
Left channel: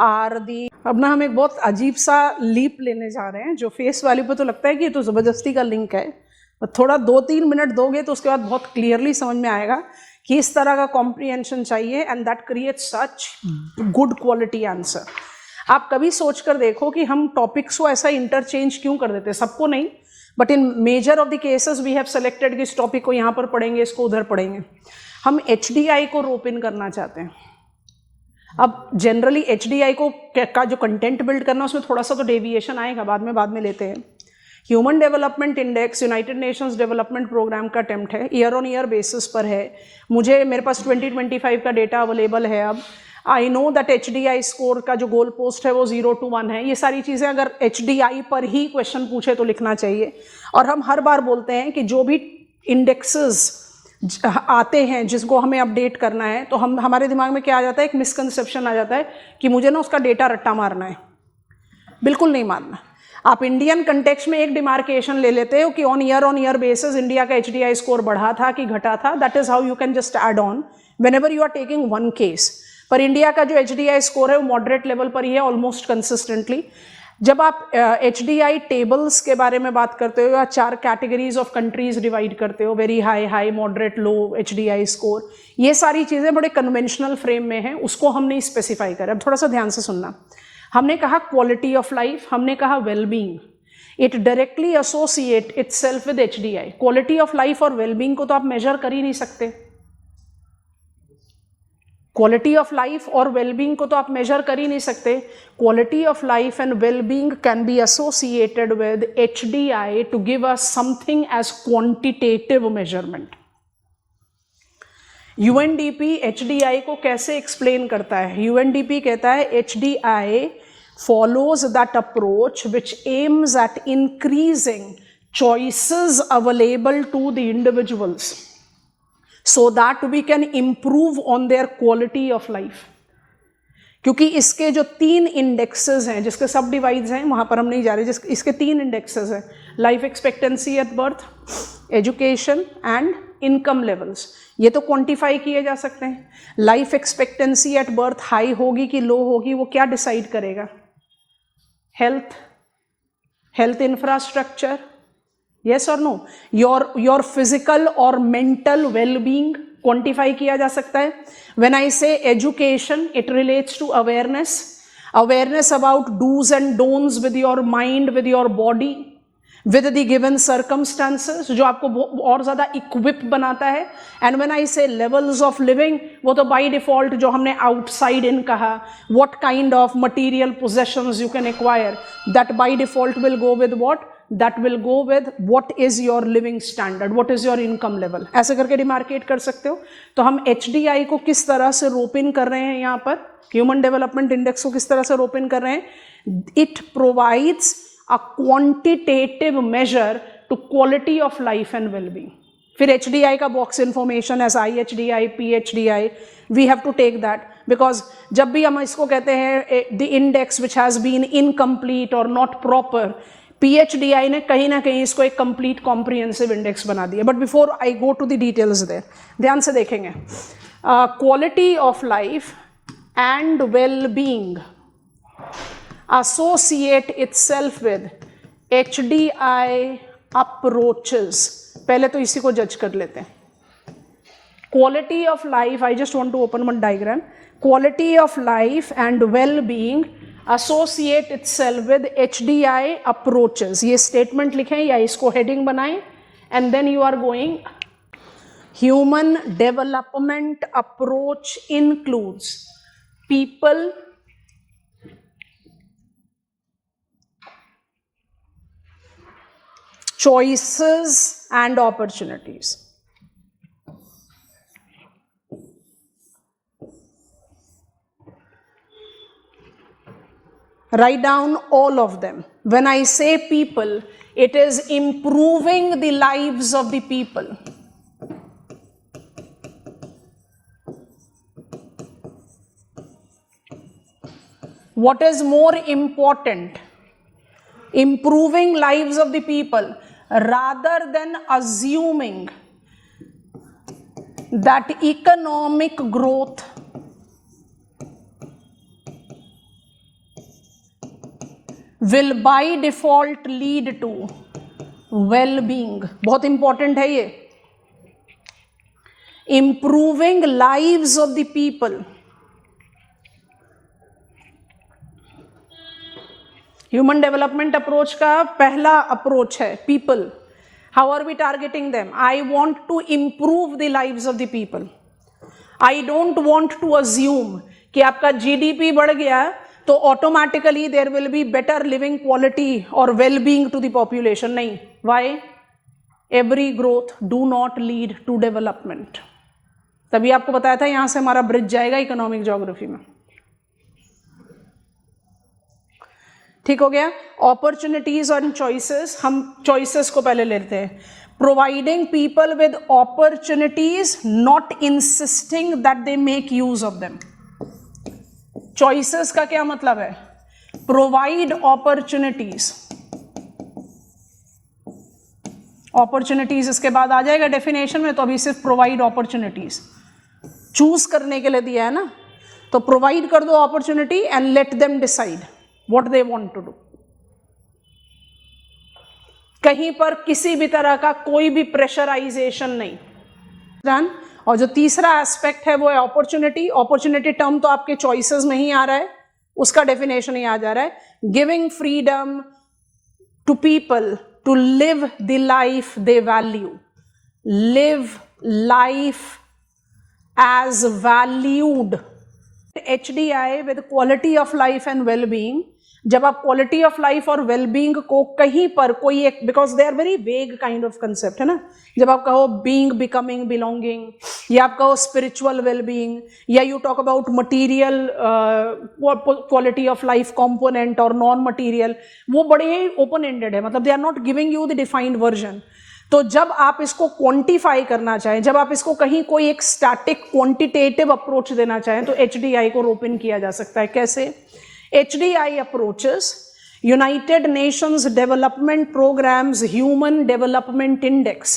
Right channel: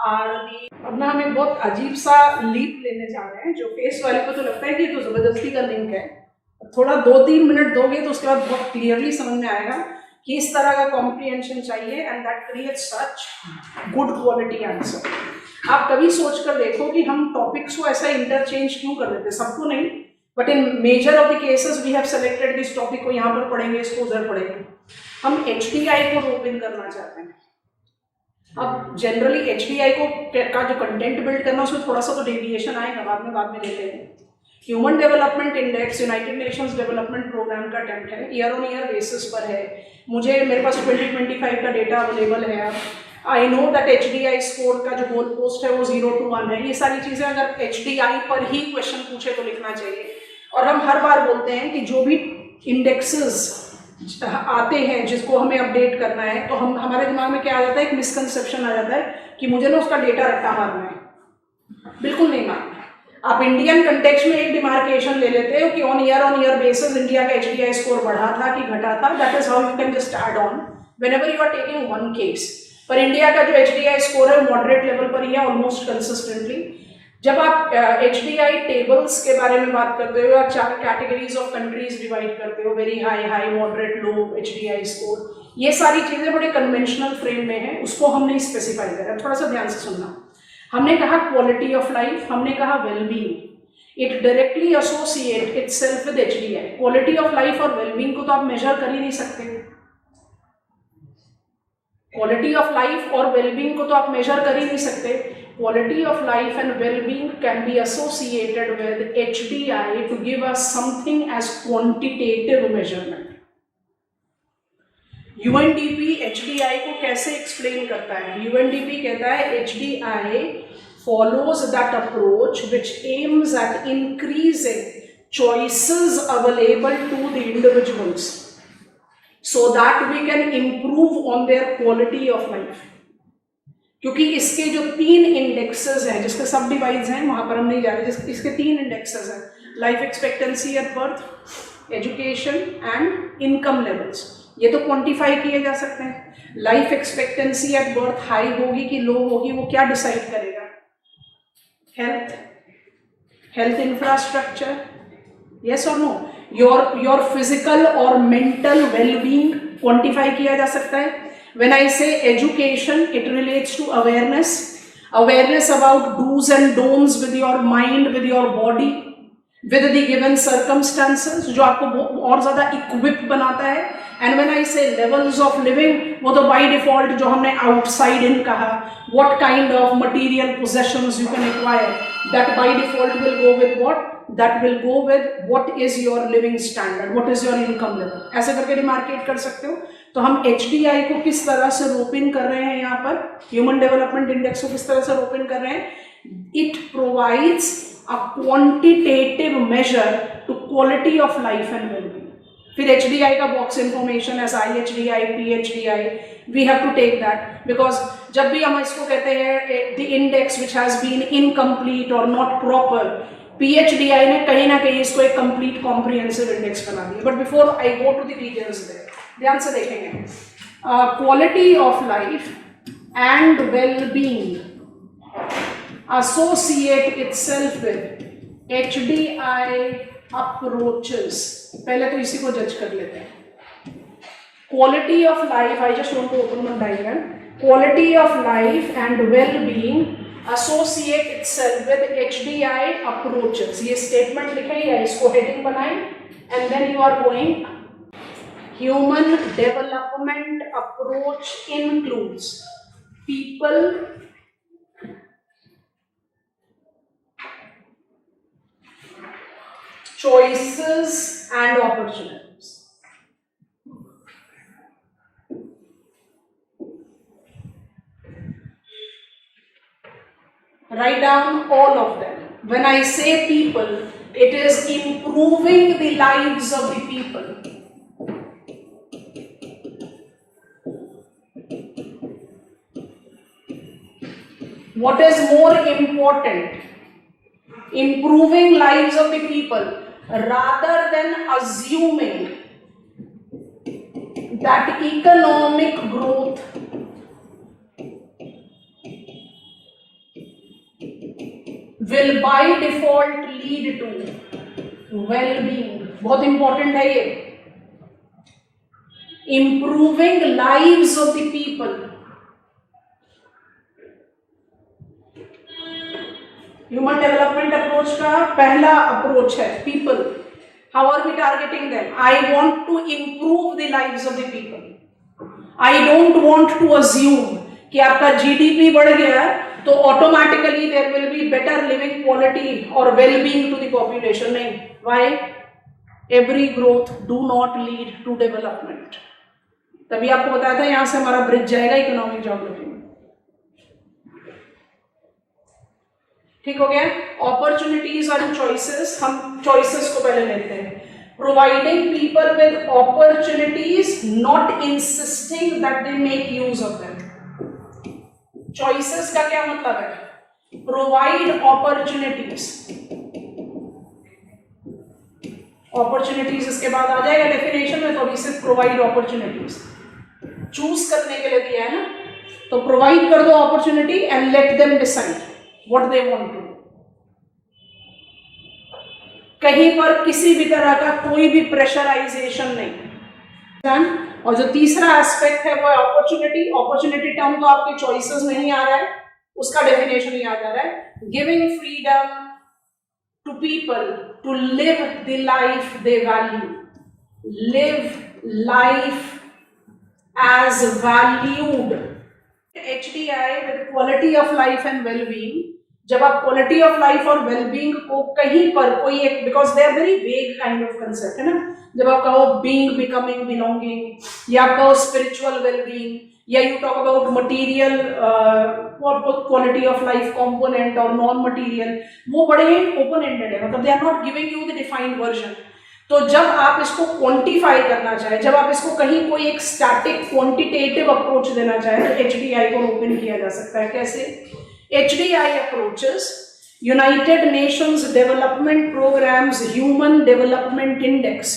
are the. अब ना हम एक बहुत अजीब सा लीप लेने जा रहे हैं, जो फेस वैल्यू पे तो लगता है कि ये तो जबरदस्ती का लिंक है, थोड़ा 2-3 मिनट दोगे तो उसके बाद बहुत क्लियरली समझ में आएगा कि इस तरह का कॉम्प्रिहेंशन चाहिए, and that creates such good quality answer. आप कभी सोच कर देखो कि हम टॉपिक्स को ऐसा इंटरचेंज क्यों कर देते, सबको नहीं, but in major of the cases we have selected this topic को यहाँ पर पढ़ेंगे, इसको उधर पढ़ेंगे। हम HDI को रोप इन करना चाहते हैं। अब जनरली HDI को का जो कंटेंट बिल्ड करना, उसमें थोड़ा सा तो डेविएशन आएगा, बाद में लेते हैं। Human development index United Nations development programme का अटेम्प्ट है, ईयर ऑन ईयर बेसिस पर है। मेरे पास 2025 का डेटा अवेलेबल है। अब I know that HDI score का जो गोल पोस्ट है वो 0 to 1 है। ये सारी चीजें अगर HDI पर ही क्वेश्चन पूछे तो लिखना चाहिए। और हम हर बार बोलते हैं कि जो भी इंडेक्सेस आते हैं जिसको हमें अपडेट करना है, तो हमारे दिमाग में क्या आ जाता है, एक मिसकंसेप्शन आ जाता है कि मुझे ना उसका डेटा रट्टा मारना है। बिल्कुल नहीं मारना। आप इंडियन कंटेक्स्ट में एक डिमार्केशन ले लेते हो कि ऑन ईयर बेसिस इंडिया का HDI स्कोर बढ़ा था कि घटा था। That is how you can just add on whenever you are taking one case. पर इंडिया का जो HDI स्कोर है मॉडरेट लेवल पर ही है, ऑलमोस्ट कंसिस्टेंटली। जब आप HDI टेबल्स के बारे में बात करते हो, या 4 कैटेगरीज ऑफ कंट्रीज डिवाइड करते हो, वेरी हाई, मॉडरेट, लो HDI स्कोर, ये सारी चीजें बड़े कन्वेंशनल फ्रेम में है, उसको हम नहीं स्पेसिफाई करें। अब थोड़ा सा ध्यान से सुनना। हमने कहा क्वालिटी ऑफ लाइफ, हमने कहा wellbeing. It directly associate itself with HDI। Quality of life और वेलबींग को तो आप मेजर कर ही नहीं सकते। क्वालिटी ऑफ लाइफ और वेलबींग को तो आप मेजर कर ही नहीं सकते। Quality of life and wellbeing can be associated with HDI to give us something as quantitative measurement. UNDP HDI को कैसे एक्सप्लेन करता है? यूएनडीपी कहता है HDI follows that approach which aims at increasing choices available to the individuals so that we can improve on their quality of life. क्योंकि इसके जो 3 indexes हैं, जिसके सब डिवाइड्स हैं, वहां पर हम नहीं जा रहे, इसके 3 इंडेक्सेस हैं, life expectancy at birth, education and income levels. ये तो क्वांटिफाई किए जा सकते हैं. Life expectancy at birth high होगी कि लो होगी, वो क्या डिसाइड करेगा? health infrastructure, yes or no? Your physical or mental well-being quantify किया जा सकता है. When I say education, it relates to awareness about do's and don'ts with your mind, with your body, with the given circumstances, जो आपको और ज्यादा equipped बनाता है. And when I say levels of living, वो तो by default जो हमने outside in कहा, what kind of material possessions you can acquire, that by default will go with what? That will go with what is your living standard, what is your income level. ऐसे करके demarcate कर सकते हो. तो हम HDI को किस तरह से रोप इन कर रहे हैं यहाँ पर, ह्यूमन डेवलपमेंट इंडेक्स को किस तरह से रोप इन कर रहे हैं? It provides a quantitative measure to quality of life and well-being. फिर HDI का box information as IHDI, PHDI, we have to take that because जब भी हम इसको कहते हैं the index which has been incomplete or not proper, PHDI ने कहीं ना कहीं इसको एक complete comprehensive index बना दिया. But before I go to the details there, ध्यान से देखेंगे. Quality of life and well-being associate itself with HDI approaches. पहले तो इसी को जज कर लेते हैं. Quality of life, I just want to open one diagram. Quality of life and well-being associate itself with HDI approaches. ये statement लिखें या इसको heading बनाएं and then you are going. Human development approach includes people, choices and opportunities. Write down all of them. When I say people, it is improving the lives of the people. What is more important? Improving lives of the people rather than assuming that economic growth will by default lead to well-being. बहुत important है ये. Improving lives of the people. Human development approach का पहला approach है people. How are we targeting them? I want to improve the lives of the people. I don't want to assume कि आपका GDP बढ़ गया तो automatically there will be better living quality or well-being to the population. नहीं. Why? Every growth do not lead to development. तभी आपको बताया था यहां से हमारा ब्रिज जाएगा इकोनॉमिक ज्योग्राफी में. ठीक हो गया. अपॉर्चुनिटीज और चॉइसेस, हम चॉइसेस को पहले लेते हैं. Providing people with opportunities, not insisting that they make use of them. Choices का क्या मतलब है? Provide opportunities. अपॉर्चुनिटीज इसके बाद आ जाएगा डेफिनेशन में, तो अभी सिर्फ प्रोवाइड अपॉर्चुनिटीज चूज करने के लिए दिया है ना. तो प्रोवाइड कर दो opportunity and let them decide what they want to do. कहीं पर किसी भी तरह का कोई भी प्रेशराइजेशन नहीं. और जो तीसरा एस्पेक्ट है वो है अपॉर्चुनिटी. अपॉर्चुनिटी टर्म तो आपके चॉइसेस नहीं आ रहा है, उसका डेफिनेशन ही आ जा रहा है. Giving freedom to people to live the life they value. Live life as valued. HDI with quality of life and well-being जब आप क्वालिटी ऑफ लाइफ और वेलबींग को कहीं पर कोई एक, because they are very vague kind of concept है ना, जब आप कहो बीइंग, बिकमिंग, बिलोंगिंग, या आप कहो स्पिरिचुअल वेलबींग, या you talk about material quality of life component और नॉन मटीरियल, वो बड़े ओपन एंडेड है, मतलब they are not giving you the defined version. तो जब आप इसको क्वांटिफाई करना चाहें, जब आप इसको कहीं कोई एक स्टैटिक क्वांटिटेटिव अप्रोच देना चाहें, तो HDI को ओपन किया जा सकता है। कैसे? HDI approaches United Nations Development Program's Human Development Index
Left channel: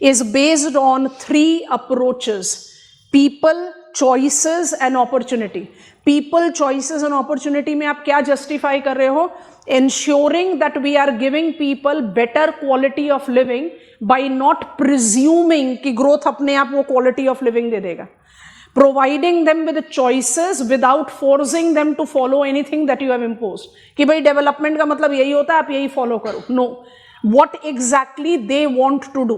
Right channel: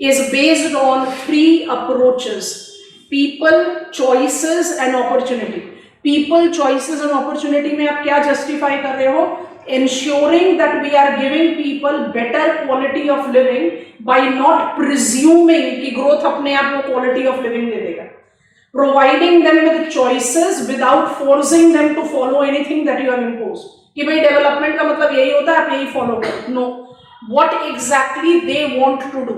is based on 3 approaches: people, choices and opportunity. People, choices and opportunity में आप क्या justify कर रहे हो? Ensuring that we are giving people better quality of living by not presuming कि growth अपने आप को quality of living दे देगा. Providing them with choices without forcing them to follow anything that you have imposed. कि भाई development का मतलब यही होता है, आप यही फॉलो करो. No. What exactly they want to do.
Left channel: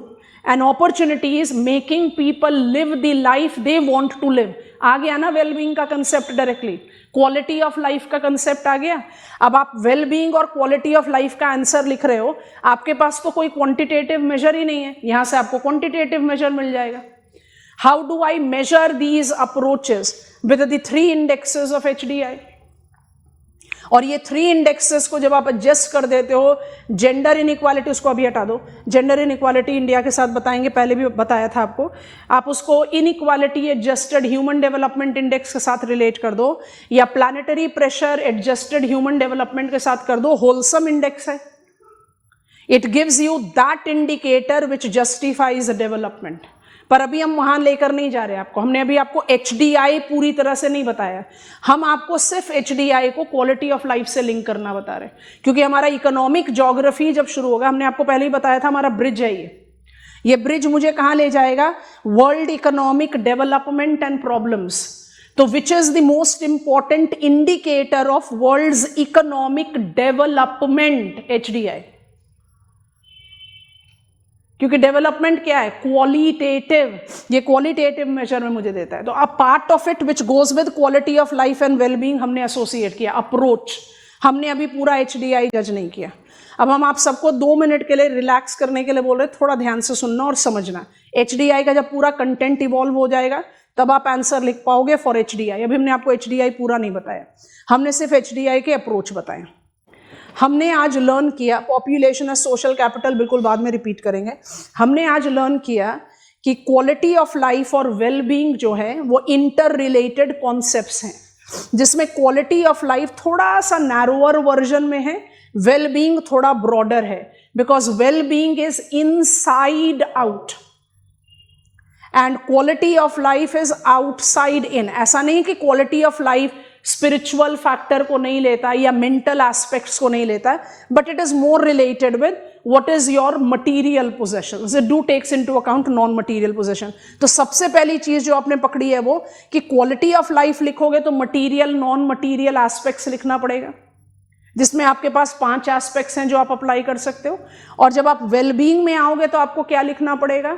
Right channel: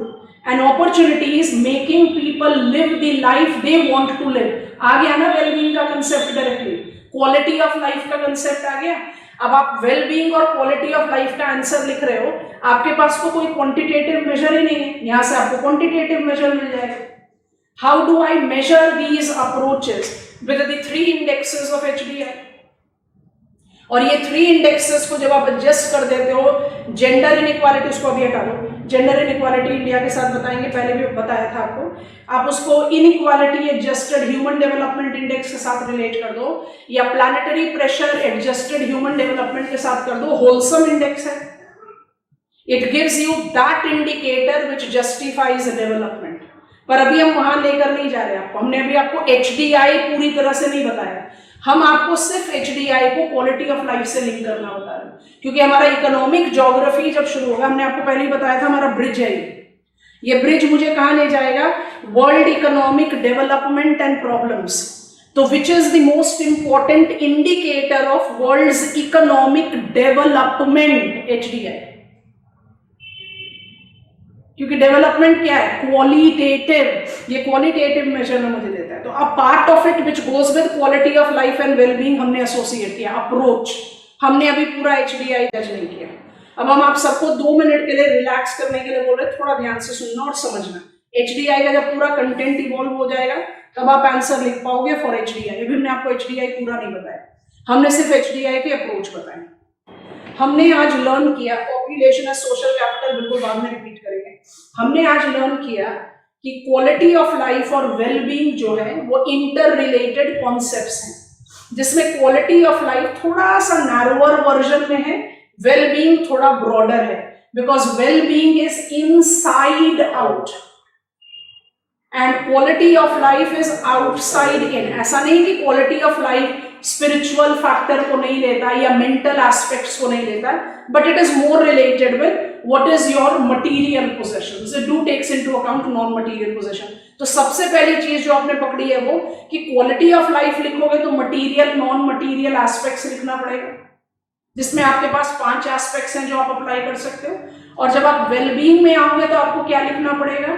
An opportunity is making people live the life they want to live. आ गया ना वेलबींग का concept directly. Quality of life का कंसेप्ट आ गया. अब आप वेलबींग और क्वालिटी ऑफ लाइफ का आंसर लिख रहे हो, आपके पास तो कोई क्वांटिटेटिव मेजर ही नहीं है, यहां से आपको क्वांटिटेटिव मेजर मिल जाएगा. How do I measure these approaches? With the 3 indexes of HDI. और ये 3 indexes को जब आप एडजस्ट कर देते हो, जेंडर इनइक्वालिटी उसको अभी हटा दो, जेंडर इनइक्वालिटी इंडिया के साथ बताएंगे, पहले भी बताया था आपको, आप उसको inequality adjusted human development index के साथ रिलेट कर दो, या planetary pressure adjusted human development के साथ कर दो, होलसम इंडेक्स है. It gives you that indicator which justifies development. पर अभी हम वहां लेकर नहीं जा रहे आपको, हमने अभी आपको HDI पूरी तरह से नहीं बताया, हम आपको सिर्फ HDI को क्वालिटी ऑफ लाइफ से लिंक करना बता रहे हैं, क्योंकि हमारा इकोनॉमिक ज्योग्राफी जब शुरू होगा, हमने आपको पहले ही बताया था हमारा ब्रिज है ये ब्रिज मुझे कहां ले जाएगा? World economic development and problems. So which is the most important indicator of world's economic development? HDI. क्योंकि डेवलपमेंट क्या है? क्वालिटेटिव. ये क्वालिटेटिव मेजर में मुझे देता है. तो a part of it which goes with quality of life and wellbeing हमने एसोसिएट किया. अप्रोच हमने अभी पूरा HDI टच नहीं किया. अब हम आप सबको 2 मिनट के लिए रिलैक्स करने के लिए बोल रहे, थोड़ा ध्यान से सुनना और समझना. HDI का जब पूरा कंटेंट इवॉल्व हो जाएगा तब आप आंसर लिख पाओगे फॉर HDI. अभी हमने आपको HDI पूरा नहीं बताया, हमने सिर्फ HDI के अप्रोच बताए. हमने आज लर्न किया पॉपुलेशन एज सोशल कैपिटल, बिल्कुल बाद में रिपीट करेंगे. हमने आज लर्न किया कि क्वालिटी ऑफ लाइफ और वेलबींग जो है वो इंटर रिलेटेड कॉन्सेप्ट्स हैं, जिसमें क्वालिटी ऑफ लाइफ थोड़ा सा नैरोअर वर्जन में है, वेलबींग थोड़ा ब्रॉडर है, because wellbeing is inside out and quality of life is outside in. ऐसा नहीं कि quality of life spiritual factor को नहीं लेता या मेंटल एस्पेक्ट्स को नहीं लेता, but it is more related with what is your material possessions. It do takes into account non material possession. तो सबसे पहली चीज जो आपने पकड़ी है वो कि क्वालिटी ऑफ लाइफ लिखोगे तो मटीरियल नॉन मटीरियल एस्पेक्ट्स लिखना पड़ेगा, जिसमें आपके पास 5 एस्पेक्ट्स हैं जो आप अप्लाई कर सकते हो. और जब आप वेलबींग में आओगे तो आपको क्या लिखना पड़ेगा?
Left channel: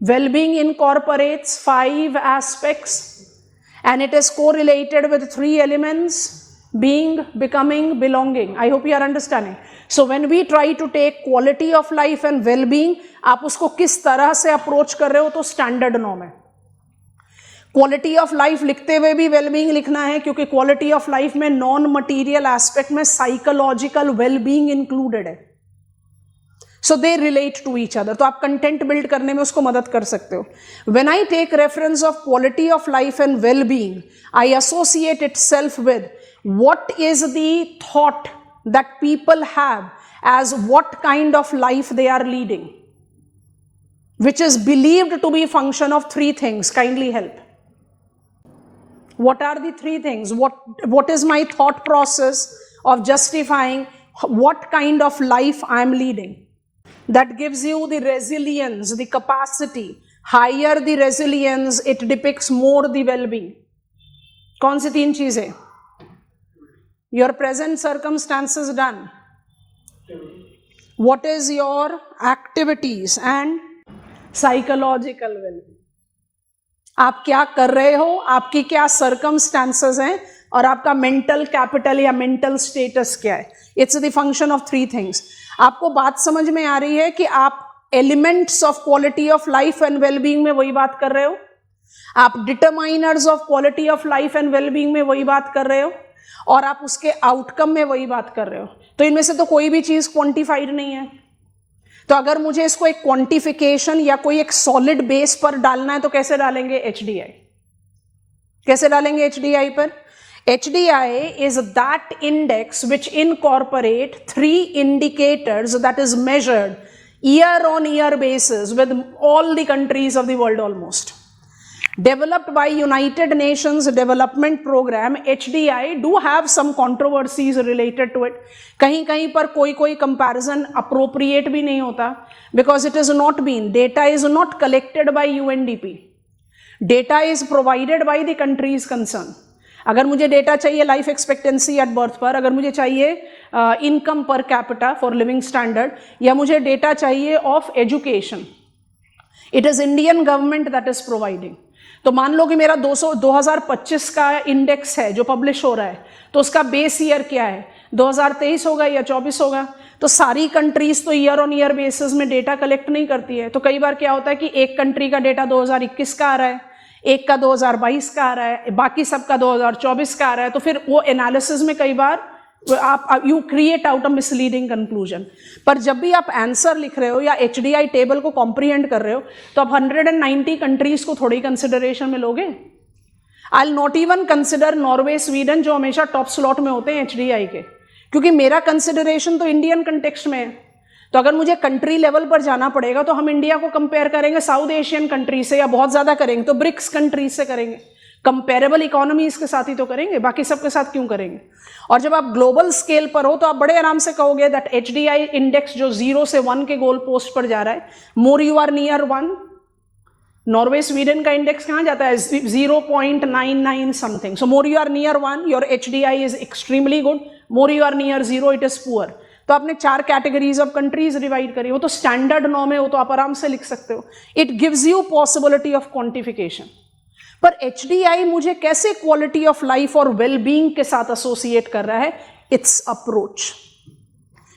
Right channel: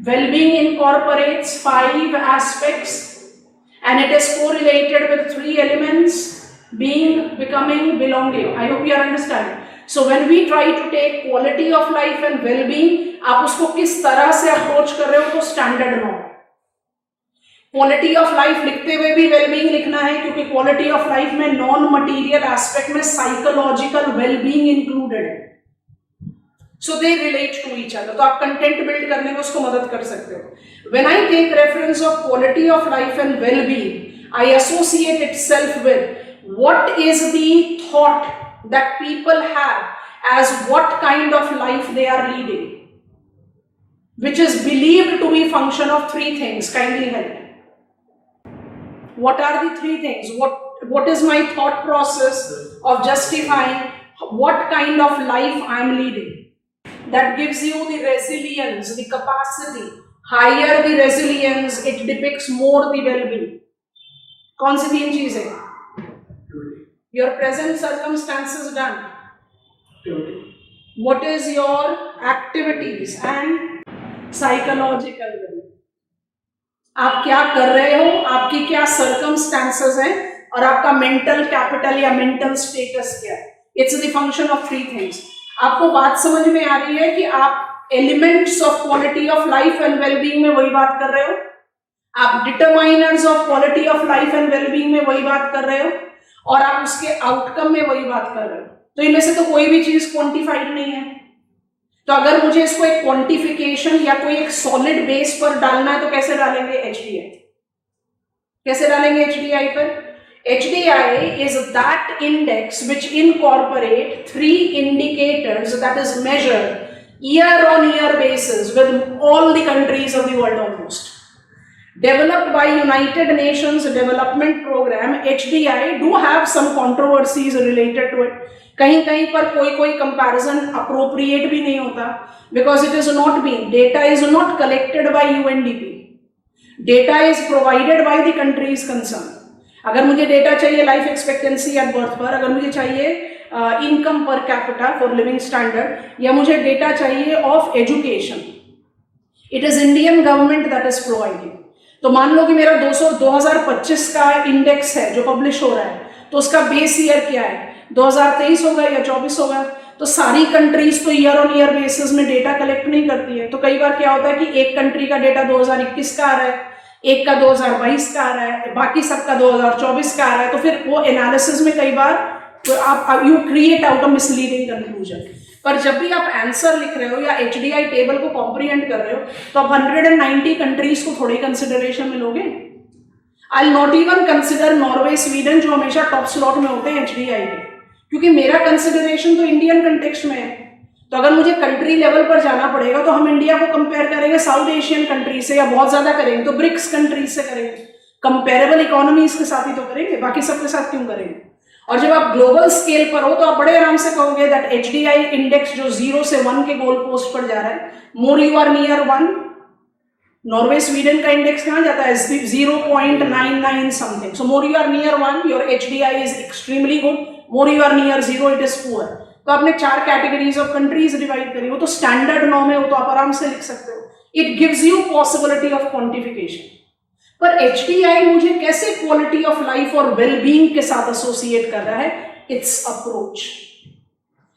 Wellbeing incorporates 5 aspects and it is correlated with 3 elements: being, becoming, belonging. I hope you are understanding. So when we try to take quality of life and well-being, आप उसको किस तरह से अप्रोच कर रहे हो तो स्टैंडर्ड नॉर्म है. क्वालिटी ऑफ लाइफ लिखते हुए भी वेलबींग लिखना है, क्योंकि क्वालिटी ऑफ लाइफ में नॉन मटीरियल एस्पेक्ट में साइकोलॉजिकल वेलबींग इंक्लूडेड है. So they relate to each other. तो आप कंटेंट बिल्ड करने में उसको मदद कर सकते हो. When I take reference of quality of life and well-being, I associate itself with what is the thought that people have as what kind of life they are leading, which is believed to be function of 3 things. Kindly help. What are the 3 things? What is my thought process of justifying what kind of life I am leading? That gives you the resilience, the capacity. Higher the resilience, it depicts more the well-being. कौन सी 3 चीजें? Your present circumstances done. What is your activities and psychological well-being. आप क्या कर रहे हो, आपकी क्या circumstances हैं, और आपका मेंटल कैपिटल या मेंटल स्टेटस क्या है. It's the function of 3 things. आपको बात समझ में आ रही है कि आप elements of quality of life and wellbeing में वही बात कर रहे हो, आप determiners of quality of life and wellbeing में वही बात कर रहे हो, और आप उसके आउटकम में वही बात कर रहे हो. तो इनमें से तो कोई भी चीज क्वांटिफाइड नहीं है. तो अगर मुझे इसको एक क्वांटिफिकेशन या कोई एक सॉलिड बेस पर डालना है तो कैसे डालेंगे? HDI. कैसे डालेंगे HDI पर? HDI is that index which incorporate 3 indicators that is measured year on year basis with all the countries of the world almost. Developed by United Nations Development Program, HDI do have some controversies related to it. कहीं कहीं पर कोई comparison appropriate भी नहीं होता, because it is not being, data is not collected by UNDP. Data is provided by the countries concerned. अगर मुझे data चाहिए लाइफ एक्सपेक्टेंसी एट बर्थ पर, अगर मुझे चाहिए income per capita for living standard, या मुझे डेटा चाहिए of education, it is Indian government that is providing. तो मान लो कि मेरा 2025 का इंडेक्स है जो पब्लिश हो रहा है, तो उसका बेस ईयर क्या है? 2023 होगा या 24 होगा. तो सारी कंट्रीज तो ईयर ऑन ईयर बेसिस में डेटा कलेक्ट नहीं करती है. तो कई बार क्या होता है कि एक कंट्री का डेटा 2021 का आ रहा है, एक का 2022 का आ रहा है, बाकी सबका 2024 का आ रहा है. तो फिर वो एनालिसिस में कई बार तो आप you create out a misleading conclusion. पर जब भी आप आंसर लिख रहे हो या HDI टेबल को कॉम्प्रिहेंड कर रहे हो, तो आप 190 कंट्रीज को थोड़ी कंसिडरेशन में लोगे. I not even consider Norway, Sweden, जो हमेशा टॉप स्लॉट में होते हैं HDI के, क्योंकि मेरा कंसिडरेशन तो इंडियन कंटेक्स्ट में है. तो अगर मुझे कंट्री लेवल पर जाना पड़ेगा तो हम इंडिया को कंपेयर करेंगे साउथ एशियन कंट्री से, या बहुत ज्यादा करेंगे तो ब्रिक्स कंट्री से करेंगे. कंपेरेबल इकोनॉमीज के साथ ही तो करेंगे, बाकी सबके साथ क्यों करेंगे? और जब आप ग्लोबल स्केल पर हो तो आप बड़े आराम से कहोगे दैट HDI इंडेक्स जो 0 से 1 के गोल पोस्ट पर जा रहा है, more you are near 1. Norway Sweden का इंडेक्स कहां जाता है? 0.99 something. So more you are near 1, your HDI is extremely good. More you are near 0, it is poor. तो आपने 4 कैटेगरीज ऑफ कंट्रीज डिवाइड करी, वो तो स्टैंडर्ड नॉर्म है, वो तो आप आराम से लिख सकते हो. It gives you possibility of quantification. पर HDI मुझे कैसे क्वालिटी ऑफ लाइफ और वेलबींग के साथ एसोसिएट कर रहा है? It's approach,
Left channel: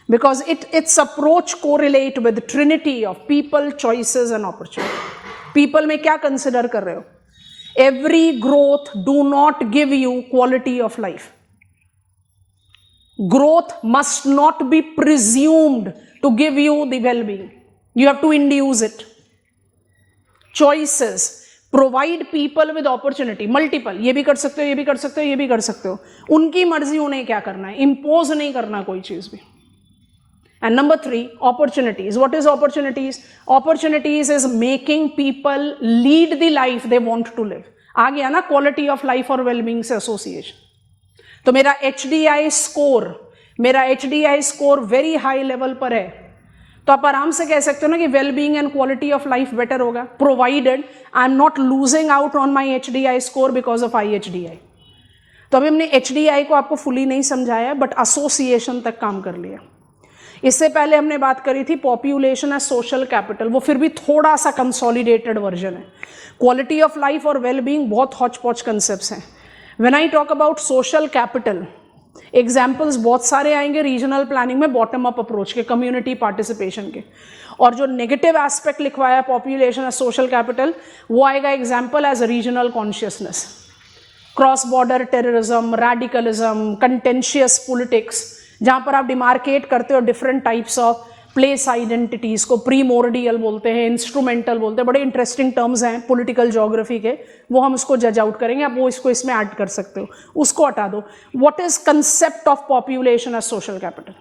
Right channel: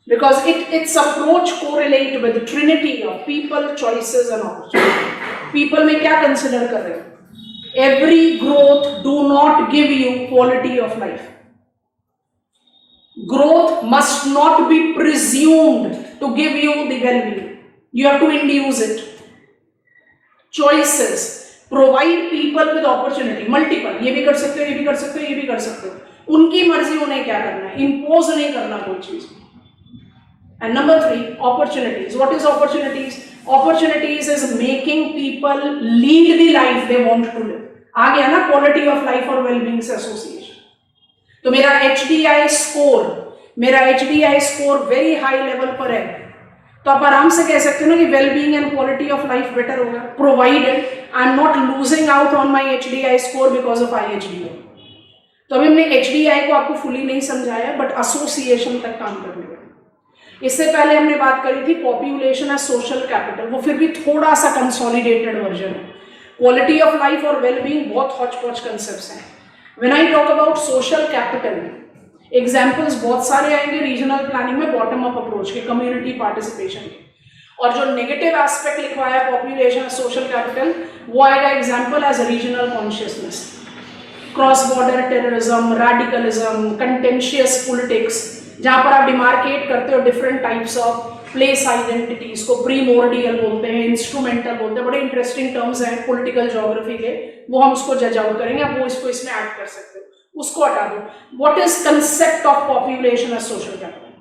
because it's approach correlate with Trinity of people, choices and opportunity. People में क्या कंसिडर कर रहे हो? Every growth do not give you quality of life. Growth must not be presumed to give you the well-being. You have to induce it. Choices provide people with opportunity, multiple. ये भी कर सकते हो, ये भी कर सकते हो, ये भी कर सकते हो. उनकी मर्जी उन्हें क्या करना है, impose नहीं करना कोई चीज भी. And number 3, opportunities. What is opportunities? Opportunities is making people lead the life they want to live. आ गया ना quality of life और well-being से association. तो मेरा HDI score very high level पर है, तो आप आराम से कह सकते हो ना कि wellbeing and quality of life better होगा, provided I am not losing out on my HDI score because of HDI. तो अभी हमने HDI को आपको फुली नहीं समझाया, बट एसोसिएशन तक काम कर लिया. इससे पहले हमने बात करी थी पॉपुलेशन एज सोशल कैपिटल, वो फिर भी थोड़ा सा कंसोलिडेटेड वर्जन है. क्वालिटी ऑफ लाइफ और वेलबींग बहुत हॉच पॉच कंसेप्ट्स हैं. When I talk about social capital, examples बहुत सारे आएंगे रीजनल प्लानिंग में बॉटम अप अप्रोच के, कम्युनिटी पार्टिसिपेशन के. और जो नेगेटिव एस्पेक्ट लिखवाया पॉपुलेशन सोशल कैपिटल, वो आएगा example as regional consciousness, cross border terrorism, radicalism, contentious politics, जहां पर आप डिमार्केट करते हो different types of place identities को. प्रीमोर्डियल बोलते हैं, इंस्ट्रूमेंटल बोलते हैं, बड़े इंटरेस्टिंग टर्म्स हैं पॉलिटिकल ज्योग्राफी के, वो हम उसको जज आउट करेंगे. आप वो इसको इसमें ऐड कर सकते हो, उसको हटा दो. What is concept of population as social capital?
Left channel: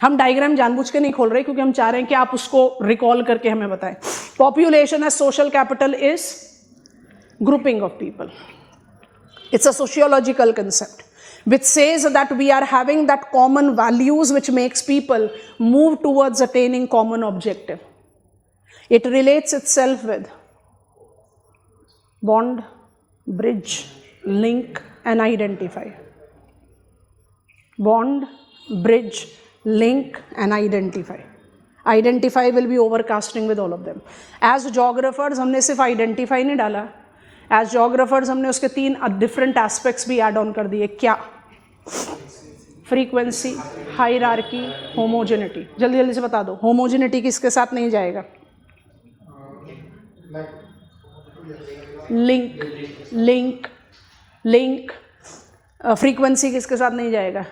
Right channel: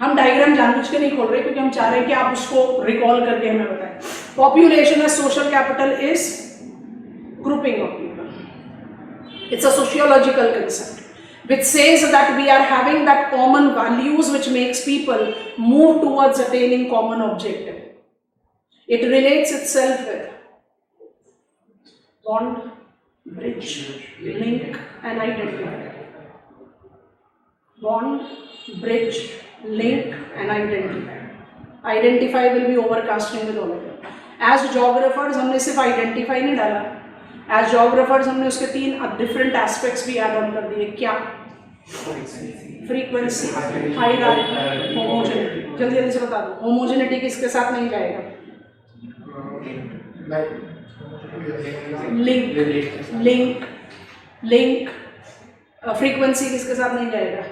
हम डायग्राम जानबूझ के नहीं खोल रहे क्योंकि हम चाह रहे हैं कि आप उसको रिकॉल करके हमें बताएं. Population as social capital is grouping of people. It's a sociological concept which says that we are having that common values which makes people move towards attaining common objective. It relates itself with bond, bridge, link and identify. Bond, bridge, link and identify. Identify will be overcasting with all of them. As geographers हमने सिर्फ identify नहीं डाला, as geographers हमने उसके 3 different aspects भी add on कर दिए। क्या? Frequency, hierarchy, homogeneity. जल्दी जल्दी से बता दो, होमोजेनिटी किसके साथ नहीं जाएगा? लिंक। फ्रीक्वेंसी किसके साथ नहीं जाएगा?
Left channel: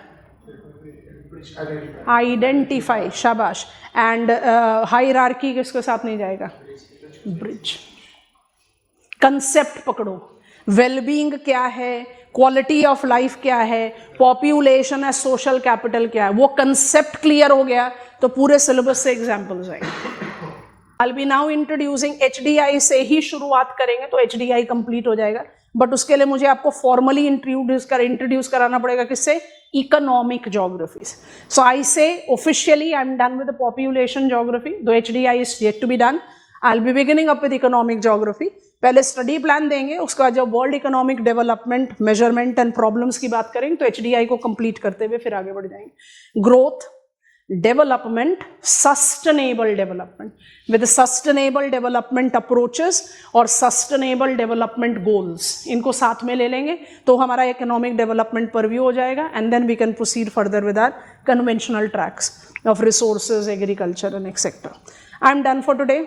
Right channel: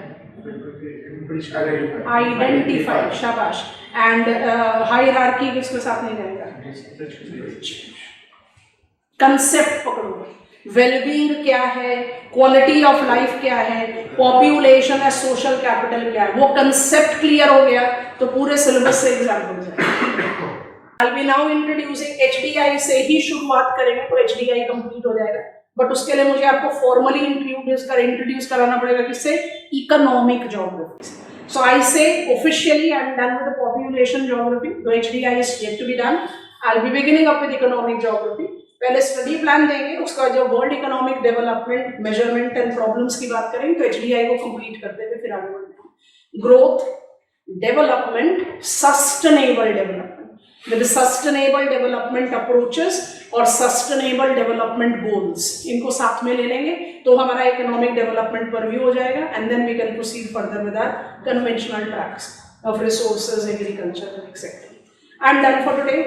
आइडेंटिफाई, शाबाश। एंड हायरार्की किसके साथ नहीं जाएगा? ब्रिज। कंसेप्ट पकड़ो, वेलबींग क्या है, क्वालिटी ऑफ लाइफ क्या है, पॉपुलेशन है, सोशल कैपिटल क्या है, वो कंसेप्ट क्लियर हो गया तो पूरे सिलेबस से एग्जाम्पल्स आएंगे। I'll be now introducing HDI से ही शुरुआत करेंगे तो HDI कंप्लीट हो जाएगा, बट उसके लिए मुझे आपको फॉर्मली इंट्रोड्यूस कराना पड़ेगा किससे? इकोनॉमिक ज्योग्राफी से। सो आई से officially I am done with the population geography, दो HDI is yet to be done. I'll be beginning up with economic geography. पहले स्टडी प्लान देंगे, उसका बाद जब world economic development, measurement and problems की बात करेंगे तो HDI को कंप्लीट करते हुए फिर आगे बढ़ जाएंगे। Growth, development, sustainable development, with sustainable development approaches और सस्टेनेबल डेवलपमेंट गोल्स, इनको साथ में ले लेंगे तो हमारा इकोनॉमिक डेवलपमेंट परव्यू हो जाएगा। And then we can proceed further with our conventional tracks of resources, agriculture and etcetera. I am done for today.